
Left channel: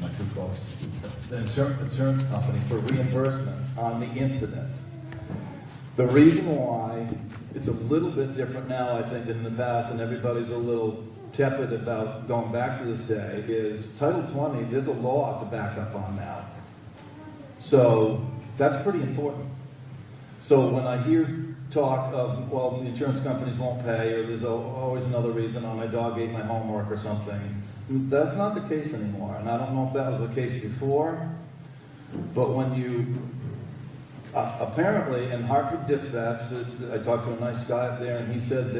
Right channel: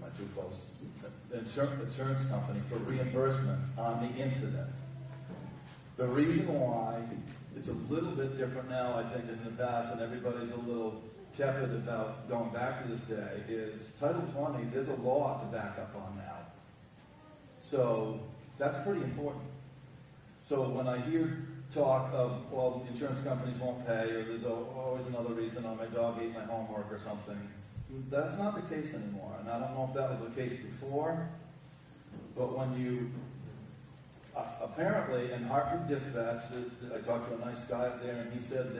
not too close, the insurance company for reimbursement on the incident. The reason why it's a little bit different now, I think, than in the past, and everybody's a little tepid about going back to this day, is Title 20, there's a law to back up on now. So that's pretty important. So when I hear talk of, well, the insurance companies won't pay, or there's always another reason, oh, my dog ate my homework or something, that's not the case anymore. And I don't know if that was the case before, but when you, apparently in Hartford Dispatch, I talked to a nice guy up there, and he said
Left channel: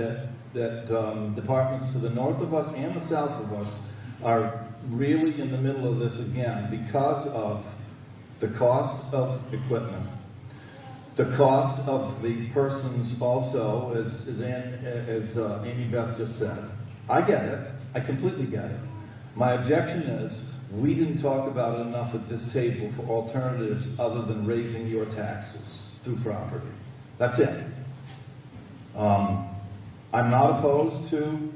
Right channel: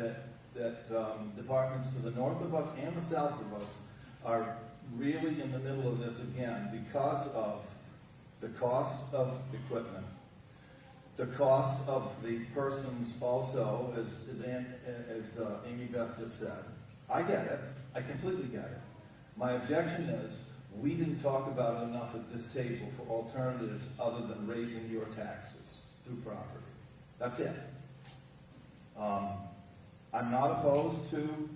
that departments to the north of us and the south of us are really in the middle of this again because of the cost of equipment, the cost of the persons also, as Amy Beth just said. I get it. I completely get it. My objection is we didn't talk about it enough at this table for alternatives other than raising your taxes through property. That's it. I'm not opposed to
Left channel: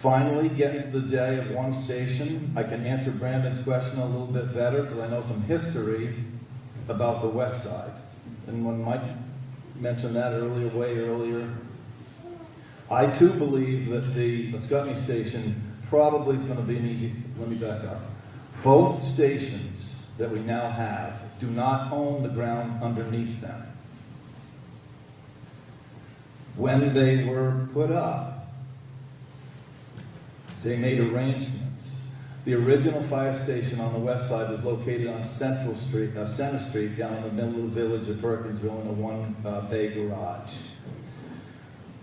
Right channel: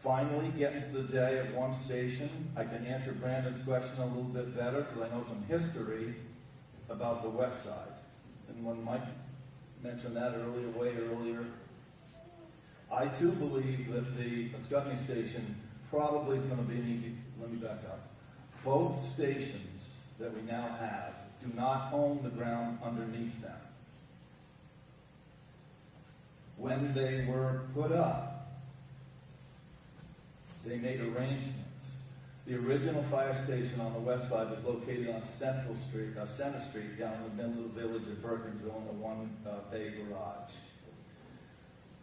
finally getting to the day of one station. I can answer Brandon's question a little bit better because I know some history about the west side. And when Mike mentioned that earlier, way earlier, I too believe that the Scottney station probably is going to be an easy, let me back up. Both stations that we now have do not own the ground underneath them. When they were put up, they made arrangements. The original fire station on the west side was located on Center Street down in the middle of the village of Perkinsville in a one-bay garage.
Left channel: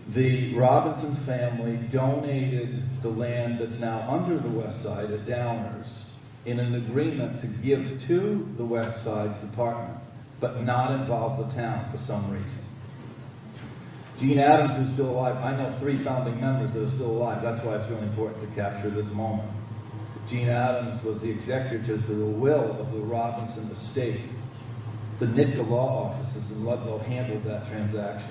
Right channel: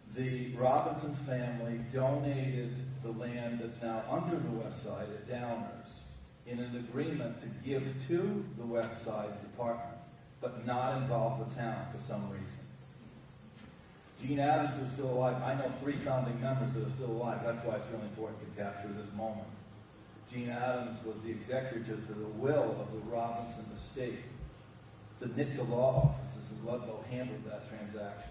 The Robinson family donated the land that's now under the west side at Downers in an agreement to give to the west side department, but not involve the town for some reason. Gene Adams, who's still alive, I know 3 founding members that are still alive. That's why it's really important to capture this moment. Gene Adams was the executor to the will of the Robinson estate. The NITCA law offices in Ludlow handled that transaction.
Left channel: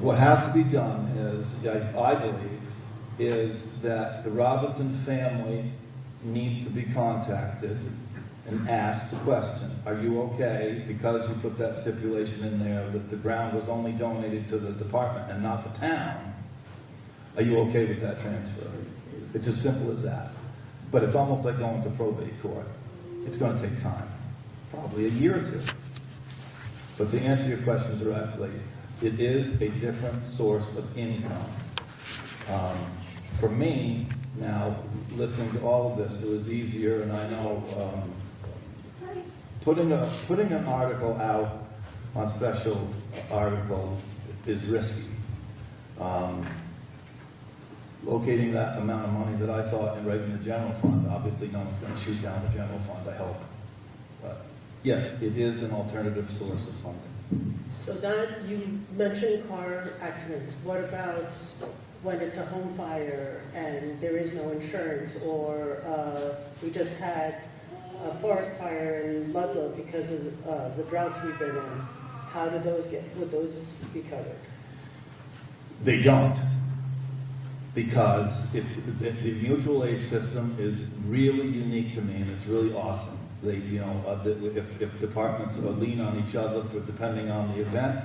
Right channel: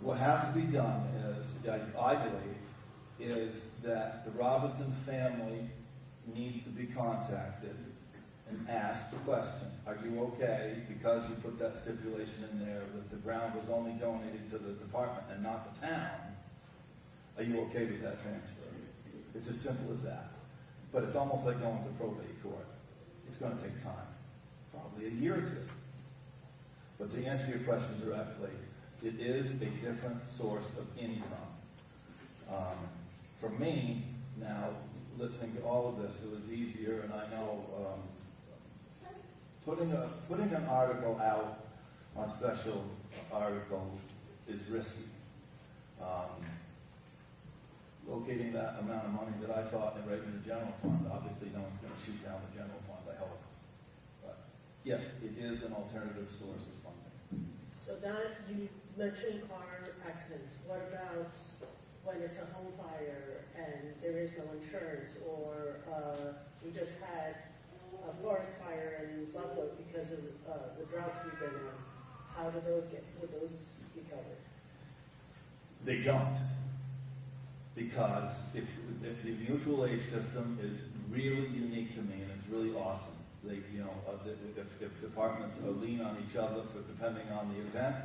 What has to be done is, I believe, is that the Robinson family needs to be contacted and asked the question, are you okay, because you put that stipulation in there that the ground was only donated to the department and not the town, are you okay with that transfer? It's as simple as that. But it's almost like going to probate court. It's going to take time, probably a year or 2. But to answer your question directly, it is a different source of income. For me, now, listening to all of this, it was easier, and I know putting an article out on special article is risky. Locating that amount of money that I thought and raising the general fund, obviously no one's going to shoot down the general fund, I hope. But yes, it is an alternative source of funding. So that, you mentioned car accidents. What about when it's a home fire and there is no insurance, or we just had a forest fire in Ludlow because of the droughts we've been in, how do those would those be covered? They don't, because the mutual aid system is really unique to me, and it's really awesome. They, if departments lean on each other for depending on the event,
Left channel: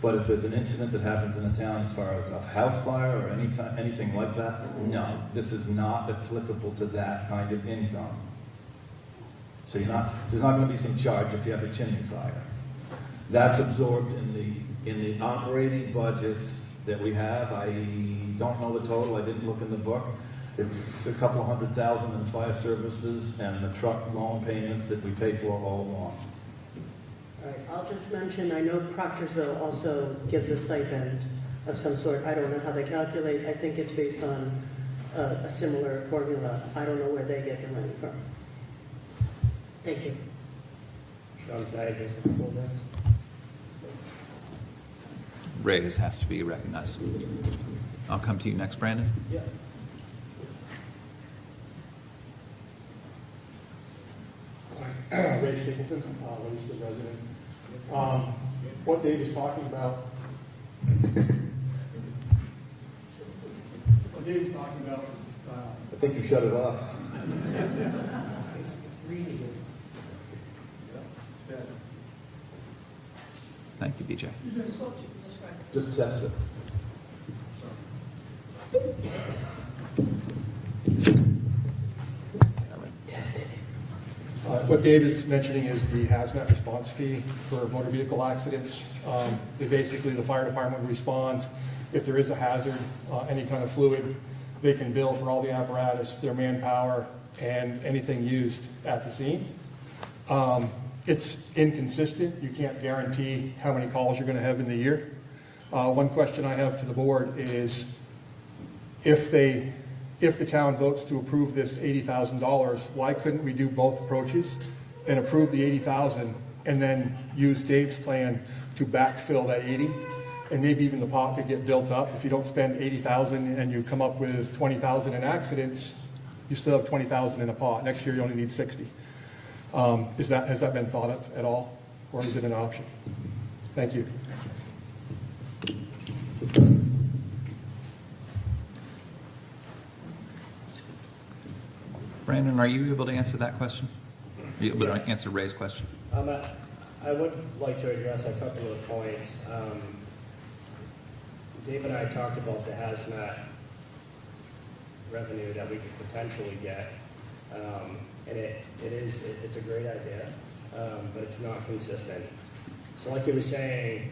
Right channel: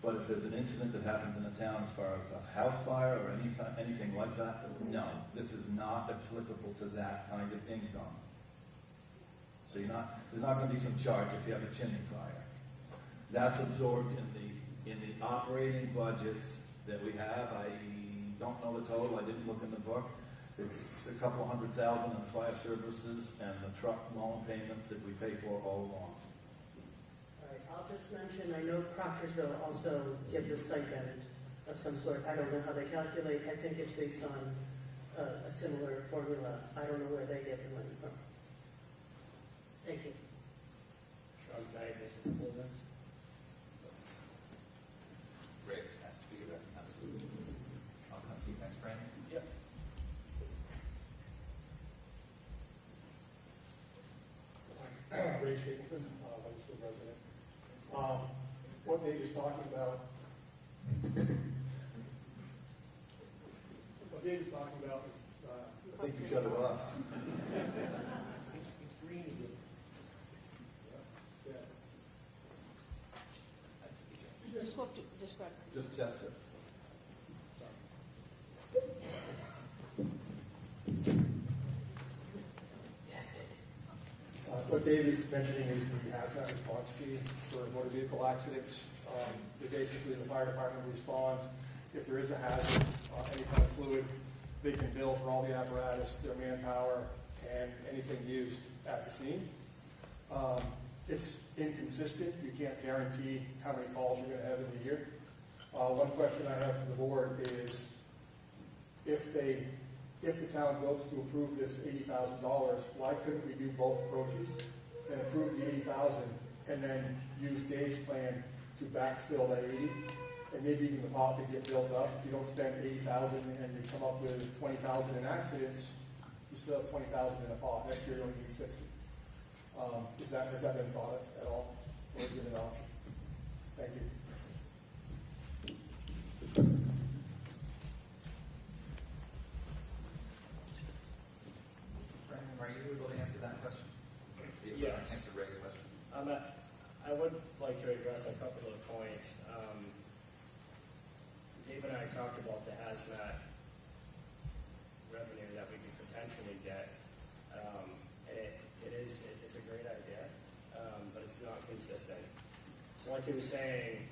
but if there's an incident that happens in a town as far as a house fire or anything like that, no, this is not applicable to that kind of income. So there's not going to be some charge if you have a chimney fire. That's absorbed in the operating budgets that we have. I don't know the total. I didn't look in the book. It's a couple of $100,000 in fire services and the truck loan payments that we pay for all along. All right, I'll just mention, I know Proctorsville also gives a stipend of some sort. I don't know how they calculate. I think it's based on a similar formula. I don't know where they get the money from. Thank you. Sean, can I address a couple of things? Ray has to be recognized. I'll come to you next, Brandon. Yeah. Ray Stapleton, Weathersfield resident. What Dave is talking about, I think you shut it off. Thank you, BJ. Just test it. What Dave is mentioning is the hazmat response fee for motor vehicle accidents. The fire department will respond if there is a hazard, any kind of fluid. They can bill for all the apparatus, their manpower, and anything used at the scene. It's inconsistent. You can't guarantee how many calls you're going to have in the year. One question I have to the board is, if the town votes to approve this $80,000, why couldn't we do both approaches and approve the $80,000 and then use Dave's plan to backfill that 80, and maybe even the pot could get built up. If you don't spend $80,000 and you come up with $20,000 in accidents, you still have $20,000 in a pot. Next year you only need 60. Has that been thought of at all, or is it an option? Thank you. Brandon, are you able to answer that question? Are you able to answer Ray's question? I would like to address a couple of points. Dave and I talked about the hazmat revenue that we could potentially get, and it's a great idea, but it's not consistent. So like you were saying,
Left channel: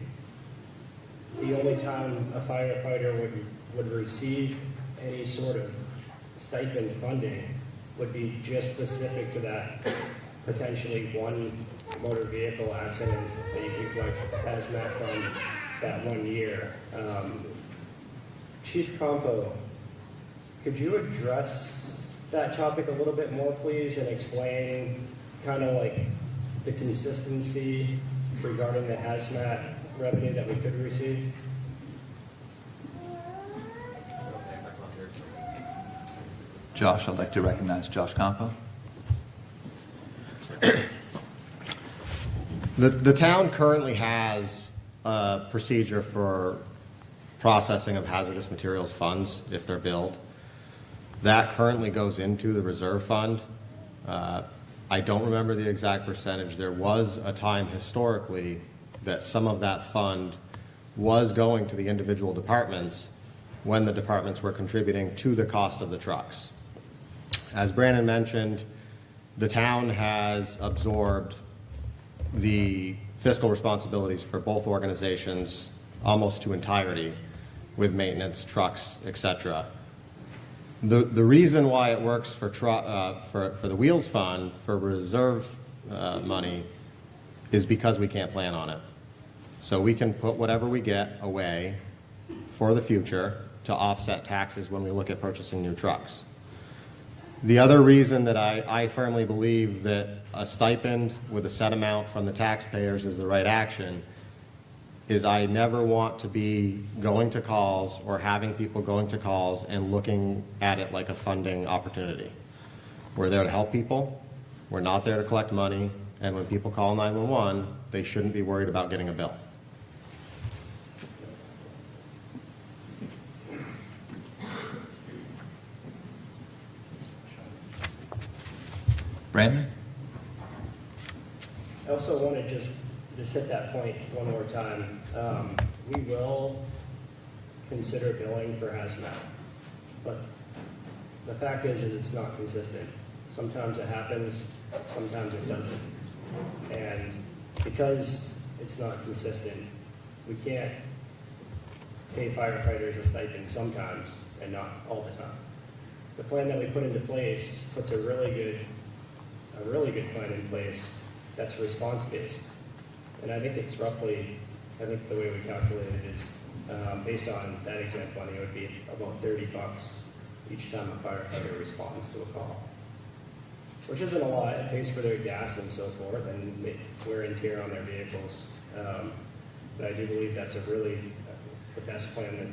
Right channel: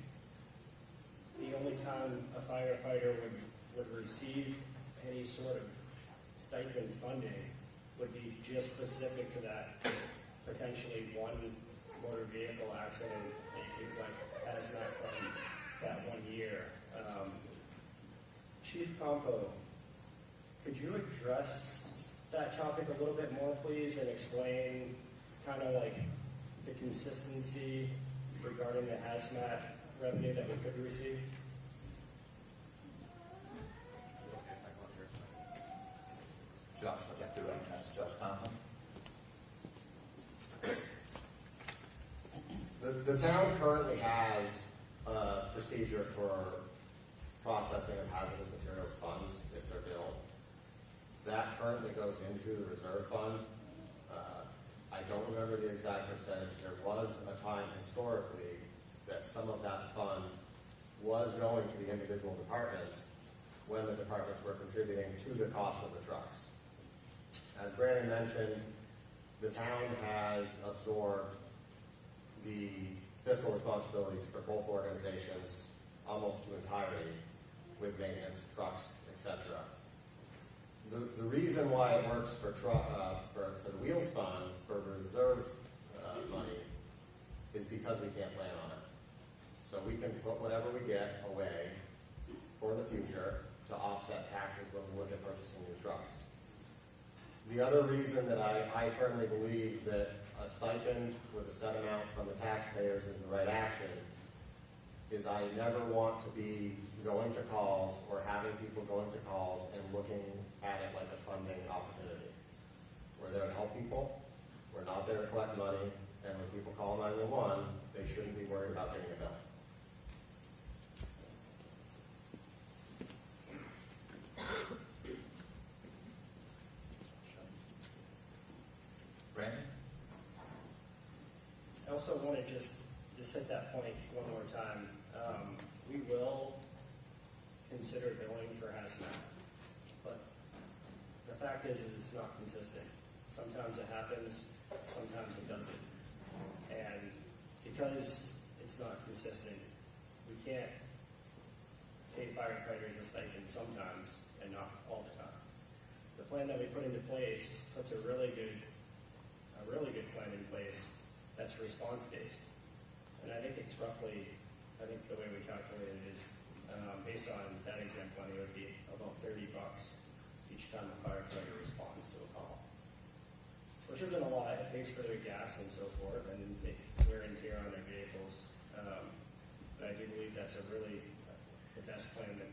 the only time a firefighter would receive any sort of stipend funding would be just specific to that potentially one motor vehicle accident that you could like hazmat from that 1 year. Chief Compo, could you address that topic a little bit more, please, and explain kind of like the consistency regarding the hazmat revenue that we could receive? Josh, I'd like to recognize Josh Campo. The town currently has a procedure for processing of hazardous materials funds if they're billed. That currently goes into the reserve fund. I don't remember the exact percentage. There was a time historically that some of that fund was going to the individual departments when the departments were contributing to the cost of the trucks. As Brandon mentioned, the town has absorbed the fiscal responsibilities for both organizations almost to entirety with maintenance, trucks, etc. The reason why it works for the Wheels Fund for reserve money is because we can't plan on it. So we can put whatever we get away for the future to offset taxes when we look at purchasing new trucks. The other reason that I firmly believe that a stipend with a set amount from the taxpayers is the right action is I never want to be going to calls or having people going to calls and looking at it like a funding opportunity. We're there to help people. We're not there to collect money, and when people call 911, they shouldn't be worried about getting a bill. Brandon? I also want to just hit that point one more time. We will consider billing for hazmat, but the fact is it's not consistent. Sometimes it happens, sometimes it doesn't. And because it's not consistent, we can't pay firefighters a stipend sometimes and not all the time. The plan that we put into place puts a really good plan in place that's response-based. And I think it's roughly, I think the way we calculate it is, based on that exact money, it would be about $30 each time a firefighter responds to a call. Which isn't a lot, it pays for their gas and so forth, and wear and tear on their vehicles. But I do believe that's the best plan that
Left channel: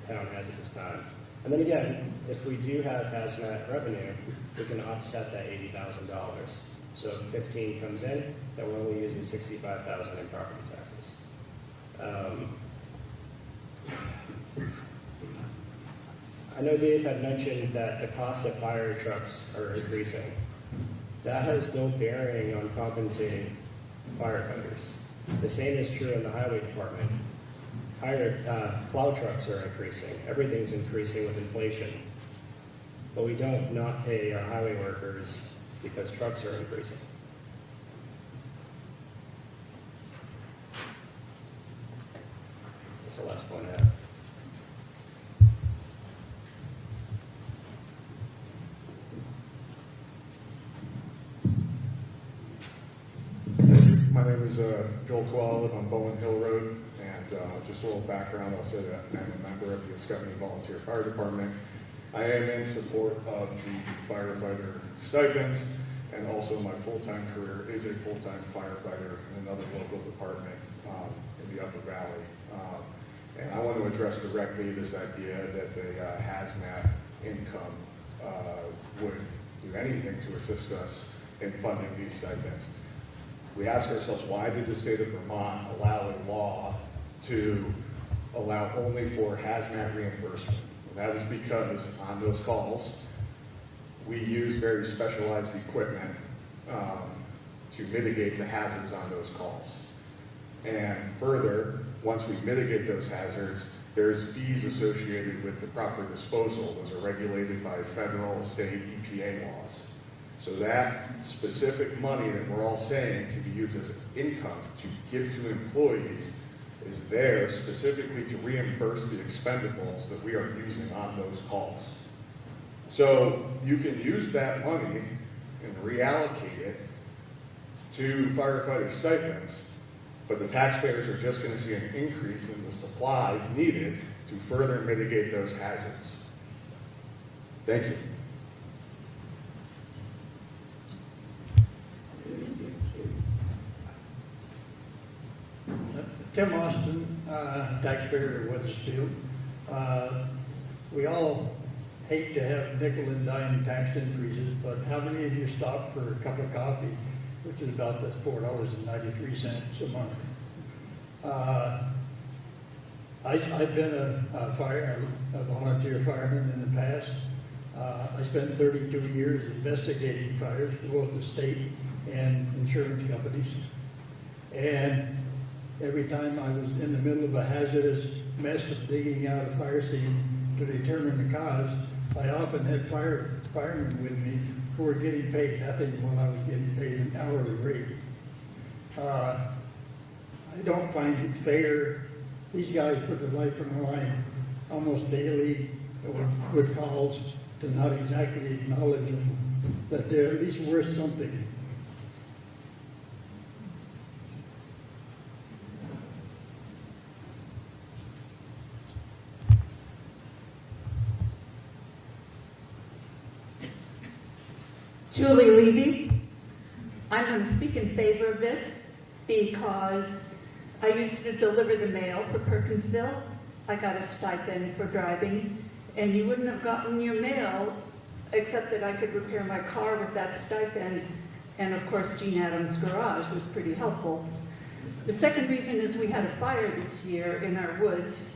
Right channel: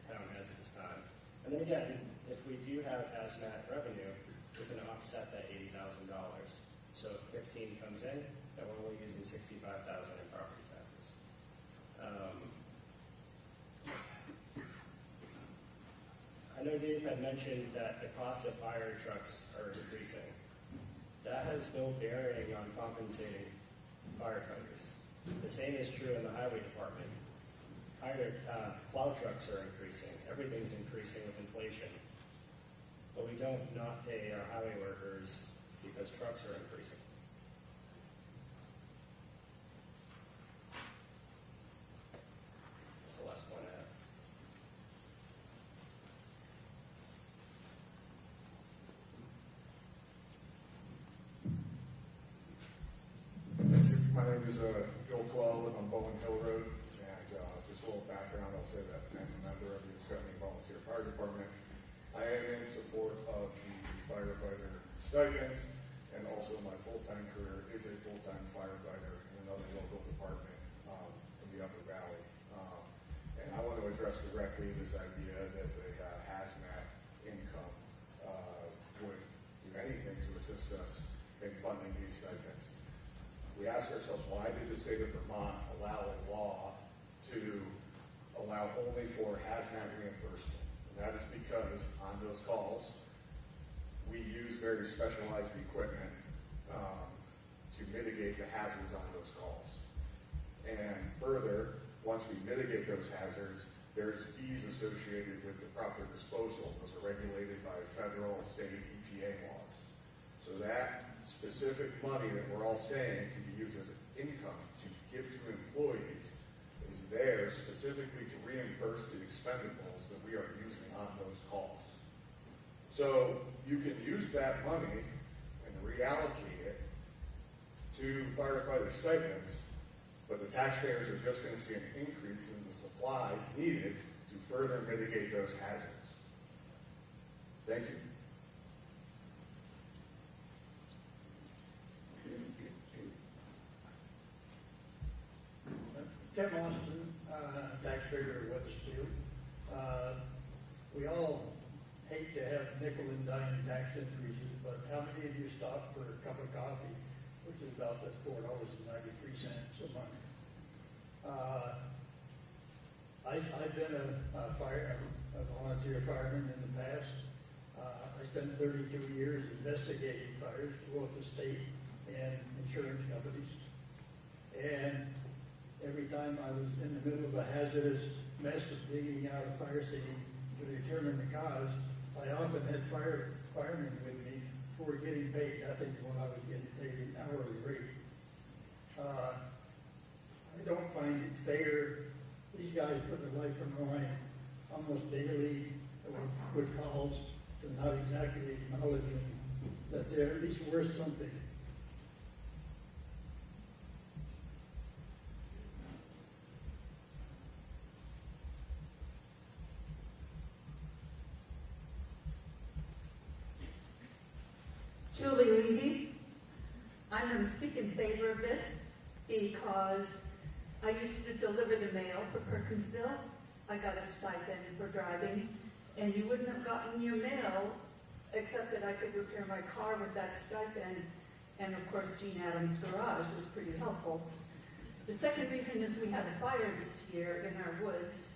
the town has at this time. And then again, if we do have hazmat revenue, we can offset that $80,000. So if 15 comes in, then we're only using $65,000 in property taxes. I know Dave had mentioned that the cost of fire trucks are increasing. That has no bearing on compensating firefighters. The same is true in the highway department. Plow trucks are increasing. Everything's increasing with inflation. But we don't not pay our highway workers because trucks are increasing. That's the last point I have. My name is Joel Quell. I live on Bowen Hill Road, and just a little background, I'll say that I'm a member of the Ascutney Volunteer Fire Department. I am in support of the firefighter stipends, and also my full-time career is a full-time firefighter in another local department in the Upper Valley. And I want to address directly this idea that the hazmat income would do anything to assist us in funding these stipends. We ask ourselves, why did the state of Vermont allow a law to allow only for hazmat reimbursement? And that is because on those calls, we use very specialized equipment to mitigate the hazards on those calls. And further, once we mitigate those hazards, there's fees associated with the proper disposal. Those are regulated by federal, state, EPA laws. So that specific money that we're all saying can be used as income to give to employees is there specifically to reimburse the expendables that we are using on those calls. So you can use that money and reallocate it to firefighter stipends, but the taxpayers are just going to see an increase in the supplies needed to further mitigate those hazards. Thank you. Tim Austin, taxpayer of Weathersfield. We all hate to have nickel and dime tax increases, but how many of you stop for a cup of coffee, which is about the $4.93 a month? I've been a volunteer fireman in the past. I spent 32 years investigating fires for both the state and insurance companies. And every time I was in the middle of a hazardous mess of digging out a fire scene to determine the cause, I often had firemen with me who were getting paid nothing while I was getting paid an hourly rate. I don't find it fair. These guys put their life on the line almost daily with calls to not exactly acknowledge them, that they're at least worth something. Julie Levy. I'm going to speak in favor of this because I used to deliver the mail for Perkinsville. I got a stipend for driving, and you wouldn't have gotten your mail except that I could repair my car with that stipend. And of course, Gene Adams' garage was pretty helpful. The second reason is we had a fire this year in our woods.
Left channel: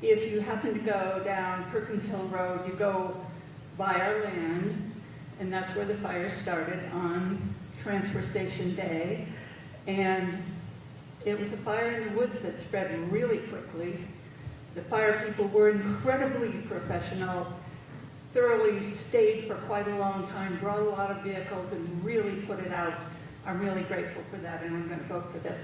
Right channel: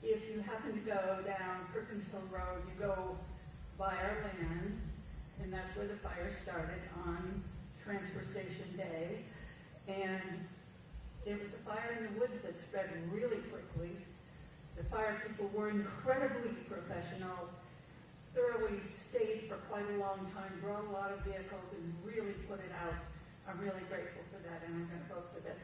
If you happen to go down Perkins Hill Road, you go by our land, and that's where the fire started on Transfer Station Day. And it was a fire in the woods that spread really quickly. The fire people were incredibly professional, thoroughly stayed for quite a long time, brought a lot of vehicles, and really put it out. I'm really grateful for that, and I'm going to vote for this.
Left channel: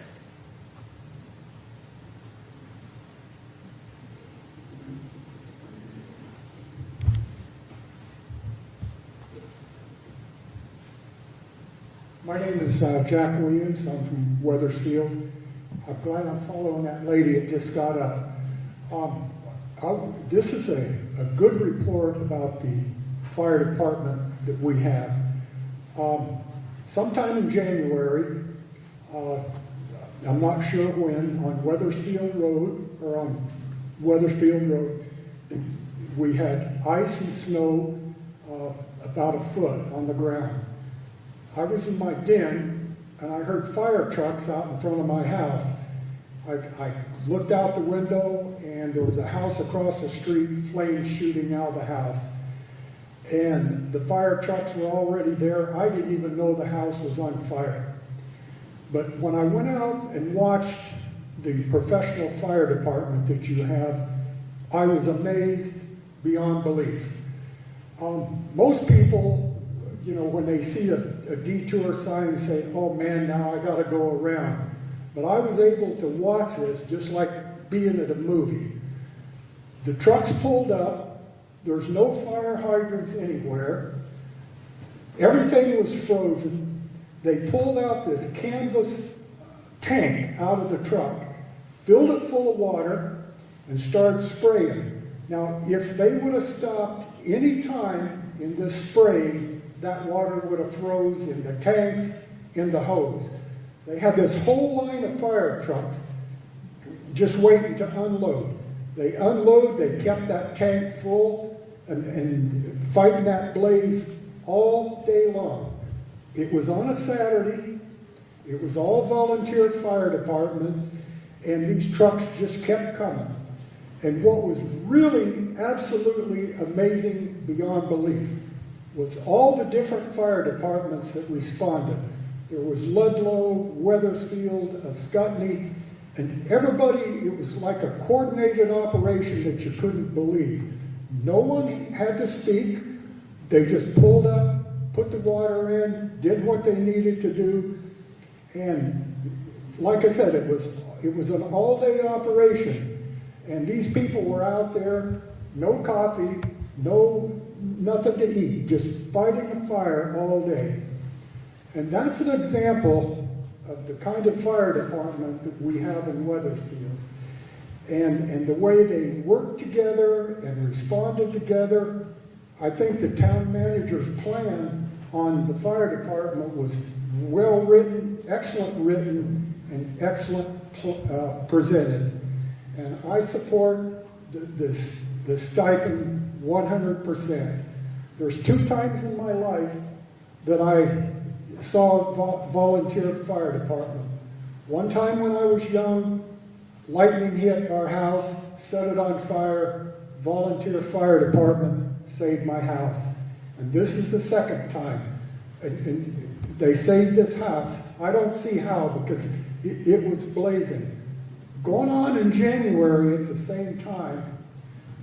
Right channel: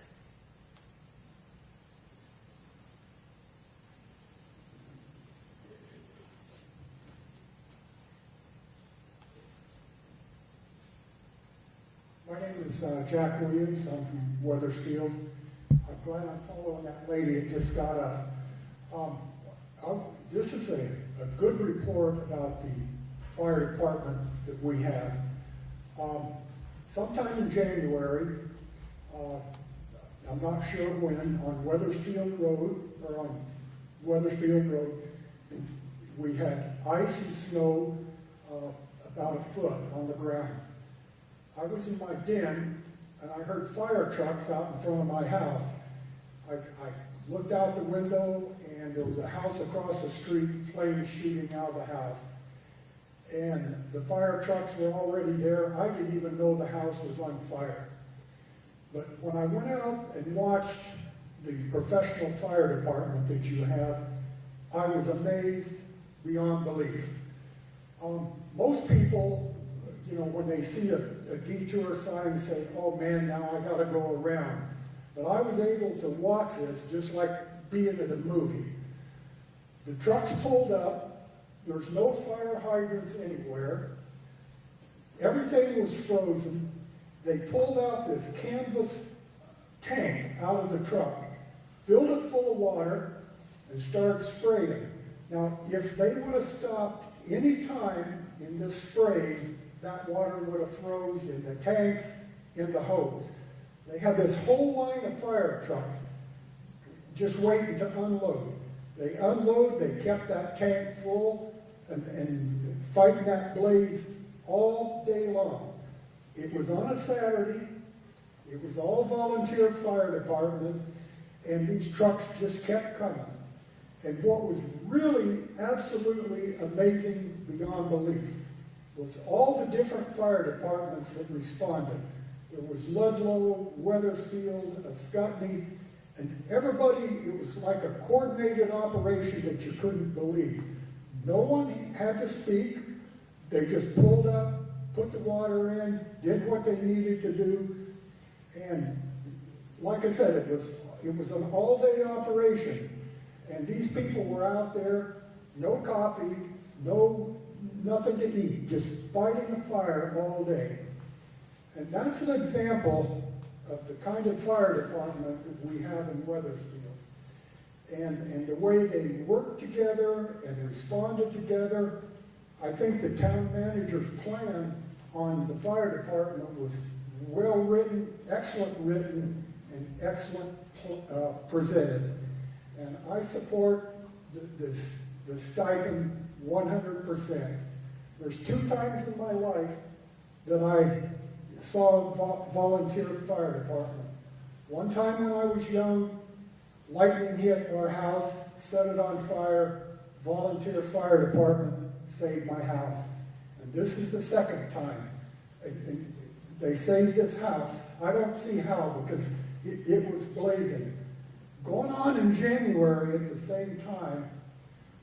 My name is Jack Williams. I'm from Weathersfield. I'm glad I'm following that lady that just got up. This is a good report about the fire department that we have. Sometime in January, I'm not sure when, on Weathersfield Road, or on Weathersfield Road, we had ice and snow about a foot on the ground. I was in my den, and I heard fire trucks out in front of my house. I looked out the window, and there was a house across the street, flames shooting out of the house. And the fire trucks were already there. I didn't even know the house was on fire. But when I went out and watched the professional fire department that you have, I was amazed beyond belief. Most people, you know, when they see a detour sign, say, oh man, now I gotta go around. But I was able to watch this just like being at a movie. The trucks pulled up, there's no fire hydrants anywhere, everything was frozen. They pulled out this canvas tank out of the truck, filled it full of water, and started spraying. Now, if they would have stopped any time in this spraying, that water would have froze in the tanks, in the hose. They had this whole line of fire trucks just waiting to unload. They unload, they kept that tank full and fighting that blaze all day long. It was on a Saturday. It was all volunteer fire department, and these trucks just kept coming. And what was really absolutely amazing beyond belief was all the different fire departments that responded. There was Ludlow, Weathersfield, Scottney, and everybody, it was like a coordinated operation that you couldn't believe. No one had to speak. They just pulled up, put the water in, did what they needed to do. And like I said, it was an all-day operation. And these people were out there, no coffee, nothing to eat, just fighting a fire all day. And that's an example of the kind of fire department that we have in Weathersfield. And the way they worked together and responded together. I think the town manager's plan on the fire department was well written, and excellent presented. And I support the stipend 100%. There's 2 times in my life that I saw a volunteer fire department. One time when I was young, lightning hit our house, set it on fire, volunteer fire department saved my house. And this is the second time. And they saved this house. I don't see how, because it was blazing. Going on in January at the same time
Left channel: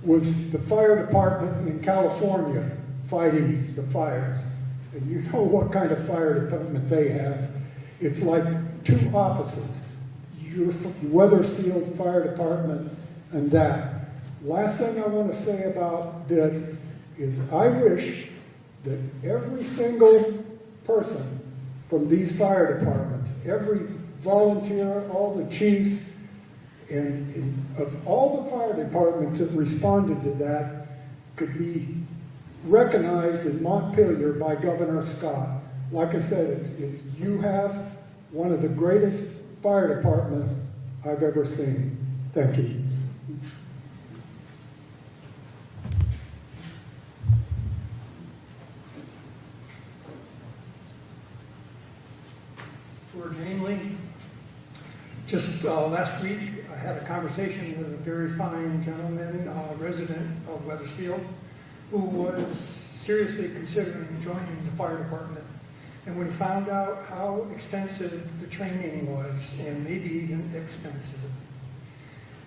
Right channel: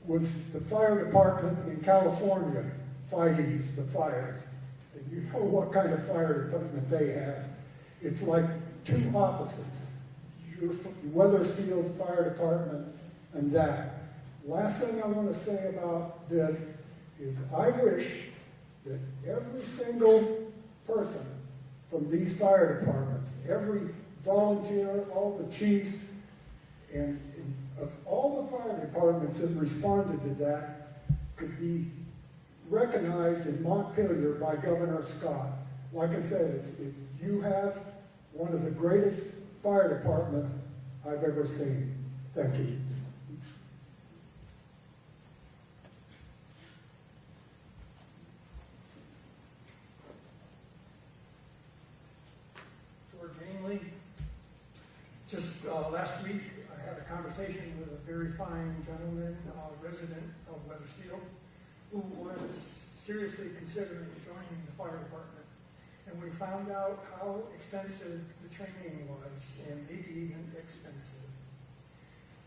was the fire department in California fighting the fires. And you know what kind of fire department they have. It's like 2 opposites. Your Weathersfield Fire Department and that. Last thing I want to say about this is I wish that every single person from these fire departments, every volunteer, all the chiefs, and of all the fire departments that responded to that could be recognized in Montpelier by Governor Scott. Like I said, you have one of the greatest fire departments I've ever seen. Thank you. Just last week, I had a conversation with a very fine gentleman, resident of Weathersfield, who was seriously considering joining the fire department. And when he found out how expensive the training was, and maybe even expensive,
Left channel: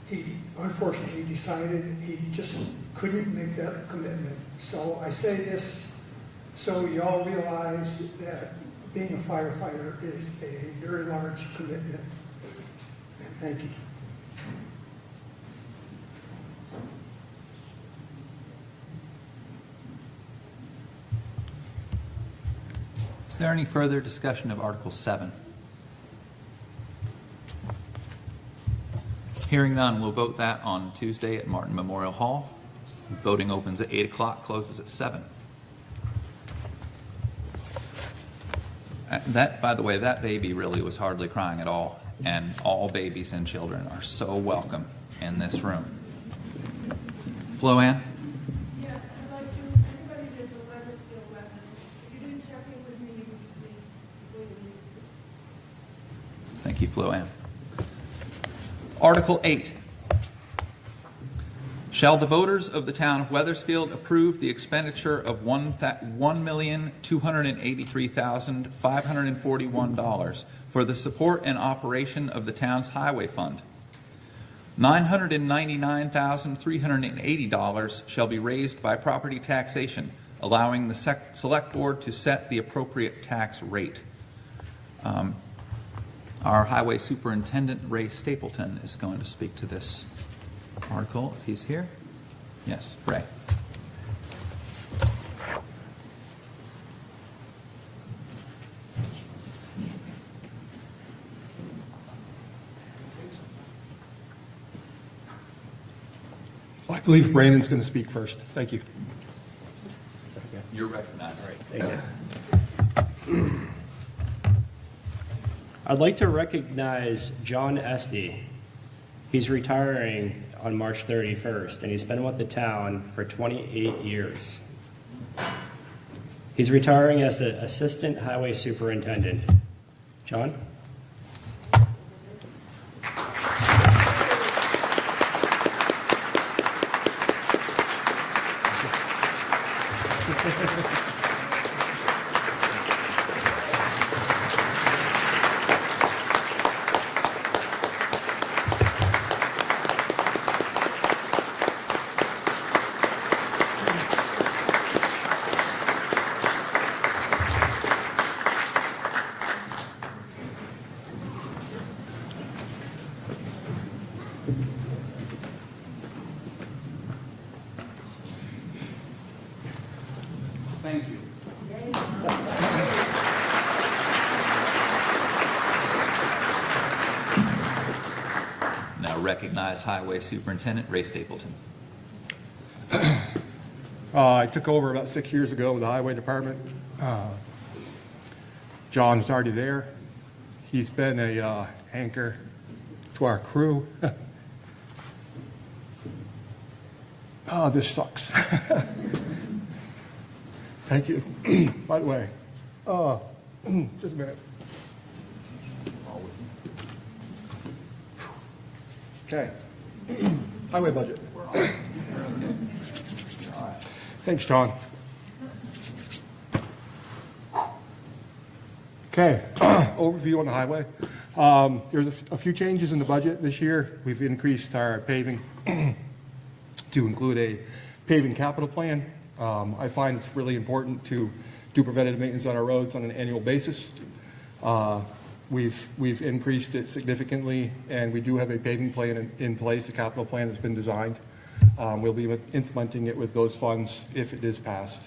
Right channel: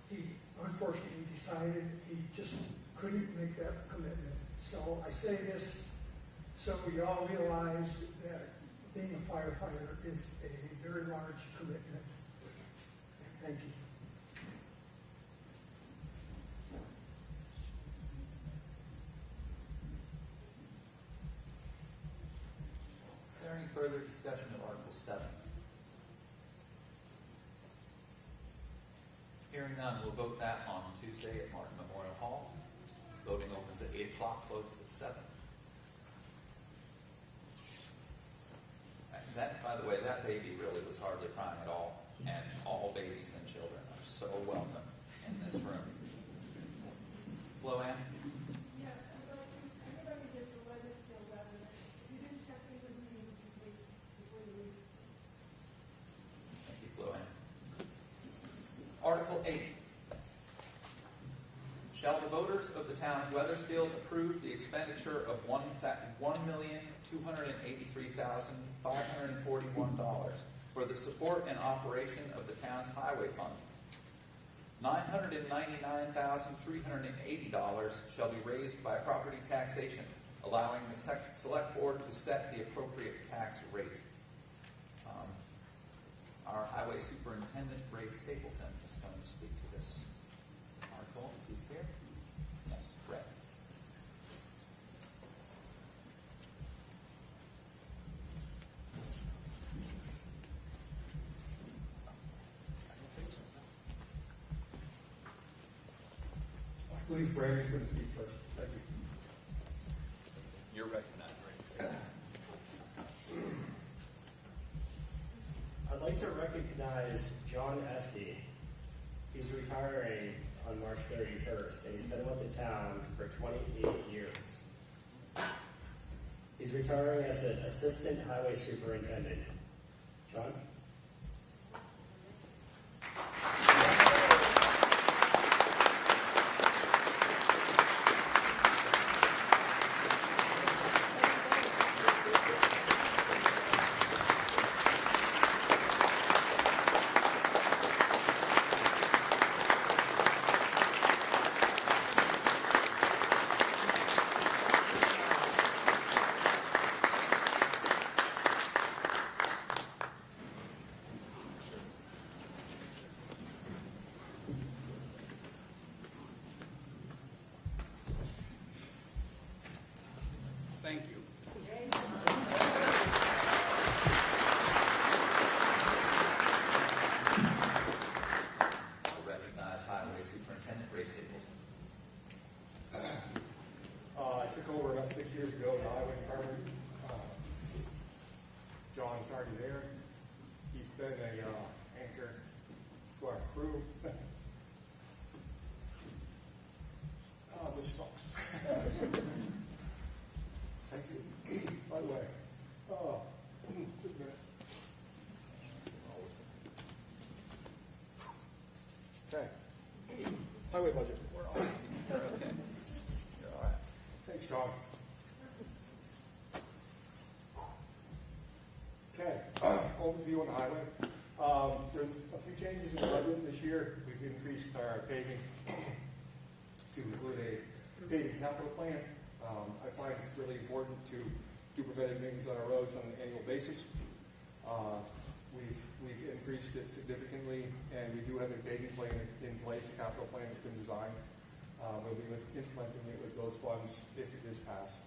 he unfortunately decided he just couldn't make that commitment. So I say this so y'all realize that being a firefighter is a very large commitment. And thank you. Is there any further discussion of Article 7? Hearing none, we'll vote that on Tuesday at Martin Memorial Hall. Voting opens at 8 o'clock, closes at 7. That, by the way, that baby really was hardly crying at all, and all babies and children are so welcome in this room. Flo-Ann? Yes, I'd like to, everybody is a Weathersfield resident. If you didn't check in with me, would you please completely? Thank you, Flo-Ann. Article 8. Shall the voters of the town of Weathersfield approve the expenditure of $1,283,541 for the support and operation of the town's highway fund? $999,380 shall be raised by property taxation, allowing the select board to set the appropriate tax rate. Our highway superintendent, Ray Stapleton, is going to speak to this article, if he's here. Yes, Ray. I believe Brandon's going to speak first. Thank you. You're recognized. Thank you. I'd like to recognize John Esty. He's retiring on March 31st, and he's been with the town for 28 years. He's retiring as the Assistant Highway Superintendent. John? Thank you. Now recognize Highway Superintendent Ray Stapleton. I took over about 6 years ago with the highway department. John's already there. He's been a anchor to our crew. Oh, this sucks. Thank you. By the way, just a minute. Okay. Highway budget. Thanks, John. Okay, overview on the highway. There's a few changes in the budget this year. We've increased our paving to include a paving capital plan. I find it's really important to do preventative maintenance on our roads on an annual basis. We've increased it significantly, and we do have a paving plan in place, a capital plan that's been designed. We'll be implementing it with those funds if it is passed.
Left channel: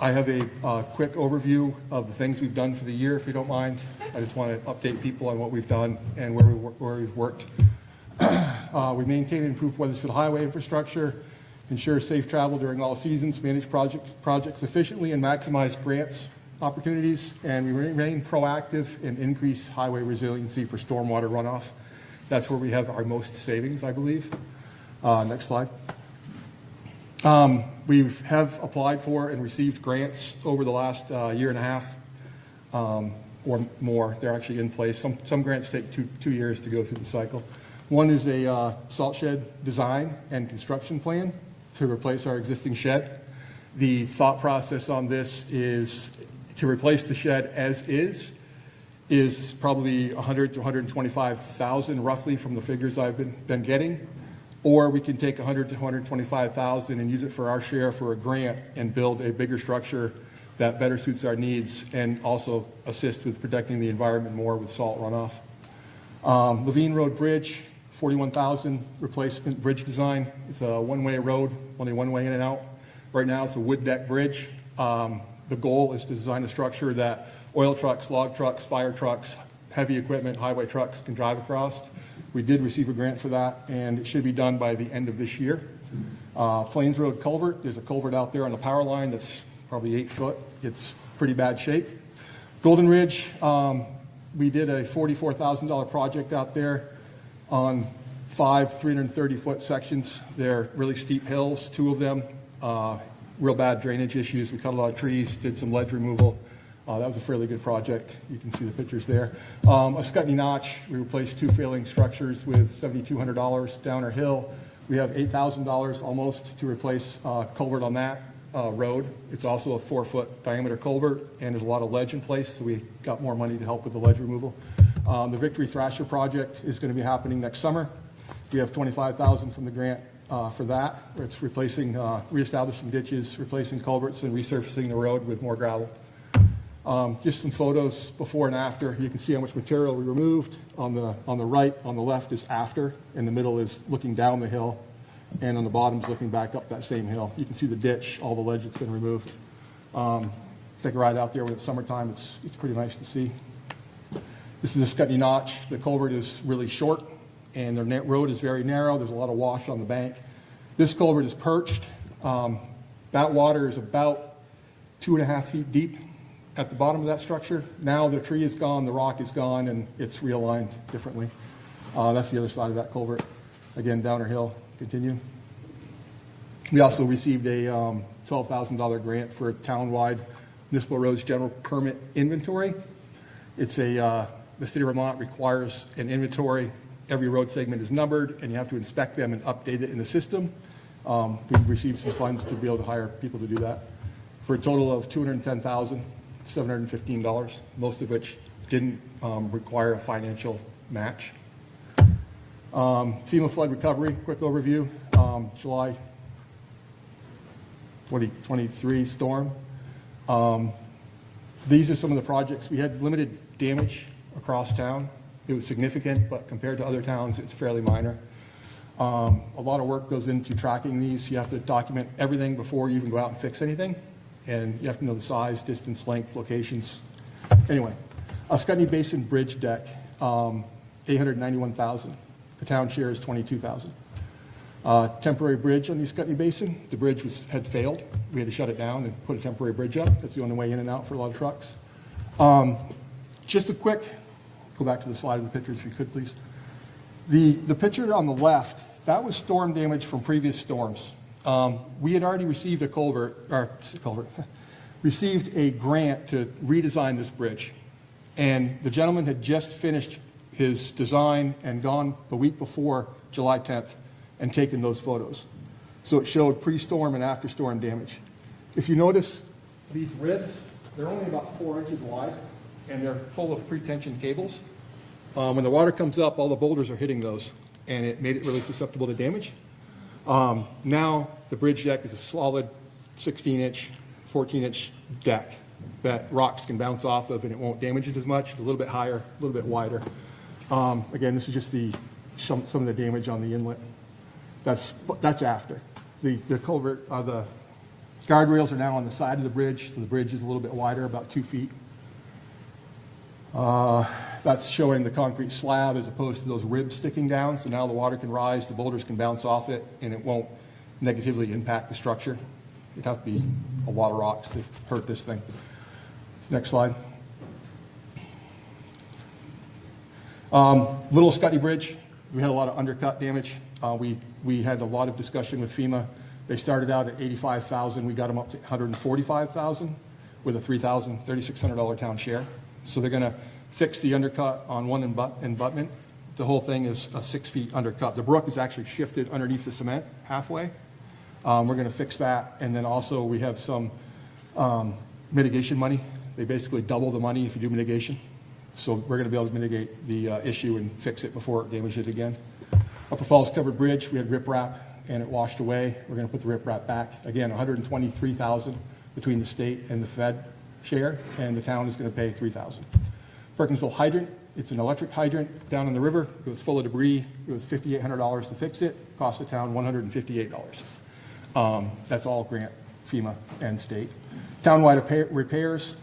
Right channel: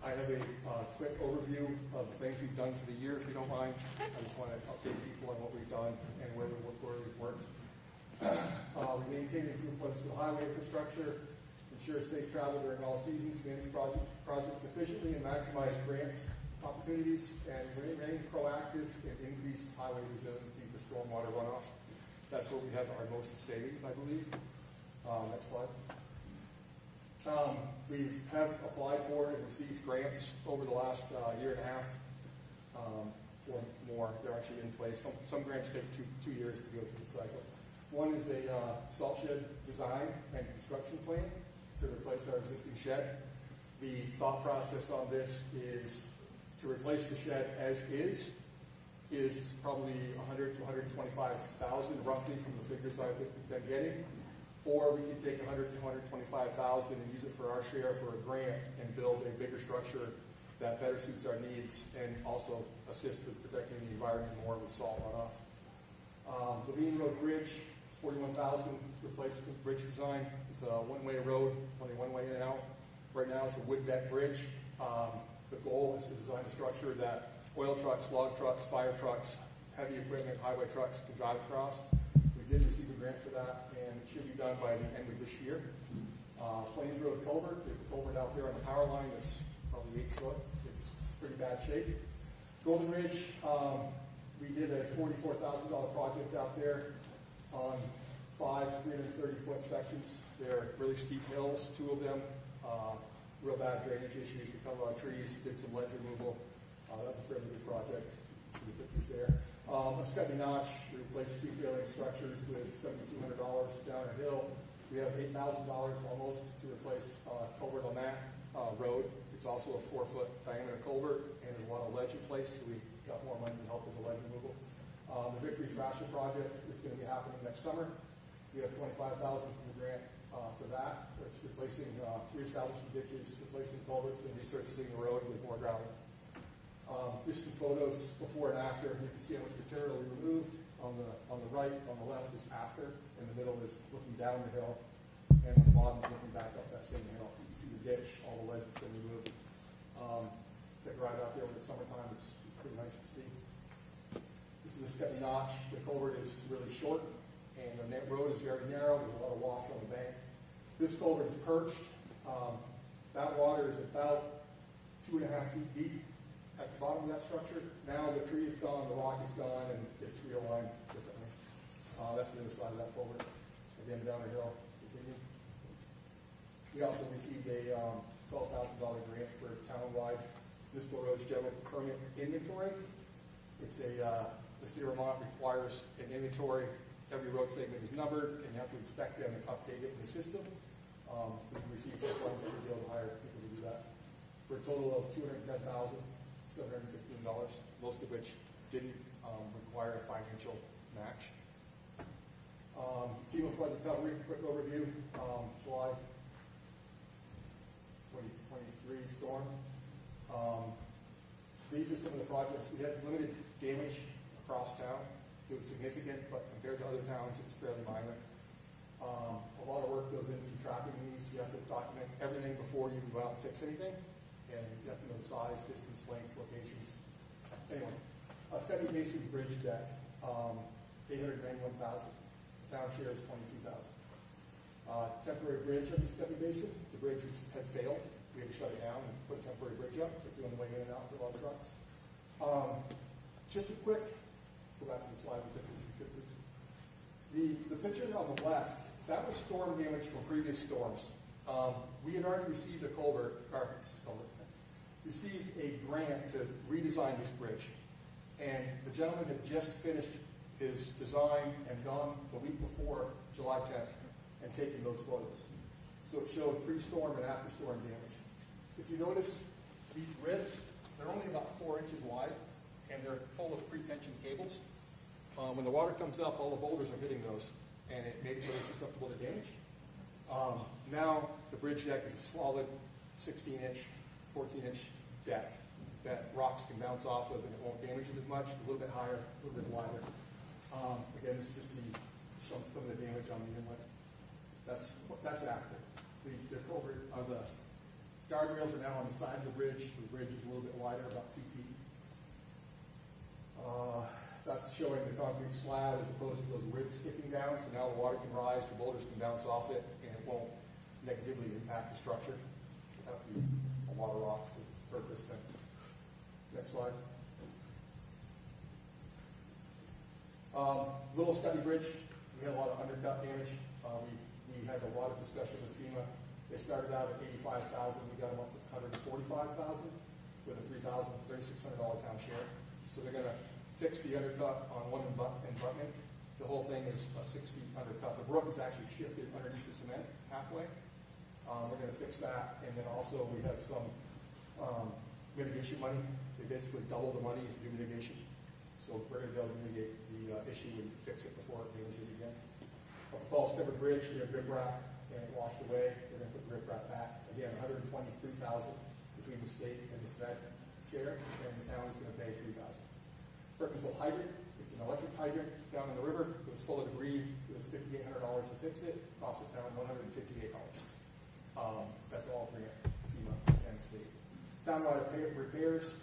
I have a quick overview of the things we've done for the year, if you don't mind. I just want to update people on what we've done and where we've worked. We maintain and improve Weathersfield highway infrastructure, ensure safe travel during all seasons, manage projects efficiently, and maximize grants opportunities, and we remain proactive and increase highway resiliency for stormwater runoff. That's where we have our most savings, I believe. Next slide. We have applied for and received grants over the last year and a half. or more. They're actually in place. Some grants take two years to go through the cycle. One is a salt shed design and construction plan to replace our existing shed. The thought process on this is to replace the shed as is probably $100,000 to $125,000 roughly from the figures I've been getting. Or we can take $100,000 to $125,000 and use it for our share for a grant and build a bigger structure that better suits our needs and also assist with protecting the environment more with salt runoff. Levine Road Bridge, $41,000 replacement bridge design. It's a one-way road, only one way in and out. Right now it's a wood deck bridge. The goal is to design a structure that oil trucks, log trucks, fire trucks, heavy equipment, highway trucks can drive across. We did receive a grant for that, and it should be done by the end of this year. Plains Road Culvert, there's a culvert out there on the power line that's probably 8 foot. It's pretty bad shape. Golden Ridge, we did a $44,000 project out there on 5 330-foot sections. They're really steep hills, 2 of them, real bad drainage issues. We cut a lot of trees, did some ledge removal. That was a fairly good project. You can see the pictures there. A Scutney Notch, we replaced 2 failing structures with $7,200. Downer Hill, we have $8,000 almost to replace culvert on that road. It's also a 4-foot diameter culvert, and there's a lot of ledge in place, so we got more money to help with the ledge removal. The Victory Thrasher project is going to be happening next summer. We have $25,000 from the grant for that. It's replacing, reestablishing ditches, replacing culverts, and resurfacing the road with more gravel. Just some photos before and after. You can see how much material we removed. On the right, on the left is after. In the middle is looking down the hill. And on the bottom is looking back up that same hill. You can see the ditch, all the ledge that's been removed. Take a ride out there when it's summertime. It's pretty nice to see. This is the Scutney Notch. The culvert is really short, and the road is very narrow. There's a lot of wash on the bank. This culvert is perched. That water is about 2.5 feet deep at the bottom of that structure. Now the tree is gone, the rock is gone, and it's realigned differently. That's the other side of that culvert. Again, Downer Hill, continue. We also received a $12,000 grant for a town-wide municipal roads general permit inventory. It's the city of Vermont requires an inventory. Every road segment is numbered, and you have to inspect them and update it in the system. We received some funds to be able to hire people to do that for a total of $210,715, most of which didn't require a financial match. FEMA flood recovery, quick overview. July 2023 storm. These are some of the projects. We had limited damage across town. It was significant, but compared to other towns, it's fairly minor. A lot of work goes into tracking these. You have to document everything before you even go out and fix anything. And you have to know the size, distance, length, locations. Anyway, a Scutney Basin bridge deck, $891,000. The town share is $22,000. Temporary bridge on the Scutney Basin. The bridge had failed. We had to shut it down and put a temporary bridge up. That's the only way in and out for a lot of trucks. Just a quick, go back to the slide of the pictures if you could, please. The picture on the left, that was storm damage from previous storms. We had already received received a grant to redesign this bridge. And the gentleman had just finished his design and gone the week before July 10th and taken those photos. So it showed pre-storm and after-storm damage. If you notice these ribs, they're only about 4 inches wide, and they're full of pre-tensioned cables. When the water comes up, all the boulders are hitting those, and it made it really susceptible to damage. Now the bridge deck is a solid 16-inch, 14-inch deck that rocks can bounce off of, and it won't damage it as much. A little bit higher, a little bit wider. Again, this is just some of the damage on the inlet. That's after. The culvert, the guardrails are now on the side of the bridge, so the bridge is a little bit wider, about 2 feet. That's showing the concrete slab as opposed to those ribs sticking down, so now the water can rise, the boulders can bounce off it, and it won't negatively impact the structure. It'd have to be a lot of rocks to hurt this thing. Next slide. Little Scutney Bridge, we had a lot of undercut damage. We had a lot of discussion with FEMA. They started out at $85,000. We got them up to $145,000 with a $3,600 town share. So they're gonna fix the undercut on one abutment. The whole thing is a 6 feet undercut. The brook is actually shifted underneath the cement halfway. We're gonna fix that, and then also we have some mitigation money. They basically double the money if you do mitigation. So we're gonna be able to mitigate the issue and fix it before it damages it again. Upper Falls Covered Bridge, we had riprap and it washed away. We're gonna put the riprap back. Again, $123,000 between the state and the Fed share, and the town is gonna pay $3,000. Perkinsville Hydrant, it's an electric hydrant down in the river. It was full of debris. It was $5,800 to fix it. Cost the town $158. That's all grant, FEMA and state. Townwide repairs,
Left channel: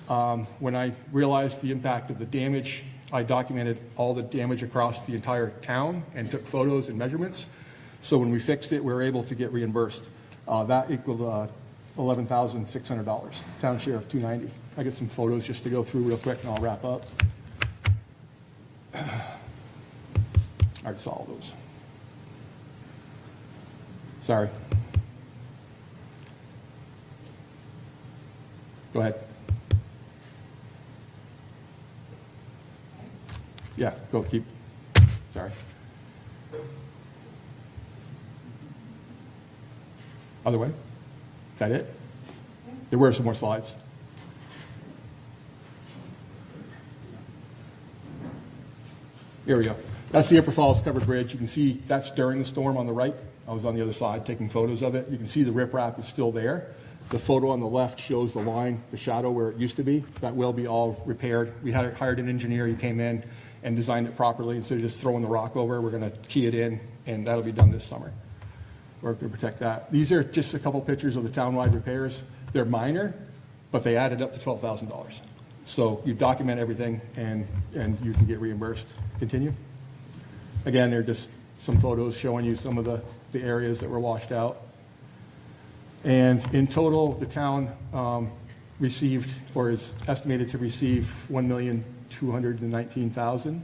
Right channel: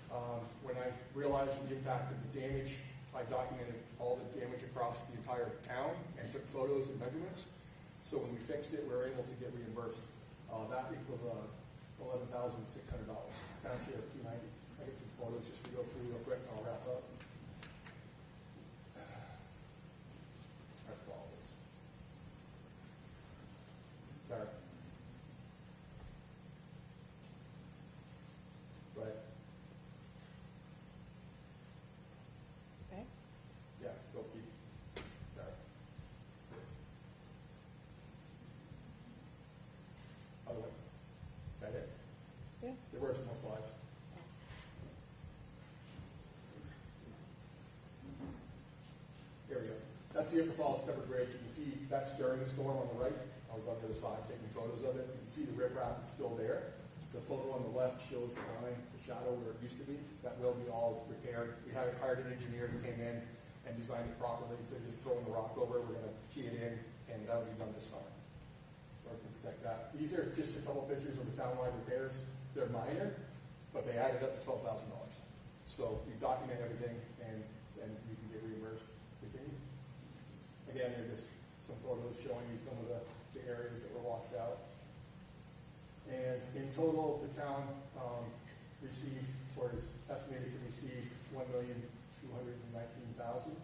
when I realized the impact of the damage, I documented all the damage across the entire town and took photos and measurements. So when we fixed it, we were able to get reimbursed. That equaled $11,600. Town share of $290. I get some photos just to go through real quick and I'll wrap up. I already saw all those. Sorry. Go ahead. Yeah, go keep. Sorry. Other way? Is that it? There were some more slides. Here we go. That's the Upper Falls Covered Bridge. You can see that's during the storm on the right. I was on the other side taking photos of it. You can see the riprap is still there. The photo on the left shows the line, the shadow where it used to be. That will be all repaired. We had hired an engineer. He came in and designed it properly. Instead of just throwing the rock over, we're going to key it in, and that'll be done this summer. We're going to protect that. These are just a couple pictures of the townwide repairs. They're minor, but they added up to $12,000. So you document everything, and you can get reimbursed. Continue. Again, they're just some photos showing you some of the areas that were washed out. And in total, the town received, or is estimated to receive, $1,219,000,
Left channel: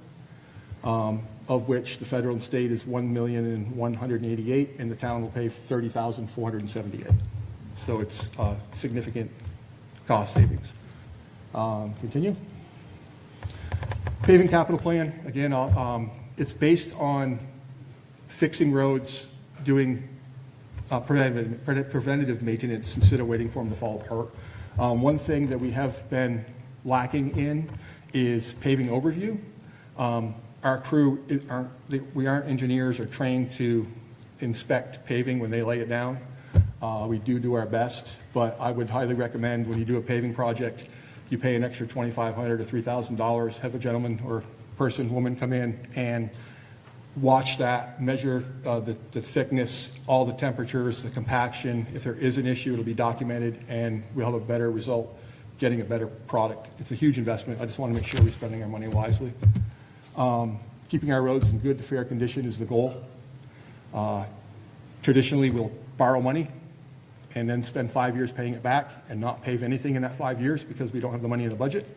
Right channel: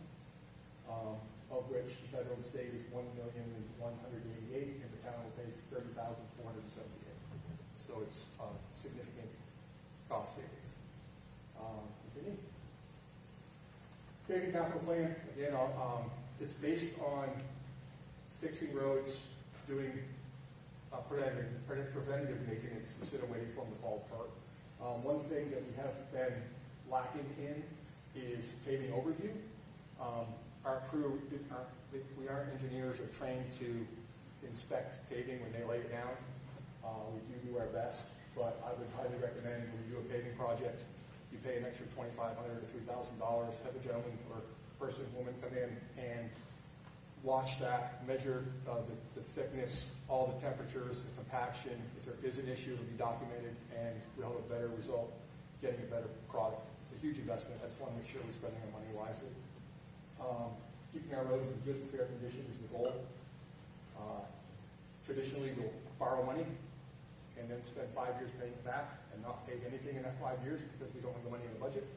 of which the federal and state is $1,188,000, and the town will pay $30,478. So it's significant cost savings. Continue. Paving capital plan, again, it's based on fixing roads, doing preventative maintenance instead of waiting for them to fall apart. One thing that we have been lacking in is paving overview. Our crew, we aren't engineers or trained to inspect paving when they lay it down. We do our best, but I would highly recommend when you do a paving project, you pay an extra $2,500 to $3,000, have a gentleman or person, woman come in and watch that, measure the thickness, all the temperatures, the compaction. If there is an issue, it'll be documented, and we'll have a better result, getting a better product. It's a huge investment. I just want to make sure we're spending our money wisely. Keeping our roads in good to fair condition is the goal. Traditionally, we'll borrow money and then spend 5 years paying it back and not pave anything in that 5 years because we don't have the money in the budget.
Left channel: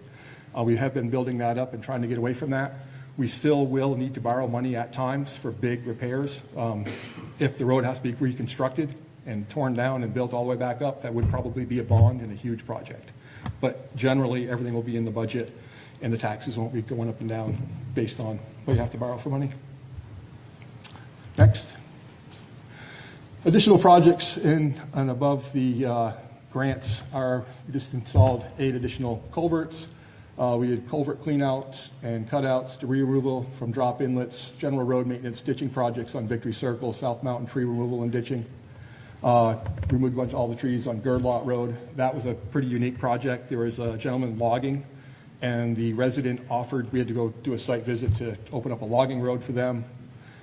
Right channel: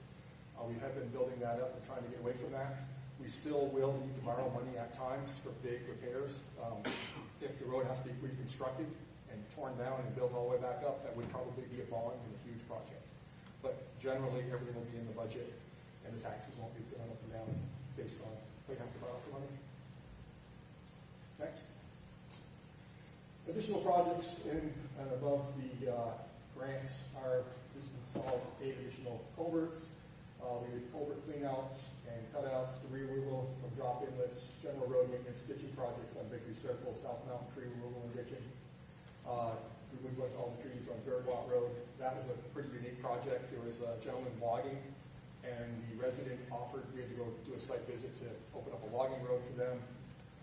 We have been building that up and trying to get away from that. We still will need to borrow money at times for big repairs. If the road has to be reconstructed and torn down and built all the way back up, that would probably be a bond and a huge project. But generally, everything will be in the budget, and the taxes won't be going up and down based on what you have to borrow for money. Next. Additional projects in and above the grants are, we just installed 8 additional culverts. We did culvert cleanouts and cutouts, debris removal from drop inlets, general road maintenance, ditching projects on Victory Circle, South Mountain tree removal and ditching. Removed a bunch of all the trees on Girdlot Road. That was a pretty unique project. There was a gentleman logging, and the resident offered, we had to go do a site visit to open up a logging road for them.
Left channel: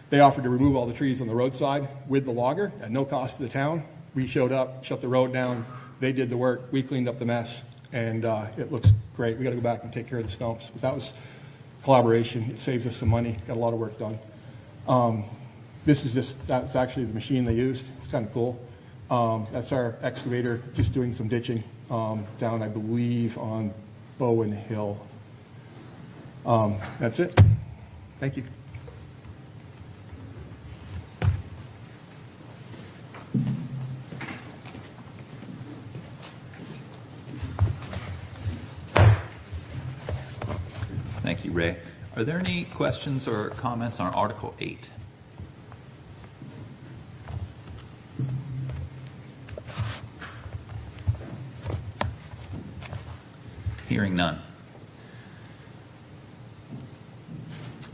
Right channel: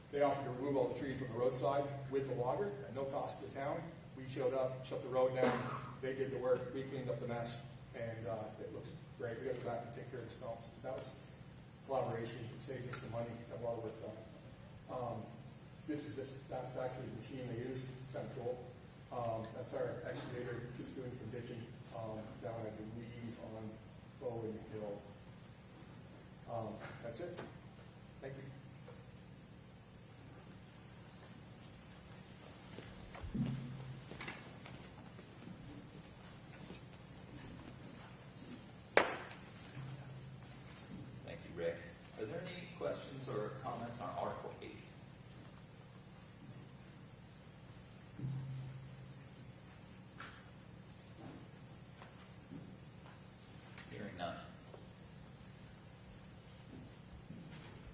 They offered to remove all the trees on the roadside with the logger at no cost to the town. We showed up, shut the road down. They did the work. We cleaned up the mess, and it looks great. We got to go back and take care of the stumps. But that was collaboration. It saves us some money. Got a lot of work done. That's actually the machine they used. It's kind of cool. That's our excavator just doing some ditching down, I believe, on Bowen Hill. That's it. Thank you. you, Ray. Are there any questions or comments on Article 8? Hearing none.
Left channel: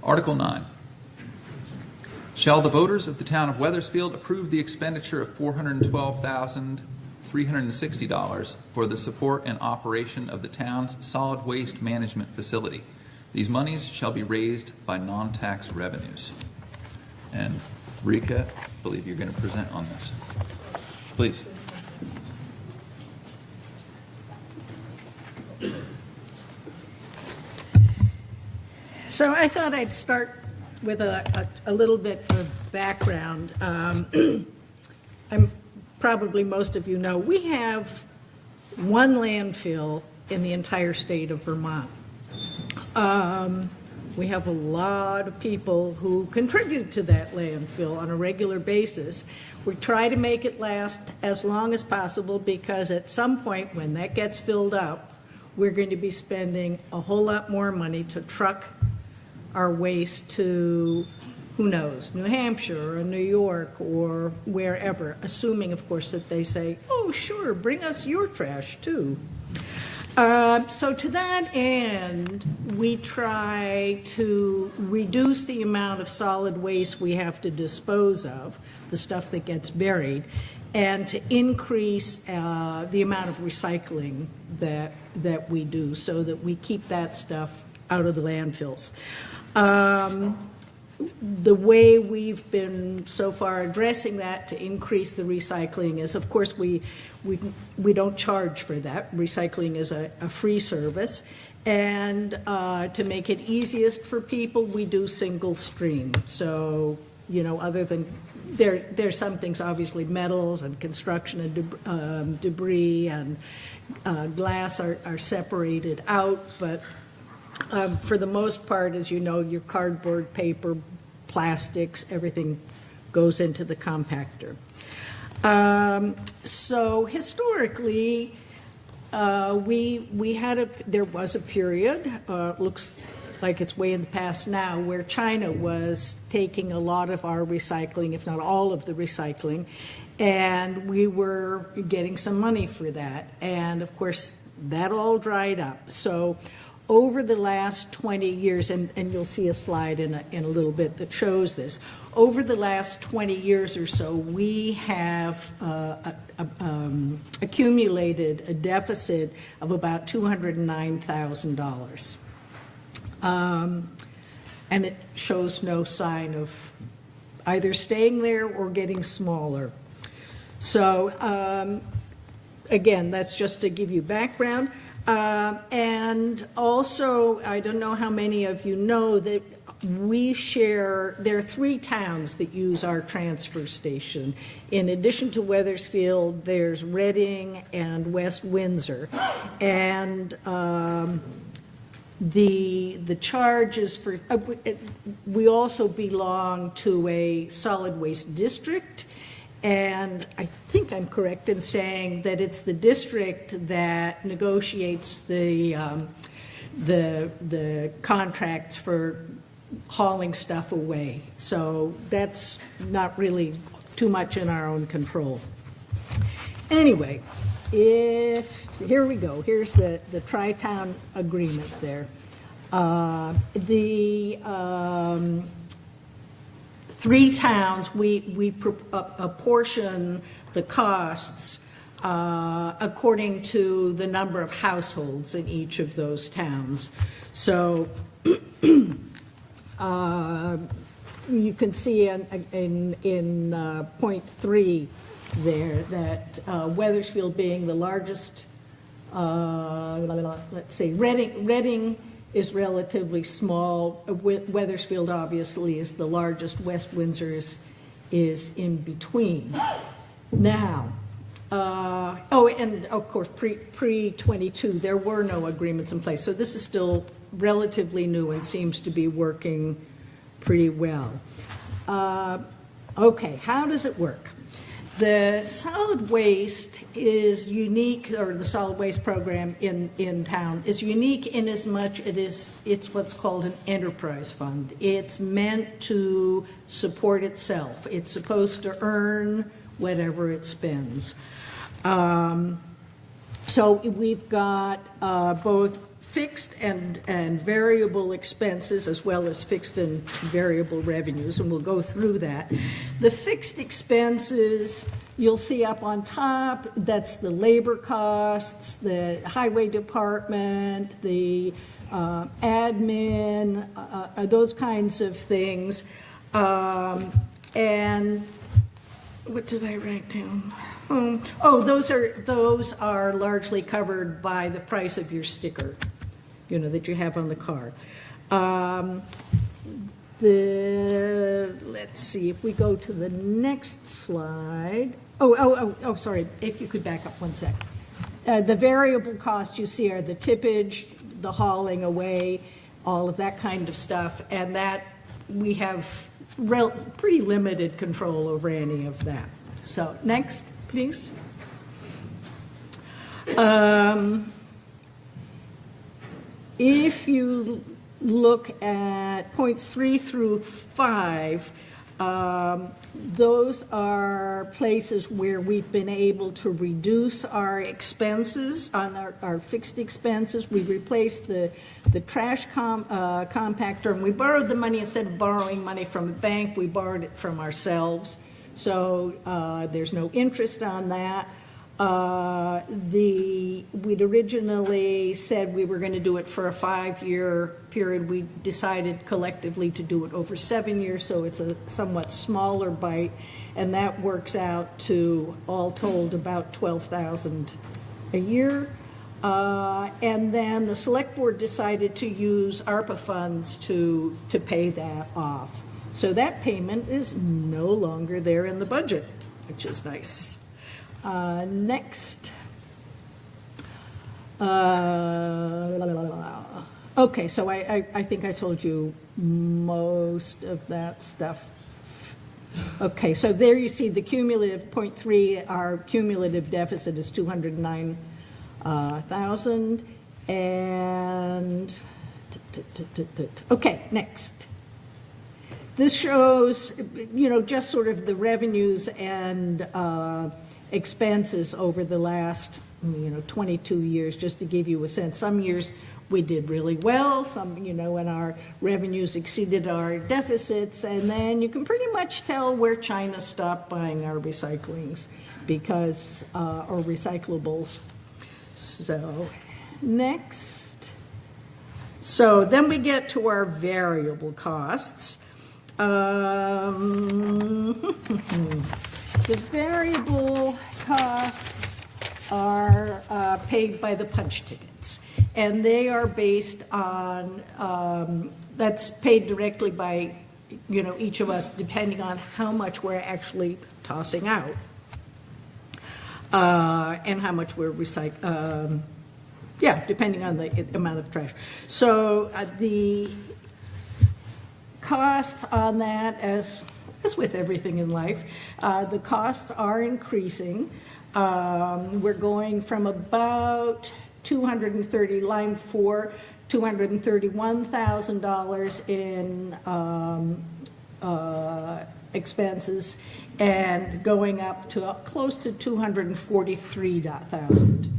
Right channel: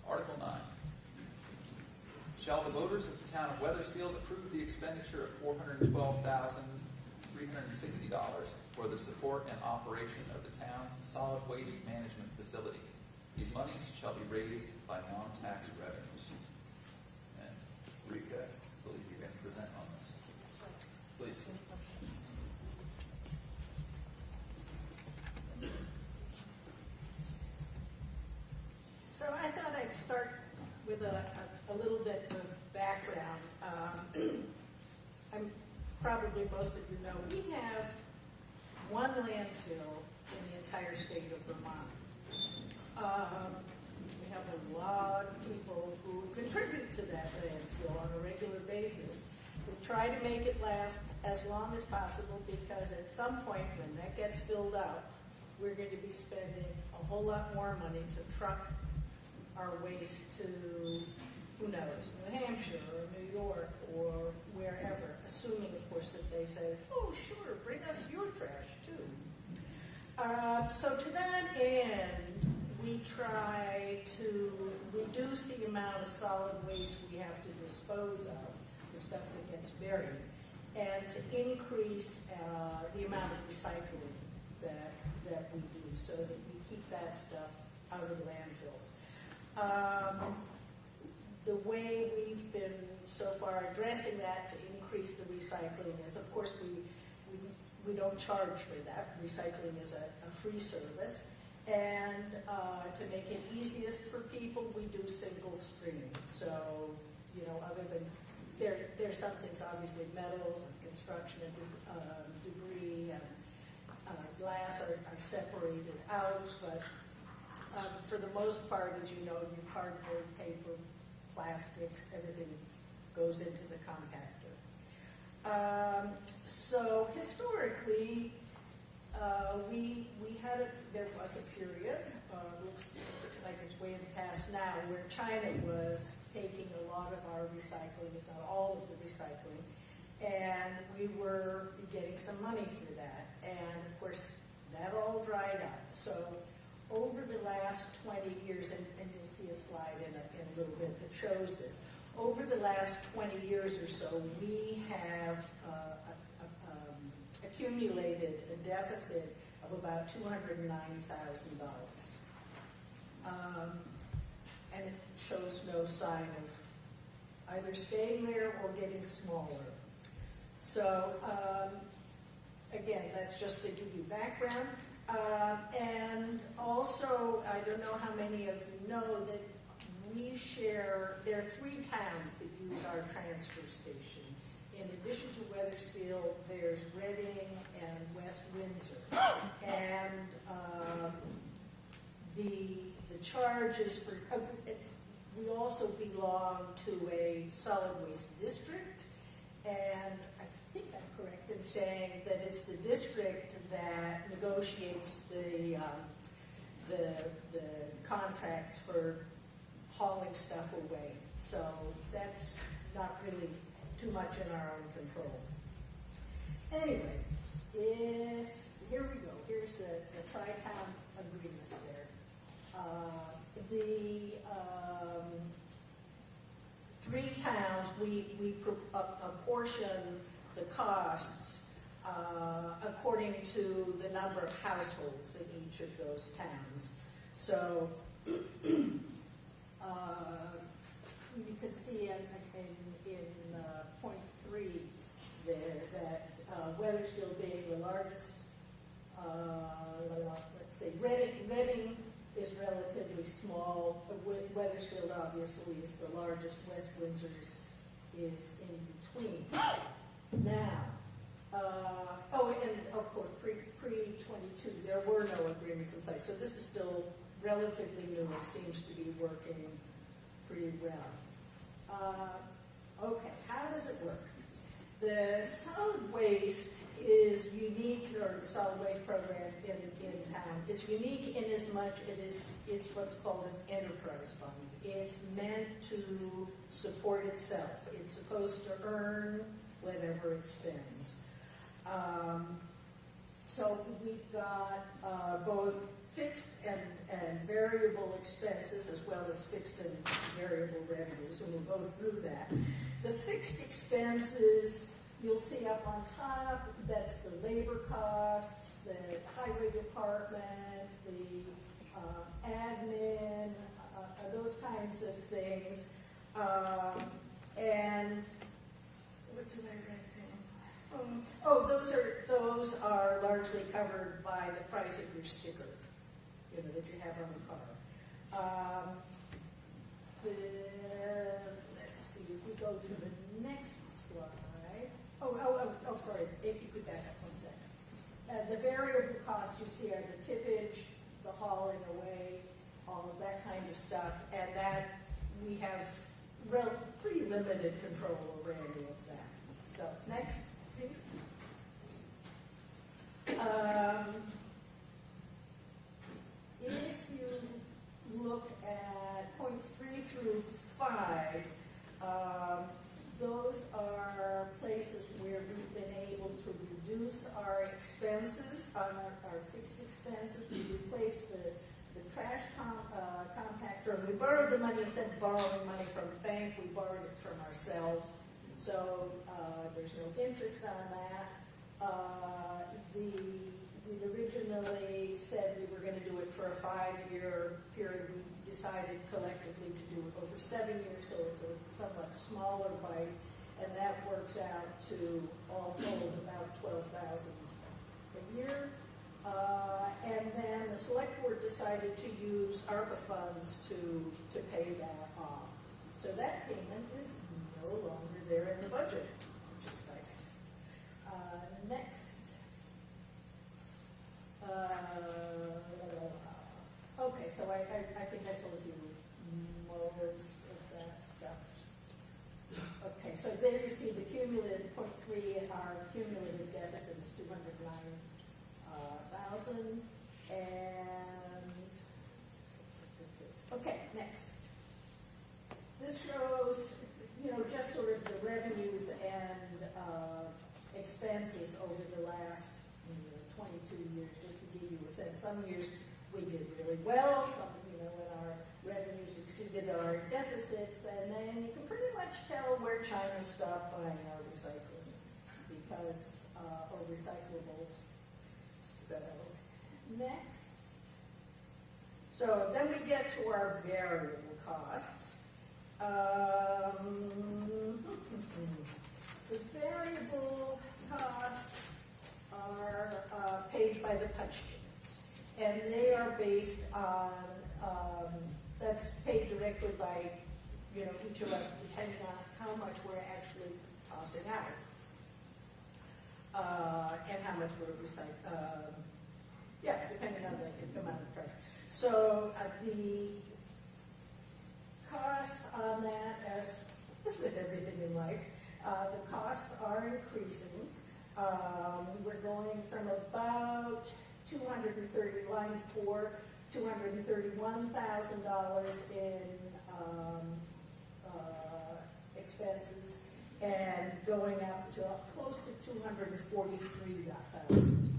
Article 9. Shall the voters of the town of Weathersfield approve the expenditure of $412,360 for the support and operation of the town's solid waste management facility? These monies shall be raised by non-tax revenues. And Rika, I believe you're going to present on this. Please. So I thought I'd start with a little bit of background. Probably most of you know, we have one landfill in the entire state of Vermont. We have a lot of people who contribute to that landfill on a regular basis. We try to make it last as long as possible because at some point when that gets filled up, we're going to be spending a whole lot more money to truck our waste to, who knows, New Hampshire or New York or wherever, assuming, of course, that they say, oh, sure, bring us your trash, too. So to that end, we try to reduce the amount of solid waste we have to dispose of, the stuff that gets buried, and to increase the amount of recycling that we do so that we keep that stuff out of the landfills. The way we've been so far addressing that to increase the recycling is, of course, we don't charge for that. Recycling is a free service. And to make it easiest for people, we do single stream. So, you know, other than, there's some things, obviously, metals and construction and debris and glass are separated out, but for the most part, as you know, your cardboard, paper, plastics, everything goes into the compactor. So historically, there was a period, looks like it's way in the past now, where China was taking a lot of our recycling, if not all of the recycling, and we were getting some money for that. And of course, that all dried up. So over the last 20 years, and you'll see a slide in a little bit that shows this, over the last 20 years or so, we have accumulated a deficit of about $209,000. And it shows no sign of either staying there or getting smaller. So again, that's just to give you background. And also, I don't know how many of you know that we share, there are 3 towns that use our transfer station. In addition to Weathersfield, there's Reading and West Windsor. And the charges for, we also belong to a solid waste district. And I think I'm correct in saying that it's the district that negotiates the contracts for hauling stuff away. So that's not really too much in our own control. Anyway, here we go. Here's the Tri-Town agreement there. The 3 towns, we apportion the costs according to the number of households in each of those towns. So you can see in point 3 there that Weathersfield being the largest, let's see, Reading is relatively small. Weathersfield obviously is the largest. West Windsor is in between. Now, and of course pre-22 there were no agreements in place. So this is still relatively new and seems to be working pretty well. Okay, how does it work? The solid waste is unique, or the solid waste program in town is unique in as much it's what's called an enterprise fund. It's meant to support itself. It's supposed to earn whatever it spends. So we've got both fixed and variable expenses, as well as fixed and variable revenues, and we'll go through that. The fixed expenses, you'll see up on top, that's the labor costs, the highway department, the admin, those kinds of things. And what did I write down? Those are largely covered by the price of your sticker, that you have on the car. Let's see, if we go to the next slide. Sorry, if you could back up one sec. The variable costs you see are the tippage, the hauling away, all of that kind of stuff, and that we have pretty limited control over any of that. So next, please. If you look at points 3 through 5, those are places where we've been able to reduce our expenses on our fixed expenses. We replaced the trash compactor, and we borrowed the money. Instead of borrowing money from a bank, we borrowed it from ourselves. So there's no interest on that. We'd originally said we were going to do it for a 5-year period. We decided collectively to do it over 7 years, so it's a somewhat smaller bite, and that works out to, all told, about $12,000 a year. And then the select board decided to use ARPA funds to pay that off. So that payment is no longer there in the budget, which is nice. Next. Okay, so I think I told you most of that stuff. Okay, so there you see the cumulative, point 3, our cumulative deficit is 209,000. And, okay, next. This shows, just sort of the revenues and expenses over the last, 22 years, just to give you a sense. Some years we did really well, some, when our revenues exceeded our deficits, and then you can pretty much tell where China stopped buying our recyclings because, or recyclables. So, next. So then we get to our variable costs. The variable costs are paid by the punch tickets, and they are based on, that's paid directly by, each of us, depending on how much we're actually tossing out and how much we're recycling, depending on the amount of trash. So the costs on that, as with everything in life, the costs are increasing. We're going from about line 4, $231,000 in expenses, and going up to close to $243,000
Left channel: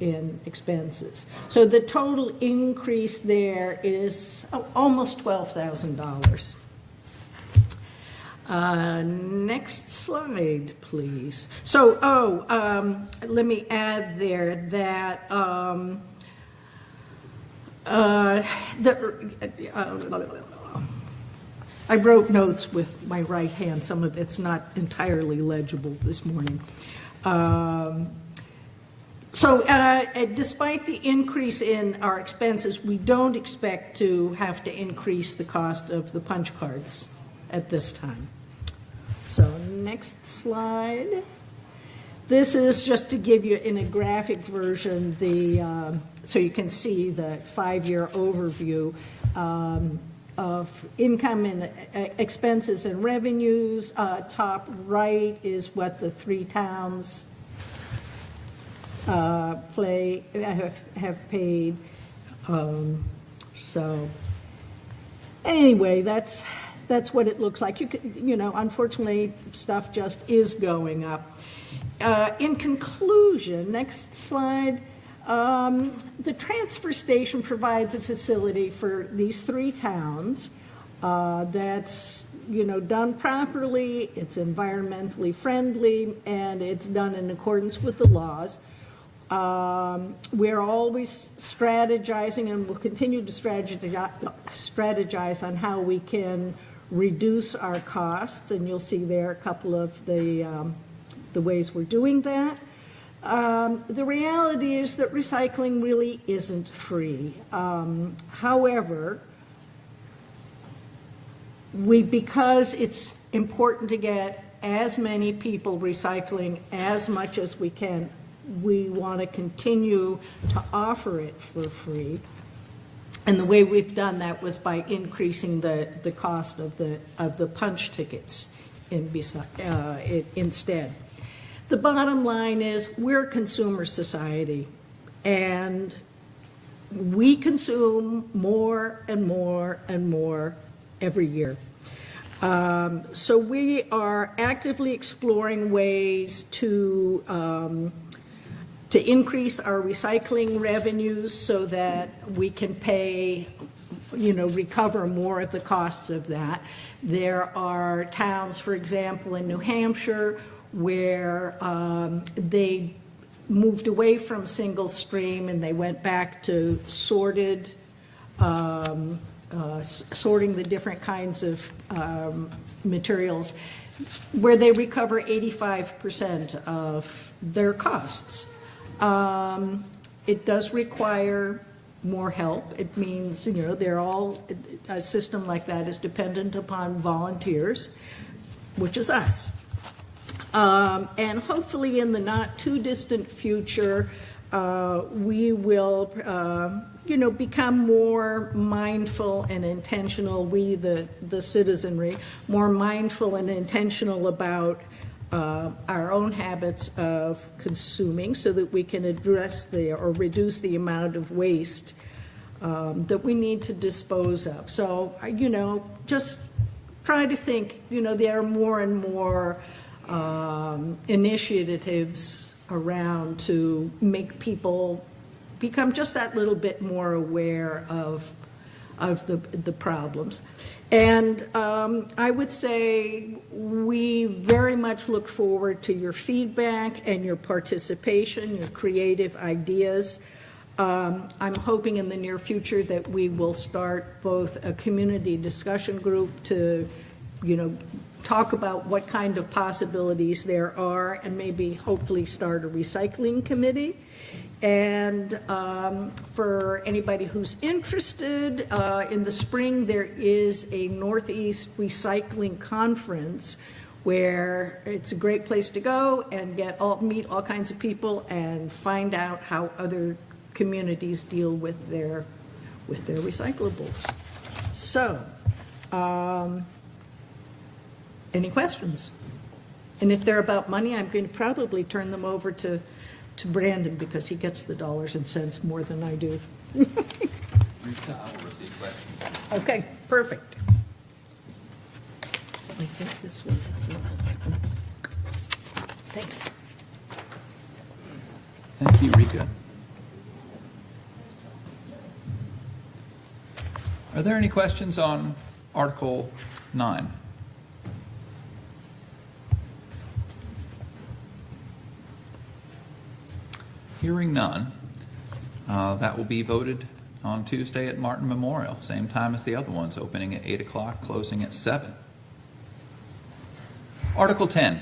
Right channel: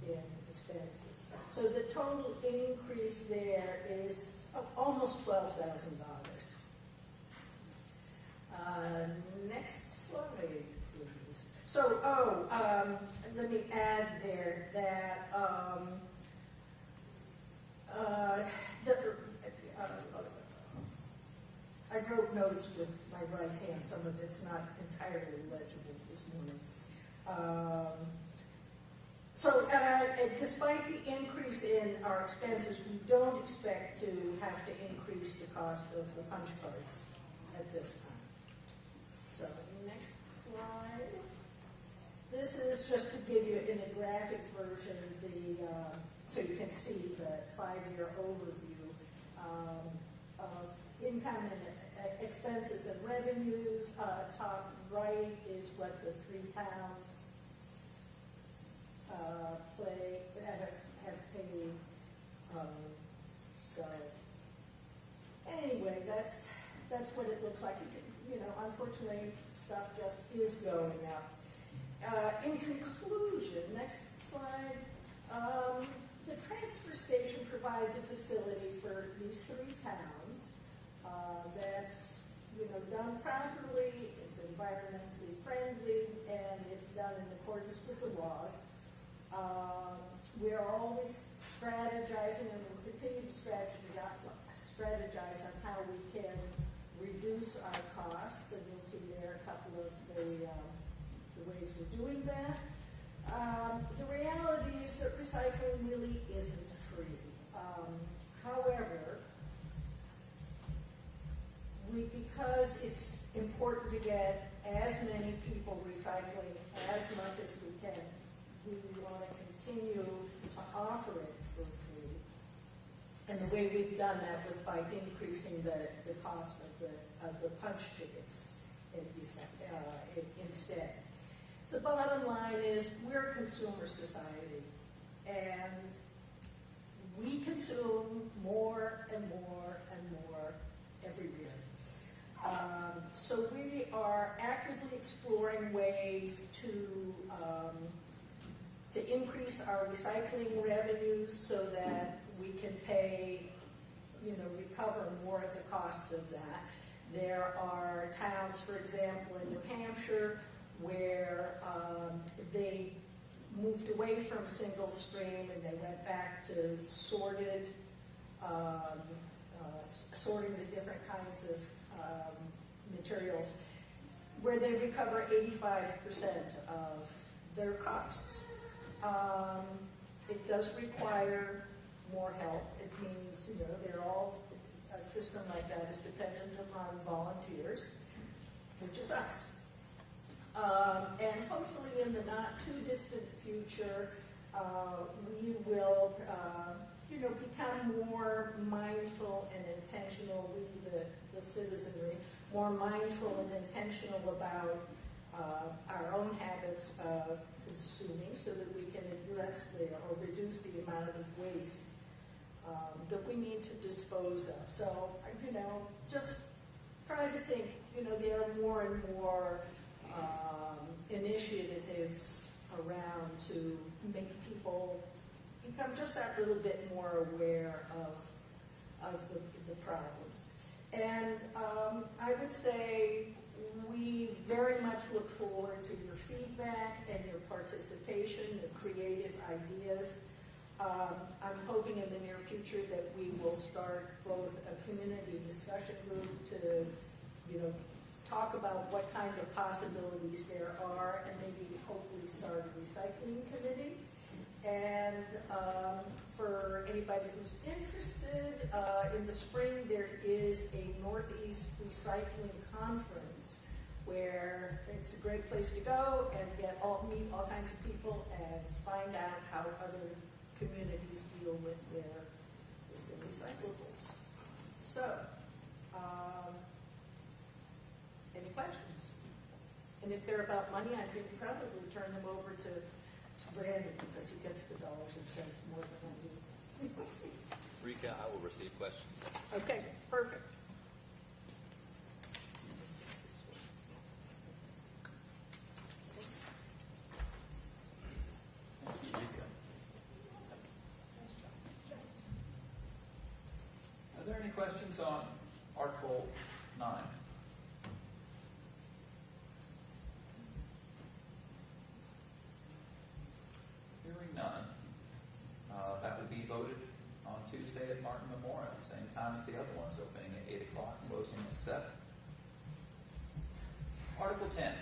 in expenses. So the total increase there is almost $12,000. Next slide, please. So, let me add there that I wrote notes with my right hand. Some of it's not entirely legible this morning. So despite the increase in our expenses, we don't expect to have to increase the cost of the punch cards at this time. So next slide. This is just to give you in a graphic version so you can see the 5-year overview. income and expenses and revenues. Top right is what the three towns have paid. So anyway, that's what it looks like. Unfortunately, stuff just is going up. In conclusion, next slide. The transfer station provides a facility for these three towns that's, done properly, it's environmentally friendly, and it's done in accordance with the laws. We're always strategizing and will continue to strategize on how we can reduce our costs, and you'll see there a couple of the ways we're doing that. The reality is that recycling really isn't free. However, because it's important to get as many people recycling as much as we can, we want to continue to offer it for free. And the way we've done that was by increasing the cost of the punch tickets instead. The bottom line is we're a consumer society, and we consume more and more and more every year. So we are actively exploring ways to increase our recycling revenues so that we can recover more of the costs of that. There are towns, for example, in New Hampshire, where they moved away from single stream and they went back to sorting the different kinds of materials, where they recover 85% of their costs. It does require more help. It means, a system like that is dependent upon volunteers, which is us. And hopefully in the not too distant future, we will, become more mindful and intentional, the citizenry, more mindful and intentional about our own habits of consuming so that we can address or reduce the amount of waste that we need to dispose of. So, just try to think, there are more and more initiatives around to make people become just that little bit more aware of the problems. And I would say we very much look forward to your feedback and your participation, your creative ideas. I'm hoping in the near future that we will start both a community discussion group to, talk about what kind of possibilities there are, and maybe hopefully start a recycling committee. And for anybody who's interested, in the spring there is a Northeast Recycling Conference where it's a great place to go and meet all kinds of people and find out how other communities deal with their recyclables. So, any questions? And if they're about money, I'm going to probably turn them over to Brandon, because he gets the dollars and cents more than I do. I will receive questions. Okay, perfect. I think this one. Thanks. Thank you, Rika. Are there any questions on Article 9? Hearing none, that will be voted on Tuesday at Martin Memorial, same time as the other ones, opening at 8 o'clock, closing at 7. Article 10.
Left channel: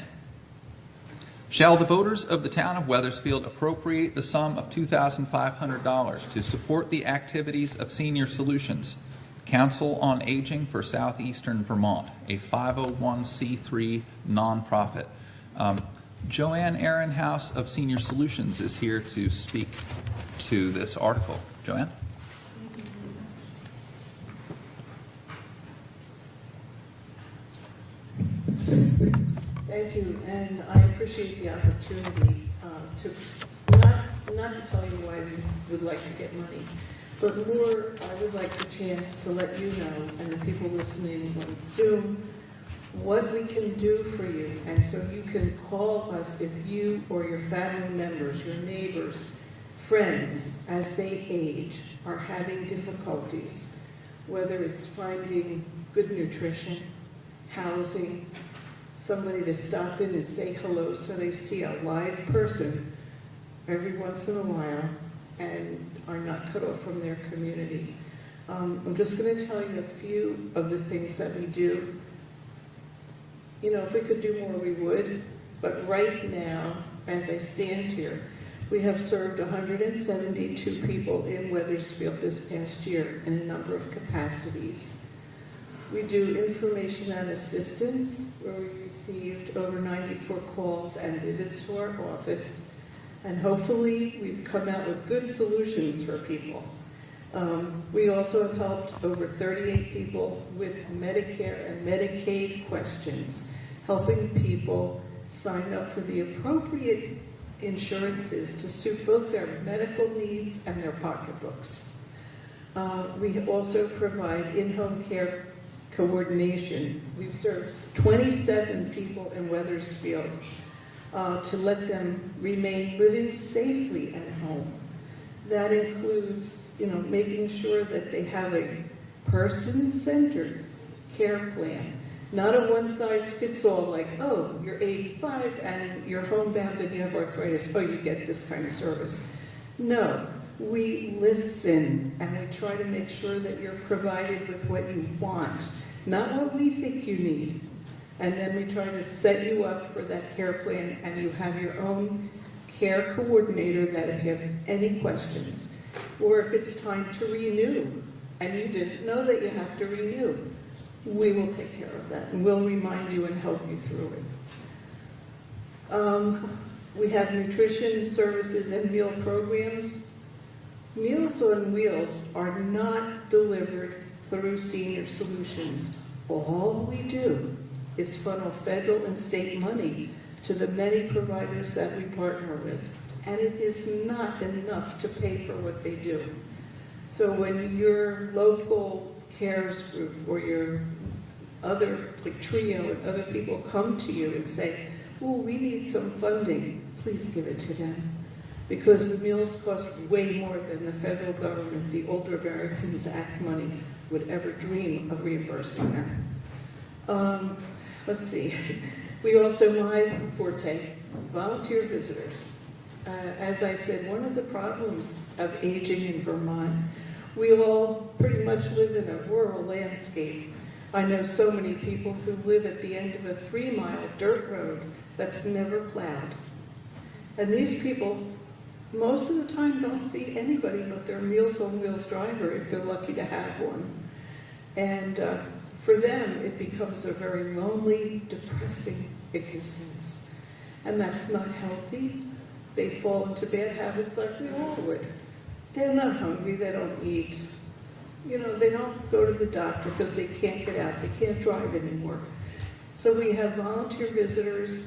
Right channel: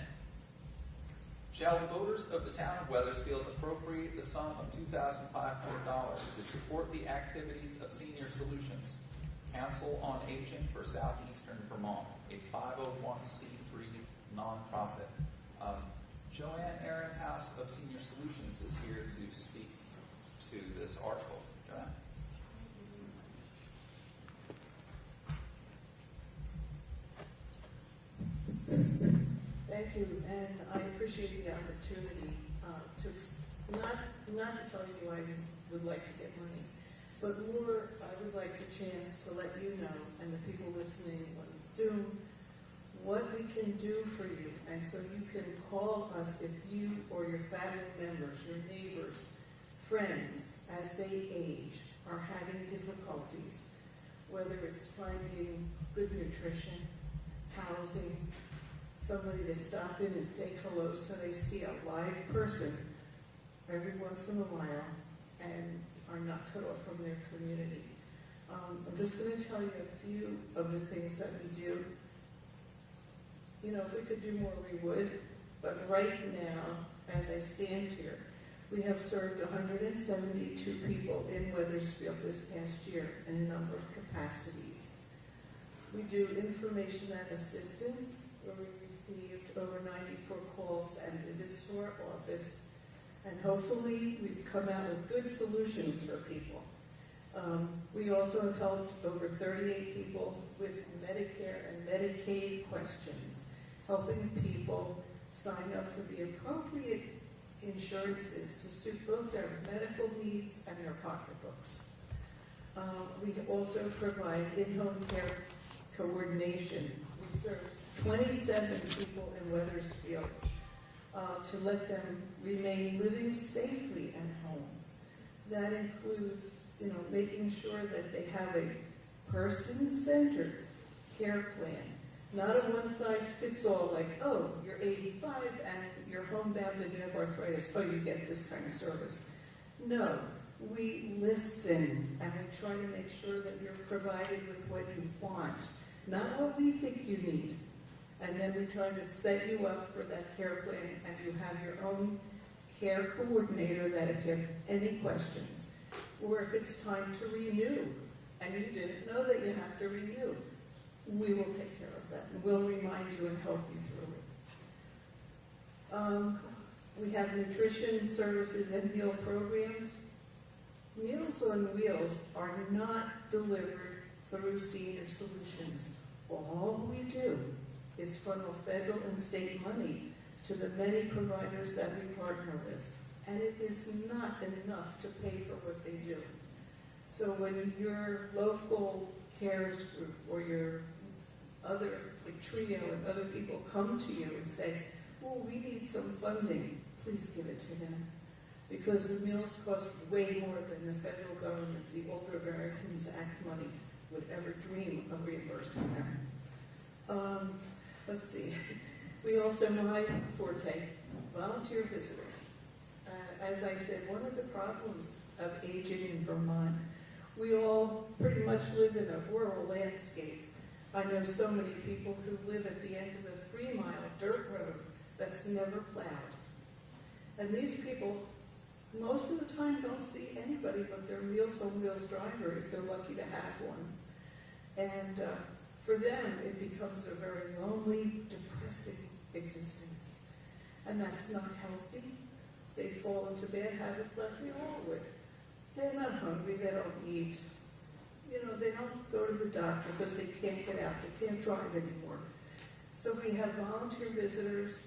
Shall the voters of the town of Weathersfield appropriate the sum of $2,500 to support the activities of Senior Solutions, Council on Aging for Southeastern Vermont, a 501c3 nonprofit? Joanne Ehrenhaus of Senior Solutions is here to speak to this article. Joanne? you, and I appreciate the opportunity to, not to tell you why we would like to get money, but more, I would like the chance to let you know, and the people listening on Zoom, what we can do for you. And so you can call us if you or your family members, your neighbors, friends, as they age, are having difficulties, whether it's finding good nutrition, housing, somebody to stop in and say hello so they see a live person every once in a while and are not cut off from their community. I'm just going to tell you a few of the things that we do. You know, if we could do more, we would. But right now, as I stand here, we have served 172 people in Weathersfield this past year in a number of capacities. We do information and assistance, where we received over 94 calls and visits to our office. And hopefully, we've come out with good solutions for people. We also have helped over 38 people with Medicare and Medicaid questions, helping people sign up for the appropriate insurances to suit both their medical needs and their pocketbooks. We also provide in-home care coordination. We've served 27 people in Weathersfield to let them remain living safely at home. That includes, you know, making sure that they have a person-centered care plan, not a one-size-fits-all like, oh, you're 85 and you're homebound and you have arthritis, oh, you get this kind of service. No, we listen and we try to make sure that you're provided with what you want, not what we think you need. And then we try to set you up for that care plan, and you have your own care coordinator that if you have any questions, or if it's time to renew, and you didn't know that you have to renew, we will take care of that, and we'll remind you and help you through it. We have nutrition services and meal programs. Meals on Wheels are not delivered through Senior Solutions. All we do is funnel federal and state money to the many providers that we partner with. And it is not enough to pay for what they do. So when your local cares group or your other, like TRIO and other people come to you and say, oh, we need some funding, please give it to them. Because the meals cost way more than the federal government, the Older Americans Act money, would ever dream of reimbursing them. Let's see. We also, my forte, volunteer visitors. As I said, one of the problems of aging in Vermont, we all pretty much live in a rural landscape. I know so many people who live at the end of a 3-mile dirt road that's never plowed. And these people, most of the time, don't see anybody but their Meals on Wheels driver if they're lucky to have one. And for them, it becomes a very lonely, depressing existence. And that's not healthy. They fall into bad habits like we all would. They're not hungry, they don't eat. You know, they don't go to the doctor because they can't get out, they can't drive anymore. So we have volunteer visitors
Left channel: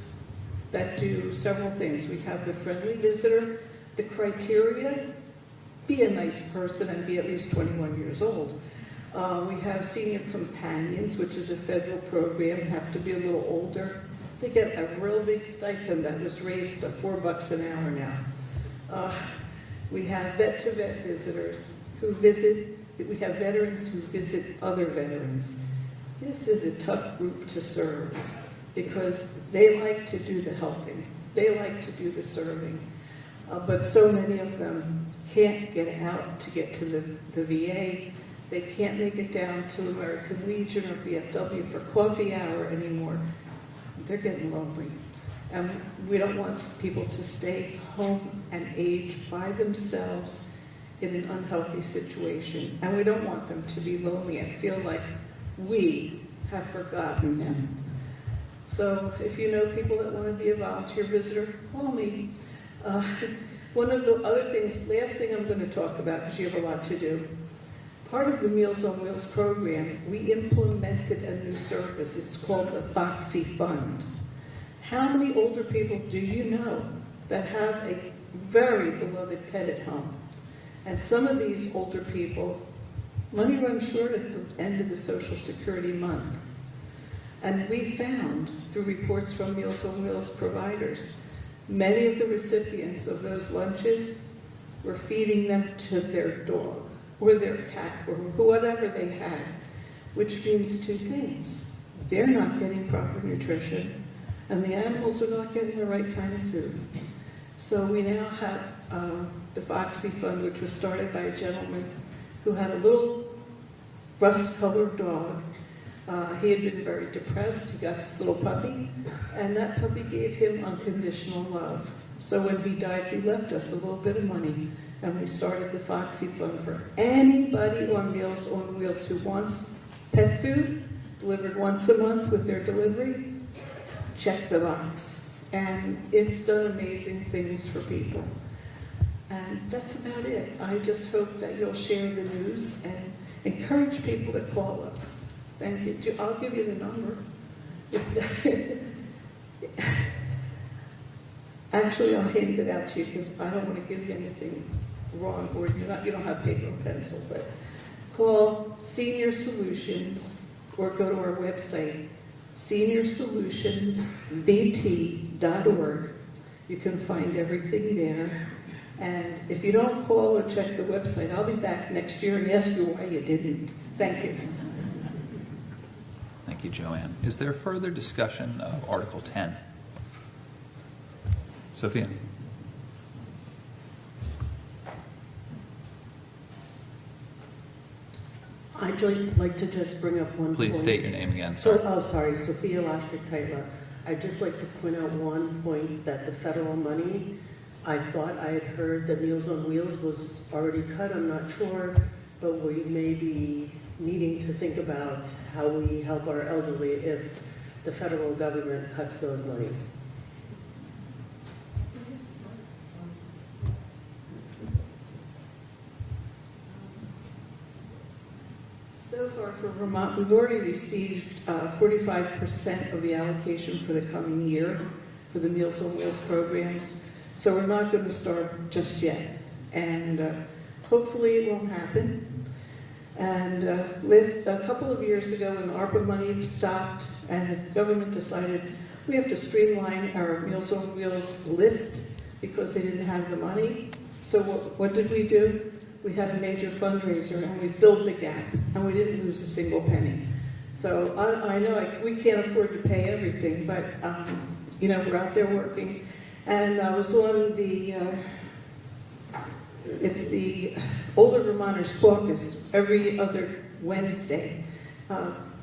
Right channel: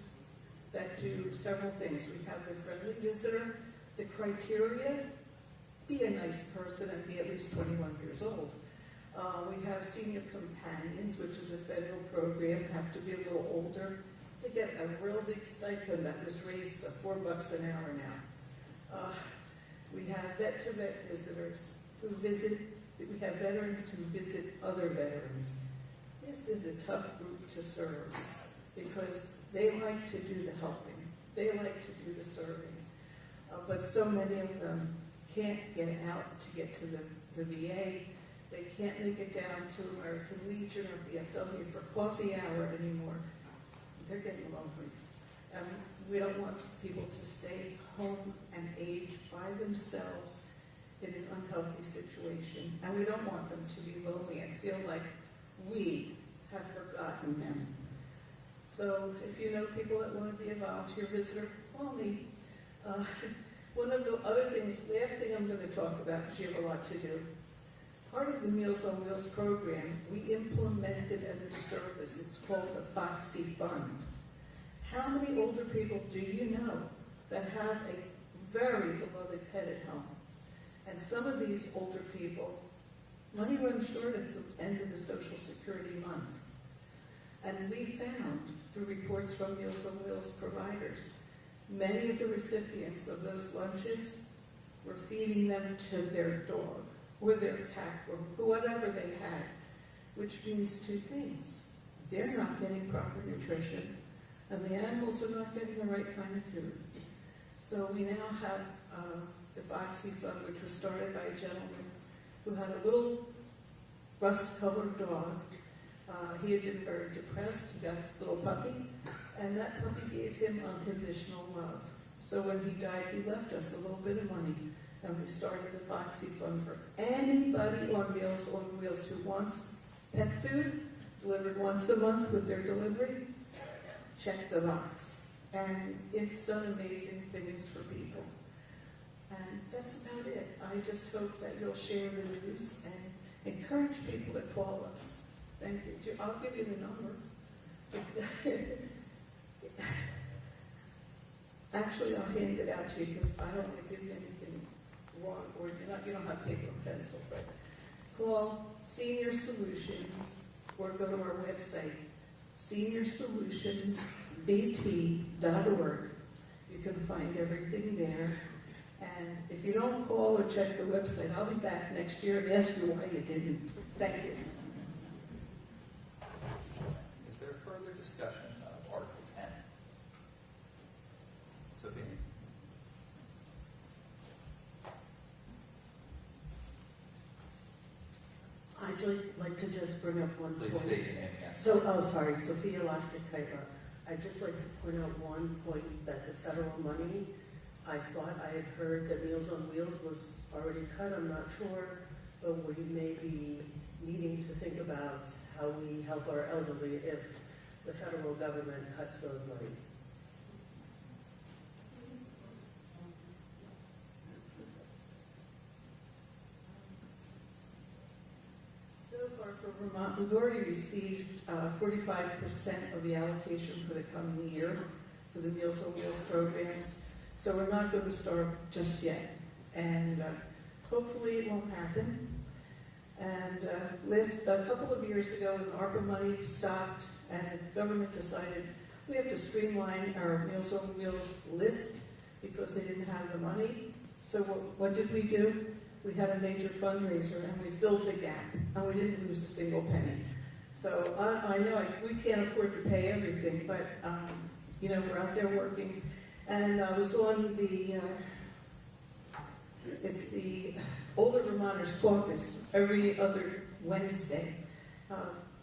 that do several things. We have the friendly visitor. The criteria, be a nice person and be at least 21 years old. We have senior companions, which is a federal program, have to be a little older. They get a real big stipend that was raised to $4 an hour now. We have vet-to-vet visitors who visit, we have veterans who visit other veterans. This is a tough group to serve because they like to do the helping. They like to do the serving. But so many of them can't get out to get to the VA. They can't make it down to American Legion or VFW for coffee hour anymore. They're getting lonely. And we don't want people to stay home and age by themselves in an unhealthy situation. And we don't want them to be lonely and feel like we have forgotten them. So if you know people that want to be a volunteer visitor, call me. One of the other things, last thing I'm going to talk about, because you have a lot to do. Part of the Meals on Wheels program, we implemented a new service. It's called the Foxy Fund. How many older people do you know that have a very beloved pet at home? And some of these older people, money runs short at the end of the Social Security month. And we found, through reports from Meals on Wheels providers, many of the recipients of those lunches were feeding them to their dog or their cat or whatever they had, which means two things. They're not getting proper nutrition, and the animals are not getting the right kind of food. So we now have the Foxy Fund, which was started by a gentleman who had a little rust-colored dog. He had been very depressed. He got this little puppy, and that puppy gave him unconditional love. So when he died, he left us a little bit of money, and we started the Foxy Fund for anybody on Meals on Wheels who wants pet food delivered once a month with their delivery. Check the box. And it's done amazing things for people. And that's about it. I just hope that you'll share the news and encourage people to call us. And I'll give you the number. Actually, I'll hand it out to you because I don't want to give you anything wrong, or you don't have paper and pencil. But call Senior Solutions or go to our website, seniorsolutionsbt.org. You can find everything there. And if you don't call or check the website, I'll be back next year and ask you why you didn't. Thank you. Thank you, Joanne. Is there further discussion of Article 10? Sophia? I'd just like to just bring up one Please point. state your name again. Sorry, Sophia Laszczyk-Tytla. I'd just like to point out one point, that the federal money, I thought I had heard that Meals on Wheels was already cut. I'm not sure, but we may be needing to think about how we help our elderly if the federal government cuts those monies. So far for Vermont, we've already received 45% of the allocation for the coming year for the Meals on Wheels programs. So we're not going to start just yet. And hopefully it won't happen. And a couple of years ago when the ARPA money stopped and the government decided we have to streamline our Meals on Wheels list because they didn't have the money. So what did we do? We had a major fundraiser and we filled the gap and we didn't lose a single penny. So I know we can't afford to pay everything, but we're out there working. And I was on it's the Older Vermonters Caucus every other Wednesday.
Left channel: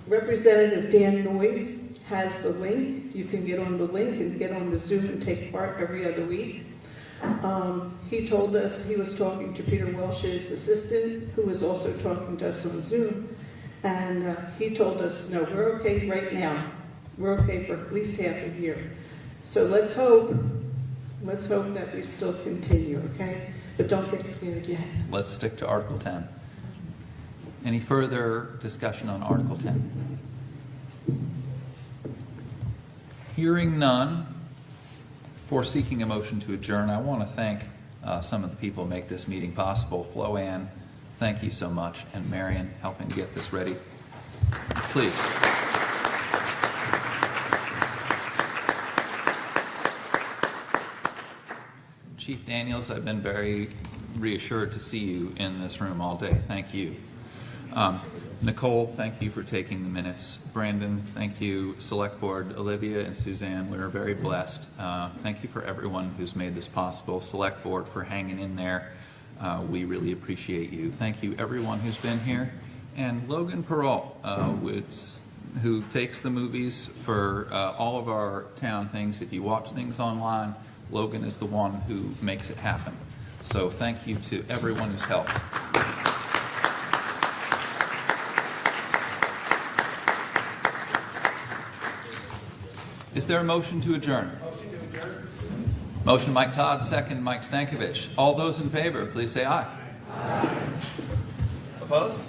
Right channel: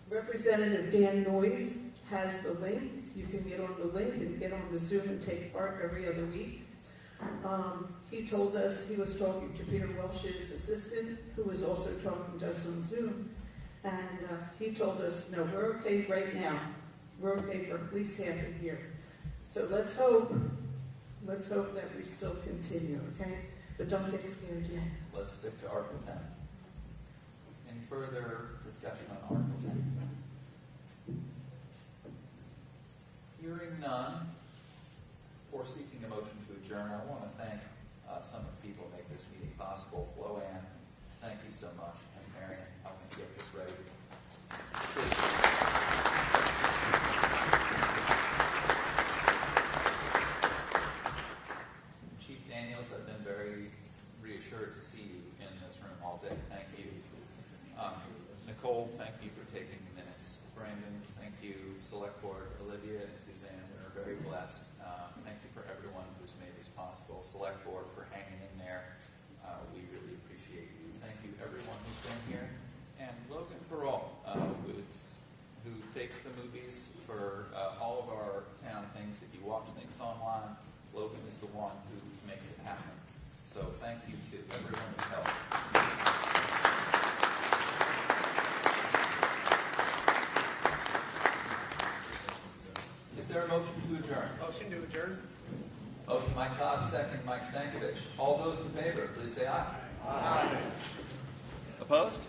Representative Dan Noyes has the link. You can get on the link and get on the Zoom and take part every other week. He told us he was talking to Peter Welsh's assistant, who was also talking to us on Zoom, and he told us, no, we're okay right now. We're okay for at least half a year. So let's hope that we still continue, okay? But don't get scared yet. Let's stick to Article 10. Any further discussion on Article 10? Hearing none, for seeking a motion to adjourn, I want to thank some of the people who make this meeting possible. Flo Ann, thank you so much, and Marion helping get this ready. Please. Chief Daniels, I've been very reassured to see you in this room all day. Thank you. Nicole, thank you for taking the minutes. Brandon, thank you. Select Board, Olivia and Suzanne, we're very blessed. Thank you for everyone who's made this possible. Select Board for hanging in there. We really appreciate you. Thank you everyone who's been here. And Logan Perrault, who takes the movies for all of our town things. If you watch things online, Logan is the one who makes it happen. So thank you to everyone who's helped. Is there a motion to adjourn? Motion to adjourn. Motion Mike Todd, second Mike Stankovich. All those in favor, please say aye. Aye. Opposed?